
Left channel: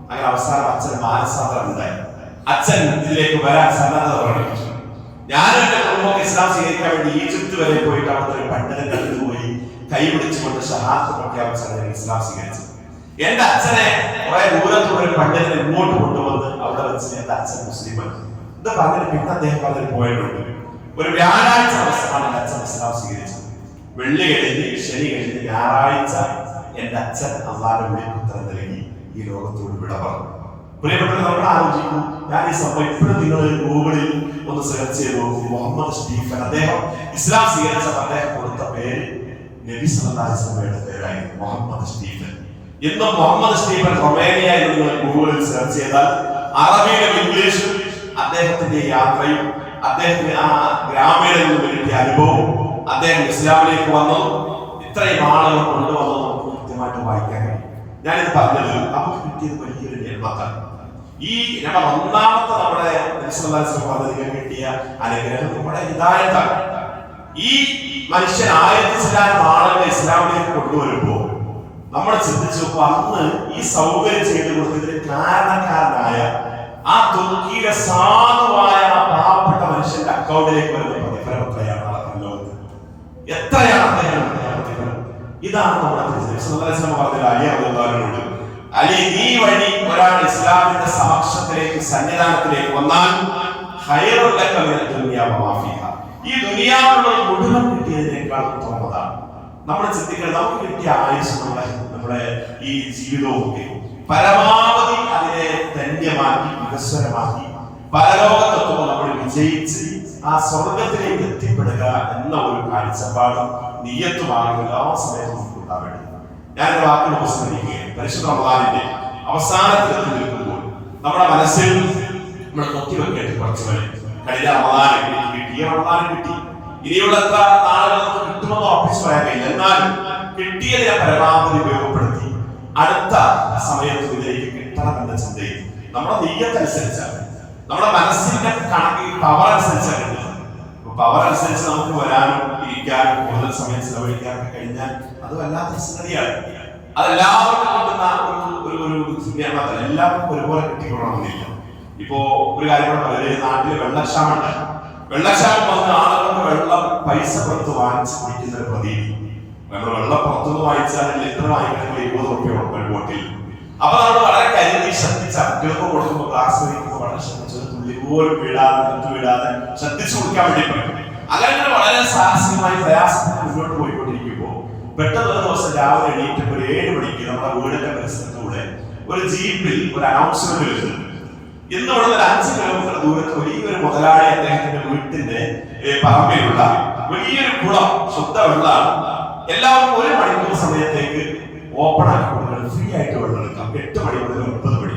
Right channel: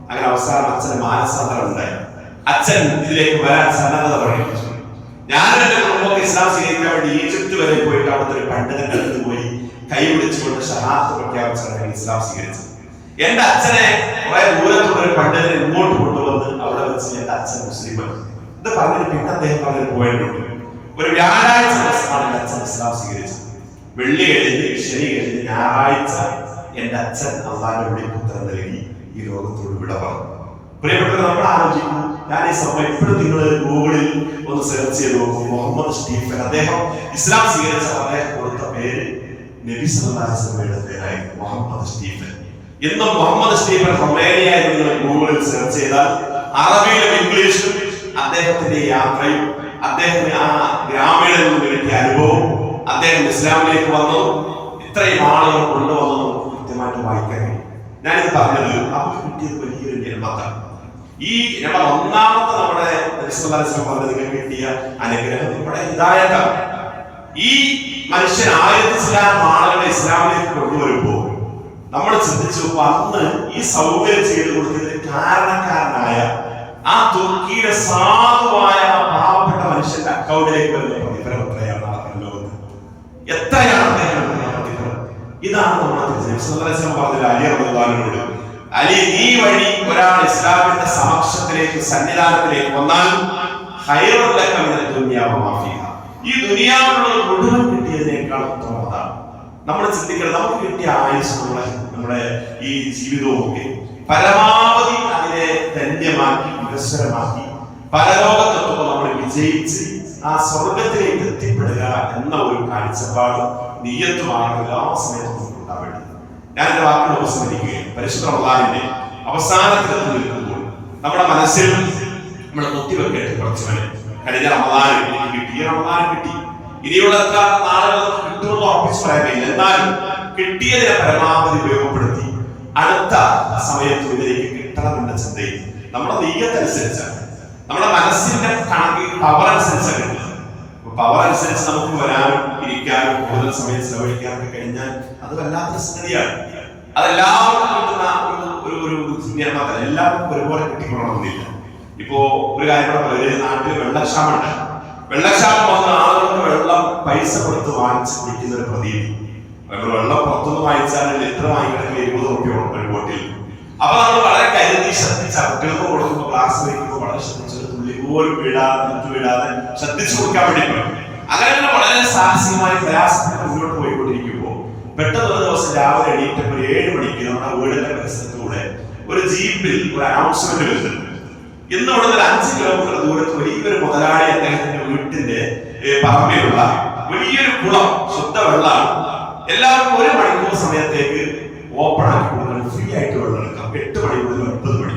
അങ്ങനെ അവസാനം അച്ഛന് മാനസാന്തരം ഉണ്ടായി. അച്ഛൻ ഇതിലേക്ക് വരാൻ സന്നദ്ധത പ്രകടിപ്പിച്ചു. ഞാനും എന്റെ കുടുംബമൊക്കെ ഇസ്ലാം സ്വീകരിക്കാൻ വേണ്ടി ഈജിപ്ത് വരെ പോയിട്ട് അവിടുത്തെ ഒരു പണ്ഡിതന്റെ അടുത്ത് പോയി കൈ പിടിച്ചുകൊണ്ട് ഷഹാദത്ത് പ്രഖ്യാപിച്ചാണ് ഇസ്ലാം സ്വീകരിച്ചത്. എന്റെ അച്ഛനെ കുറെ ദൂരത്തുള്ള ഒരു പണ്ഡിതനെ ഇങ്ങോട്ട് കൊണ്ടുവന്ന് അവിടെ വെച്ച് എന്റെ അച്ഛൻ മുസ്ലിമാണ്. ഇത് പറഞ്ഞിട്ട് പിന്നെ അദ്ദേഹം പറഞ്ഞൊരു പോയിട്ടുണ്ട്. ഒരു വ്യാഴാഴ്ച ദിവസമാണ് എന്റെ അച്ഛൻ ഇസ്ലാം സ്വീകരിച്ചത്. വെള്ളി കഴിഞ്ഞ്, ശനി കഴിഞ്ഞ്, ഞായറാഴ്ച എന്റെ അച്ഛൻ അള്ളാഹുവിന്റെ വിളിപ്പുത്തരം നൽകി ഈ ലോകത്തോട് വിട പറഞ്ഞു. പ്രിയപ്പെട്ടവർ, നമ്മൾ ആലോചിക്കും, ഞാൻ ഈ സമയം എപ്പോഴും നിങ്ങൾ ഗൂഗിളിൽ ഒന്ന് സെർച്ച് ചെയ്ത് നോക്കും. മുഹമ്മദ് സ്റ്റീഫൻ, അദ്ദേഹം ഇസ്ലാം സ്വീകരിച്ച അദ്ദേഹം കൊടുത്ത പേര് നബി സല്ലല്ലാഹു അലൈഹി വസല്ലമയുടെ പേരായിരുന്നു, മുഹമ്മദ് സ്റ്റീഫൻ. ഇന്നും മുഹമ്മദ് സ്റ്റീഫൻ റൊമേനിയ എന്ന് നിങ്ങൾ ഗൂഗിളിൽ സെർച്ച് ചെയ്താൽ അറബിയിലും ഇംഗ്ലീഷിലും അദ്ദേഹത്തിന്റെ യാത്രയും അദ്ദേഹത്തിന് ആ ഗ്രാമീണയിൽ നിന്ന് കിട്ടിയ അനുഭവം, അദ്ദേഹം ഇസ്ലാമിലേക്ക് വന്നു, ഇത്രയും ആളുകൾ കൊണ്ടുവന്നു നമുക്ക് കൃത്യമായിട്ട് വായിക്കാൻ കഴിയും. ഞാനിത് പറഞ്ഞത് നമുക്ക് കിട്ടിയത് വലിയൊരു നിർമ്മത്താണ്. ഈ നമ്മുടെ ഒന്നാമത്തെ നമ്മുടെ നബി സല്ലല്ലാഹു അലൈഹി വസല്ലം പറഞ്ഞതിന് കിട്ടിയ അനുഗ്രഹം നമ്മുടെ ഹിദായത്താണ്. ഈ മനുഷ്യൻ 1000 ചില്ലാനം ആളുകളെ ഇസ്ലാമിലേക്ക് കൊണ്ടുവരുമ്പോൾ നമ്മൾ ചിന്തിച്ചു, അന്ന് ഈ സൗകര്യം ചെയ്തു കൊടുത്തതിന് കാരണക്കാരനായ ആ തുർക്കിയിലെ സാധുവായ ആ പാവപ്പെട്ട മനുഷ്യന്റെ അക്കൗണ്ടിലേക്ക് വരുന്ന പ്രതിഫലം എത്രയാണ്? എത്രയാണ് പ്രതിഫലം? ഇതാണ് നമ്മുടെ പറഞ്ഞത് അലി റളിയല്ലാഹുവിനോട്, അലി, നീ വഴി ഒരാൾ ഇസ്ലാമിന്റെ സമക്ഷത്തിലേക്ക്, സന്നിധാനത്തിലേക്ക് വന്നാൽ ഖൈറുൽ ലക മിനദ് ദുനിയാ വമാ ഫീഹാ, ഈ ദുനിയാവിലുള്ള മുഴുവൻ കിട്ടിയതിനേക്കാൾ ഉത്തമം അതാണ്. നമ്മൾ ചിന്തിക്കണം, നമുക്ക് കിട്ടിയ ആയുസ്സുള്ള നമ്മുടെ ഈ ജീവിതവും ഒക്കെ പരമാവധി അതിനെ ധന്യമാക്കി, വികസ്വരമാക്കി, പരലോകത്തെത്തുമ്പോൾ നമ്മൾ വിജയിച്ച് ആ സ്വർഗത്തിലേക്ക് എത്തിപ്പെടുക എന്ന ഒരു കാഴ്ചപ്പാടും നിയ്യത്തുമാണ് എല്ലാ സമയത്തും നമുക്ക് ഉണ്ടാവേണ്ടത്. ഞാൻ എന്റെ വാക്കുകൾ ഉപസ്മരിക്കുകയും പരിശുദ്ധ റമദാനിന്റെ അവസാനത്തിലെത്തി നിൽക്കുമ്പോൾ നമ്മുടെ മനസ്സിൽ നമ്മൾ കുത്തിവെക്കേണ്ട കുറച്ച് വരെ കഴിഞ്ഞ റമദാൻ എനിക്ക് കിട്ടി, ഈ റമദാൻ കിട്ടി, ഇനിയുള്ള എത്ര നാളുകൾ നമുക്ക് കിട്ടുമെന്ന് ഉറപ്പിച്ചു പറയാൻ കഴിയില്ല. എന്നാലും കിട്ടിയതിനെ പരമാവധി ഉപയോഗപ്പെടുത്തി അടുത്ത സമയത്ത് ഇതിലേക്ക് കിട്ടണമെന്ന ചിന്തയിൽ നമ്മുടെ നെയ്യത്തനുസരിച്ചാണ്, നമ്മുടെ മനസ്സിന്റെ കണക്ക് പവർ അനുസരിച്ചാണ് കിട്ടുന്നത്. പവർ അനുസരിച്ച് നമുക്ക് വരാനും ഇരിക്കാനും കൂടുതൽ സമയം ചെലവഴിക്കാനൊക്കെ കഴിഞ്ഞാൽ അത് വല്ലാത്തൊരു സംഗതിയാണ്. അതെല്ലാവർക്കും കിട്ടുന്ന ഒരു നിയമത്തല്ല, എല്ലാവർക്കും ഒരുപോലെ കിട്ടിക്കൊള്ളണമെന്നില്ല. ഇപ്പോ ഒരു കാര്യം കൂടെ പറയാം, നാട്ടിൽ വെള്ളക്ഷാമുണ്ട്. വെള്ളക്ഷാമം വന്ന ആളുകൾക്ക് വെള്ളം പൈസ കൊടുത്ത് വാങ്ങിച്ച് കുടിക്കുന്ന ഒരു പ്രതീതി. നമ്മൾ വെള്ളം പുറത്തുനിന്ന് വാങ്ങിച്ചാൽ ലിറ്റർ വാങ്ങിക്കണമെങ്കിൽ 20 രൂപ ഒരു ബോട്ടിൽ. അപ്പൊ നമ്മൾ വളരെ കരുതി ശ്രദ്ധിച്ച് കുട്ടികൾക്ക് കൊടുക്കുമ്പോൾ ഗ്ലാസ് വയ്ക്കുമ്പോൾ വളരെ ശ്രദ്ധിച്ചത് തുള്ളി പോലും വീഴാതെ ശ്രദ്ധിച്ചു കൊടുക്കാൻ വേണ്ടി പറയും. അങ്ങനെ വളരെ സാഹസികമായി പ്രയാസപ്പെട്ട് മുന്നോട്ട് പോയിക്കൊണ്ടിരിക്കുമ്പോൾ പെട്ടെന്ന് ഒരു ദിവസം രാവിലെ എണീറ്റപ്പോൾ 7 മണിക്ക് നമ്മുടെ വീടിന്റെ പരിസരത്തൂടെ ഒരു ജീപ്പിൽ ഒരു അനൗൺസ്മെന്റ് വരുന്നുണ്ട്. ഇന്ന് ഇവിടെ 5 കിലോമീറ്റർ ദൂരത്ത് വലിയൊരു മുതലാളി അദ്ദേഹത്തിന്റെ വീട്ടിന്റെ പറമ്പിലുള്ള വലിയൊരു കുളം, ശുദ്ധവെള്ളമാണ്, എല്ലാവർക്കും 1 മണിക്കൂർ സമയത്തേക്ക് ഓപ്പൺ ആക്കി കൊടുക്കണം, ഫ്രീ ആയിട്ട് വെള്ളം എടുക്കാം, 8 മണി മുതൽ 9 മണി.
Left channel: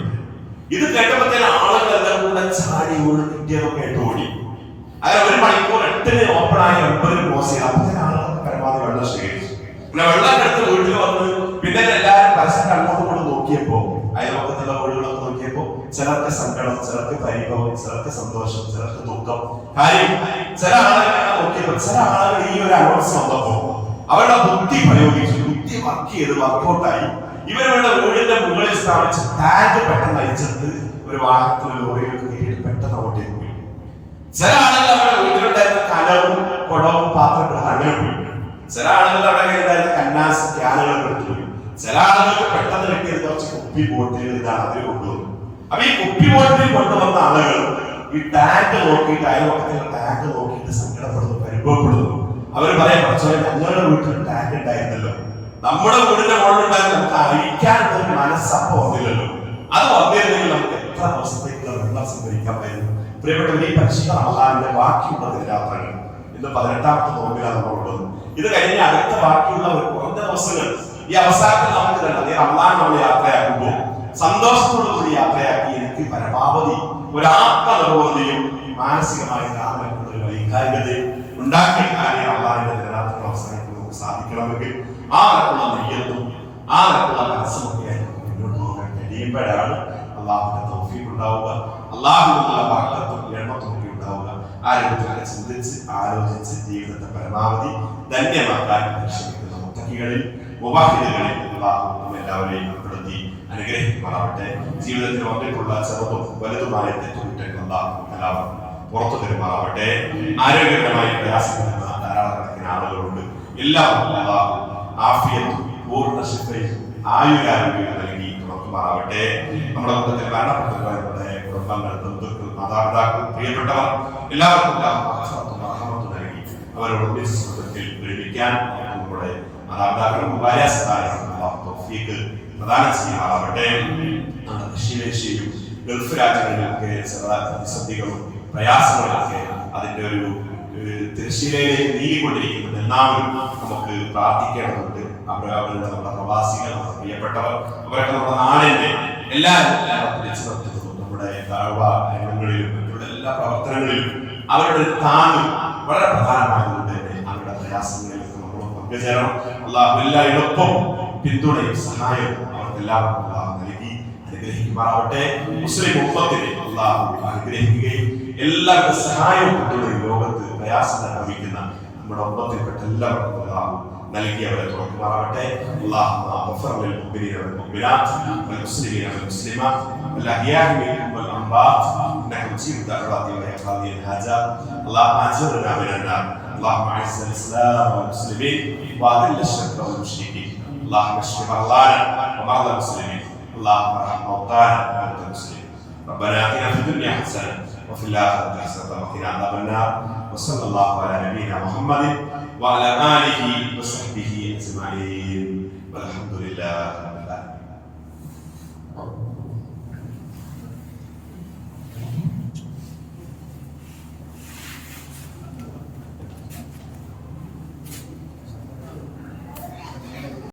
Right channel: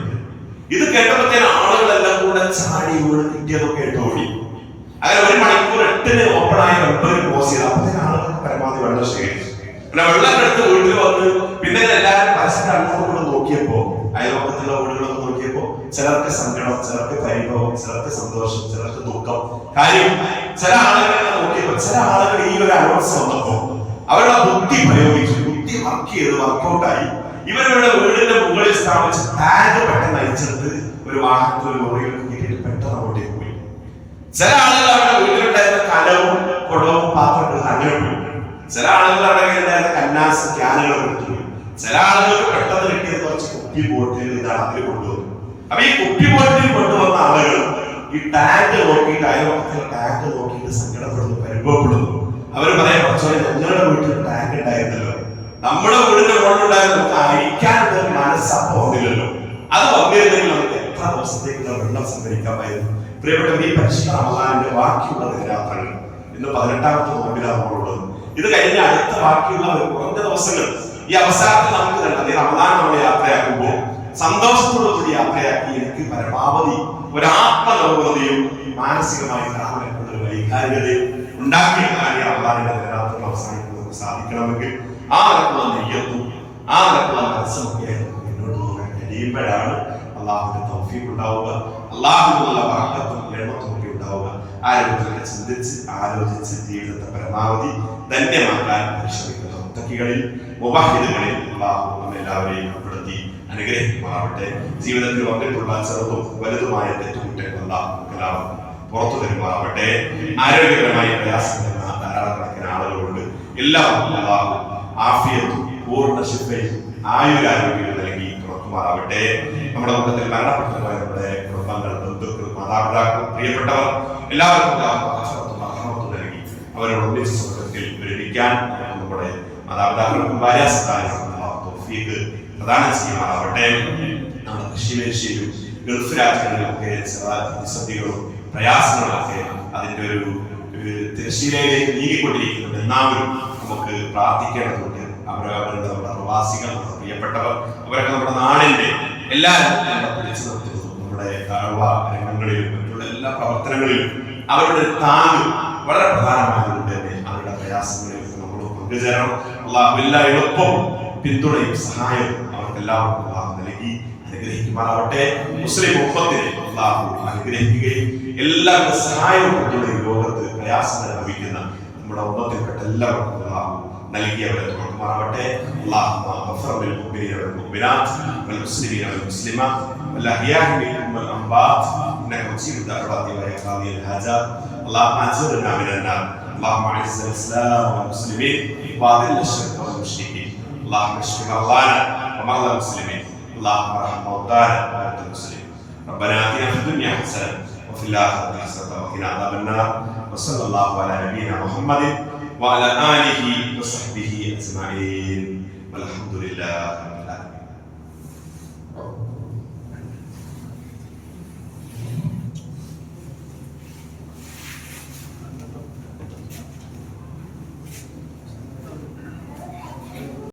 ഇത് കേട്ടപ്പോഴത്തേന് ആളുകളെല്ലാം കൂടെ ചാടി വീണ് കിട്ടിയതൊക്കെ കേട്ട് ഓടി. അങ്ങനെ 1 മണിക്കൂർ 8-ന് ഓപ്പൺ ആയി 9-ന് ക്ലോസ് ചെയ്ത് അപ്പോഴത്തേന് ആളുകൾക്ക് പരമാവധി വെള്ളം ശേഖരിച്ചു. പിന്നെ വെള്ളം എടുത്ത് വീട്ടിൽ വന്ന് പിന്നെ എല്ലാവരും പരസ്പരം അങ്ങോട്ടും കൂടെ നോക്കിയപ്പോ അയൽവക്കത്തുള്ള വീടുകളൊക്കെ നോക്കിയപ്പോ ചിലർക്ക് സങ്കടം, ചിലർക്ക് പരിഭവം, ചിലർക്ക് സന്തോഷം, ചിലർക്ക് ദുഃഖം. കാര്യം ചില ആളുകളെ നോക്കിയപ്പോ ചില ആളുകൾ ഈ ഒരു അനൗൺസ് വന്നപ്പോ അവരുടെ ബുദ്ധി പ്രയോഗിച്ചു, ബുദ്ധി വർക്ക് ചെയ്ത് വർക്കൗട്ടായി. ഇവരുടെ വീടിന്റെ മുകളിൽ സ്ഥാപിച്ച് ടാഗ് പെട്ടെന്ന് അയച്ചെടുത്ത് ഒരു വാഹനത്തിൽ ലോറിയിലൊക്കെ കയറ്റിയിട്ട് പെട്ടെന്ന് അങ്ങോട്ടേക്ക് പോയി. ചില ആളുകൾ അവരുടെ വീട്ടിലുണ്ടായിരുന്ന കലവും കുടവും പാത്രങ്ങളും അങ്ങനെ പോയി. ചില ആളുകൾ അവിടെ ഉണ്ടായിരുന്ന കന്നാസ് ക്യാനുകൾ എടുത്തുപോയി. ചില ആളുകൾക്ക് പെട്ടെന്ന് കിട്ടിയത് കുറച്ച് കുപ്പി ബോട്ടിൽ ഇതാണ് അതിൽ കൊണ്ടുവന്നു. അപ്പൊ ഈ കുപ്പി ബോട്ടിൽ കൊണ്ടുവന്ന ആളുകൾ ഈ ടാങ്ക് നോക്കിയിട്ട് അയൽവക്കത്തിലെ ടാങ്ക് നോക്കിയിട്ട് സങ്കടപ്പെടുന്നു, പരിഭവപ്പെടുന്നു. അവർ പറയാം, പക്ഷേ ഞങ്ങളുടെ വീട്ടിൽ ടാങ്ക് ഉണ്ടായിരുന്നല്ലോ, നമ്മുടെ വീടിന്റെ മുകളിലുണ്ടായിരുന്നു, നമുക്ക് അഴിക്കാനുള്ള ഒരു മനസ്സപ്പം വന്നില്ലല്ലോ. അത് വന്നിരുന്നെങ്കിൽ നമുക്ക് എത്ര ദിവസത്തേക്കുള്ള വെള്ളം സംഭരിക്കാമായിരുന്നു. പ്രിയപ്പെട്ടവർ, ഈ പരിശുദ്ധ റമദാനിന്റെ ബാക്കിയുള്ള ദിനരാത്രങ്ങൾ ഇന്ന് 18ാമത്തെ നോമ്പിലാണ് നമ്മളുള്ളത്. ഇത് കഴിഞ്ഞ അടുത്ത ബാക്കിയുള്ള കുറഞ്ഞ ദിവസങ്ങൾ ഈ അവസാനത്തിൽ നമുക്ക് കണ്ടത് ഈ റമദാൻ നമ്മൾ യാത്രയാക്കുമ്പോൾ സന്തോഷത്തോടുകൂടി യാത്രയാക്കി എനിക്ക് പരമാവധി ഒരു ആത്മനിർവൃതിയും മാനസികമായി വൈകാരികതയും ഉണ്ടാക്കിയെടുക്കാൻ ഈ റമദാനിന്റെ ദിനരാത്രങ്ങൾ അവസാനിക്കാൻ നമുക്ക് സാധിക്കണമെങ്കിൽ ആ നിലക്കുള്ള നെയ്യത്തും ആ നിലക്കുള്ള മനസ്സുമൊക്കെ മുന്നോട്ട് പോകാൻ കഴിയുമ്പോഴാണ് അള്ളാഹുവിന്റെ തൗഫീഖ് ഉണ്ടാവുക, അള്ളാഹുവിനുള്ള ബറക്കത്തും എണ്ണത്തും ഒക്കെ ഉണ്ടാവുക. ആ രൂപത്തിലൊക്കെ ചിന്തിച്ച് ആലോചിച്ച് ജീവിതത്തെ പരമാവധി ധന്യമാക്കാൻ പരിശ്രമിക്കുന്ന മുത്തഖികളിൽ മുബാഹിദുകളിൽ അള്ളാഹു നമ്മെല്ലാവരെയും ഉൾപ്പെടുത്തി അനുഗ്രഹിക്കുമാറാവട്ടെ. ജീവിതത്തിൽ വന്നിട്ടുള്ള ചെറുതും വലുതുമായ തെറ്റുകുറ്റങ്ങൾ അള്ളാഹു എല്ലാവർക്കും പുറത്തു തരുമാറാവട്ടെ. ആരോഗ്യപരമായി പ്രയാസപ്പെടുന്ന ധാരാളക്കണക്കിന് ആളുകളുണ്ട്. എല്ലാവർക്കും അള്ളാഹു ആഫിയത്തും പൂർണ്ണ ശിഫയും ആയുരാരോഗ്യം നൽകി പുറത്തുമാറാവട്ടെ. നമ്മുടെ കൂട്ടത്തിൽ മരണപ്പെട്ടു പോയ നമ്മുടെ കുടുംബങ്ങൾ, ബന്ധുക്കൾ, മാതാപിതാക്കൾ, പ്രിയപ്പെട്ടവർ എല്ലാവർക്കും നൽകി അവരോട് ഒന്നിച്ച് സുഖത്തിൽ പ്രേരിക്കാൻ നമ്മുടെ മാതാപിതാക്കൾക്കും ഭാര്യാസന്താനങ്ങൾക്കും തൗഫീഖ് പ്രദാനം ചെയ്യുമാറാവട്ടെ. നമ്മുടെ കൃഷിമേശയിലും ഗൾഫ് രാജ്യങ്ങളിലൊക്കെ ചില പ്രതിസന്ധികളും പ്രയാസങ്ങളൊക്കെ അതിന്റെ ഒരു തിരശ്ശീലയിലേക്ക് നീങ്ങിക്കൊണ്ടിരിക്കുന്നത് എല്ലാവരും നമുക്ക് പ്രാർത്ഥിക്കേണ്ടതുണ്ട്. അവരുടെ നമ്മുടെ പ്രവാസികൾ, നമ്മുടെ പ്രിയപ്പെട്ടവർ, അവരൊക്കെ നമ്മുടെ നാടിന്റെ എല്ലാ പിടിച്ചു നിർത്തുന്നു. നമ്മുടെ താഴ്വ രംഗങ്ങളിലും മറ്റുള്ള എല്ലാ പ്രവർത്തനങ്ങളിലും അവരുടെ താങ്ങ് വളരെ പ്രധാനമായതുകൊണ്ട് തന്നെ അവരുടെ പ്രയാസങ്ങളിലൊക്കെ നമ്മൾ പങ്കുചേരണം. അള്ളാഹു എല്ലാ എളുപ്പവും പിന്തുണയും സഹായവും അവർക്ക് എല്ലാവർക്കും അള്ളാഹു നൽകി അനുഗ്രഹിക്കുമാറാവട്ടെ. മുസ്ലിം ഉമ്മത്തിനെ അള്ളാഹു അനുഗ്രഹിക്കുകയും എല്ലാവരുടെ സഹായവും പിന്തുണയും ലോകത്ത് പ്രയാസങ്ങൾ അനുഭവിക്കുന്ന നമ്മുടെ ഉമ്മത്തിൽപ്പെട്ട എല്ലാവർക്കും അള്ളാഹു നൽകിയവരെ തുറക്കുമാറാവട്ടെ. اللهم اغفر للمؤمنين والمؤمنات والمسلمين والمسلمات والاحياء منهم والاموات انك مجيب الدعوات ويا قاضي الحاجات. اللهم اجرنا من النار. اللهم اعز الاسلام والمسلمين واذل الشرك والمشركين. اللهم اشف مرضانا ومرضى المسلمين. اللهم ارحم موتانا وموتى المسلمين. ربنا اتنا في الدنيا حسنه وفي الاخره حسنه وقنا عذاب النار. وصلى الله على نبينا محمد وعلى آله وصحبه أجمعين والحمد لله.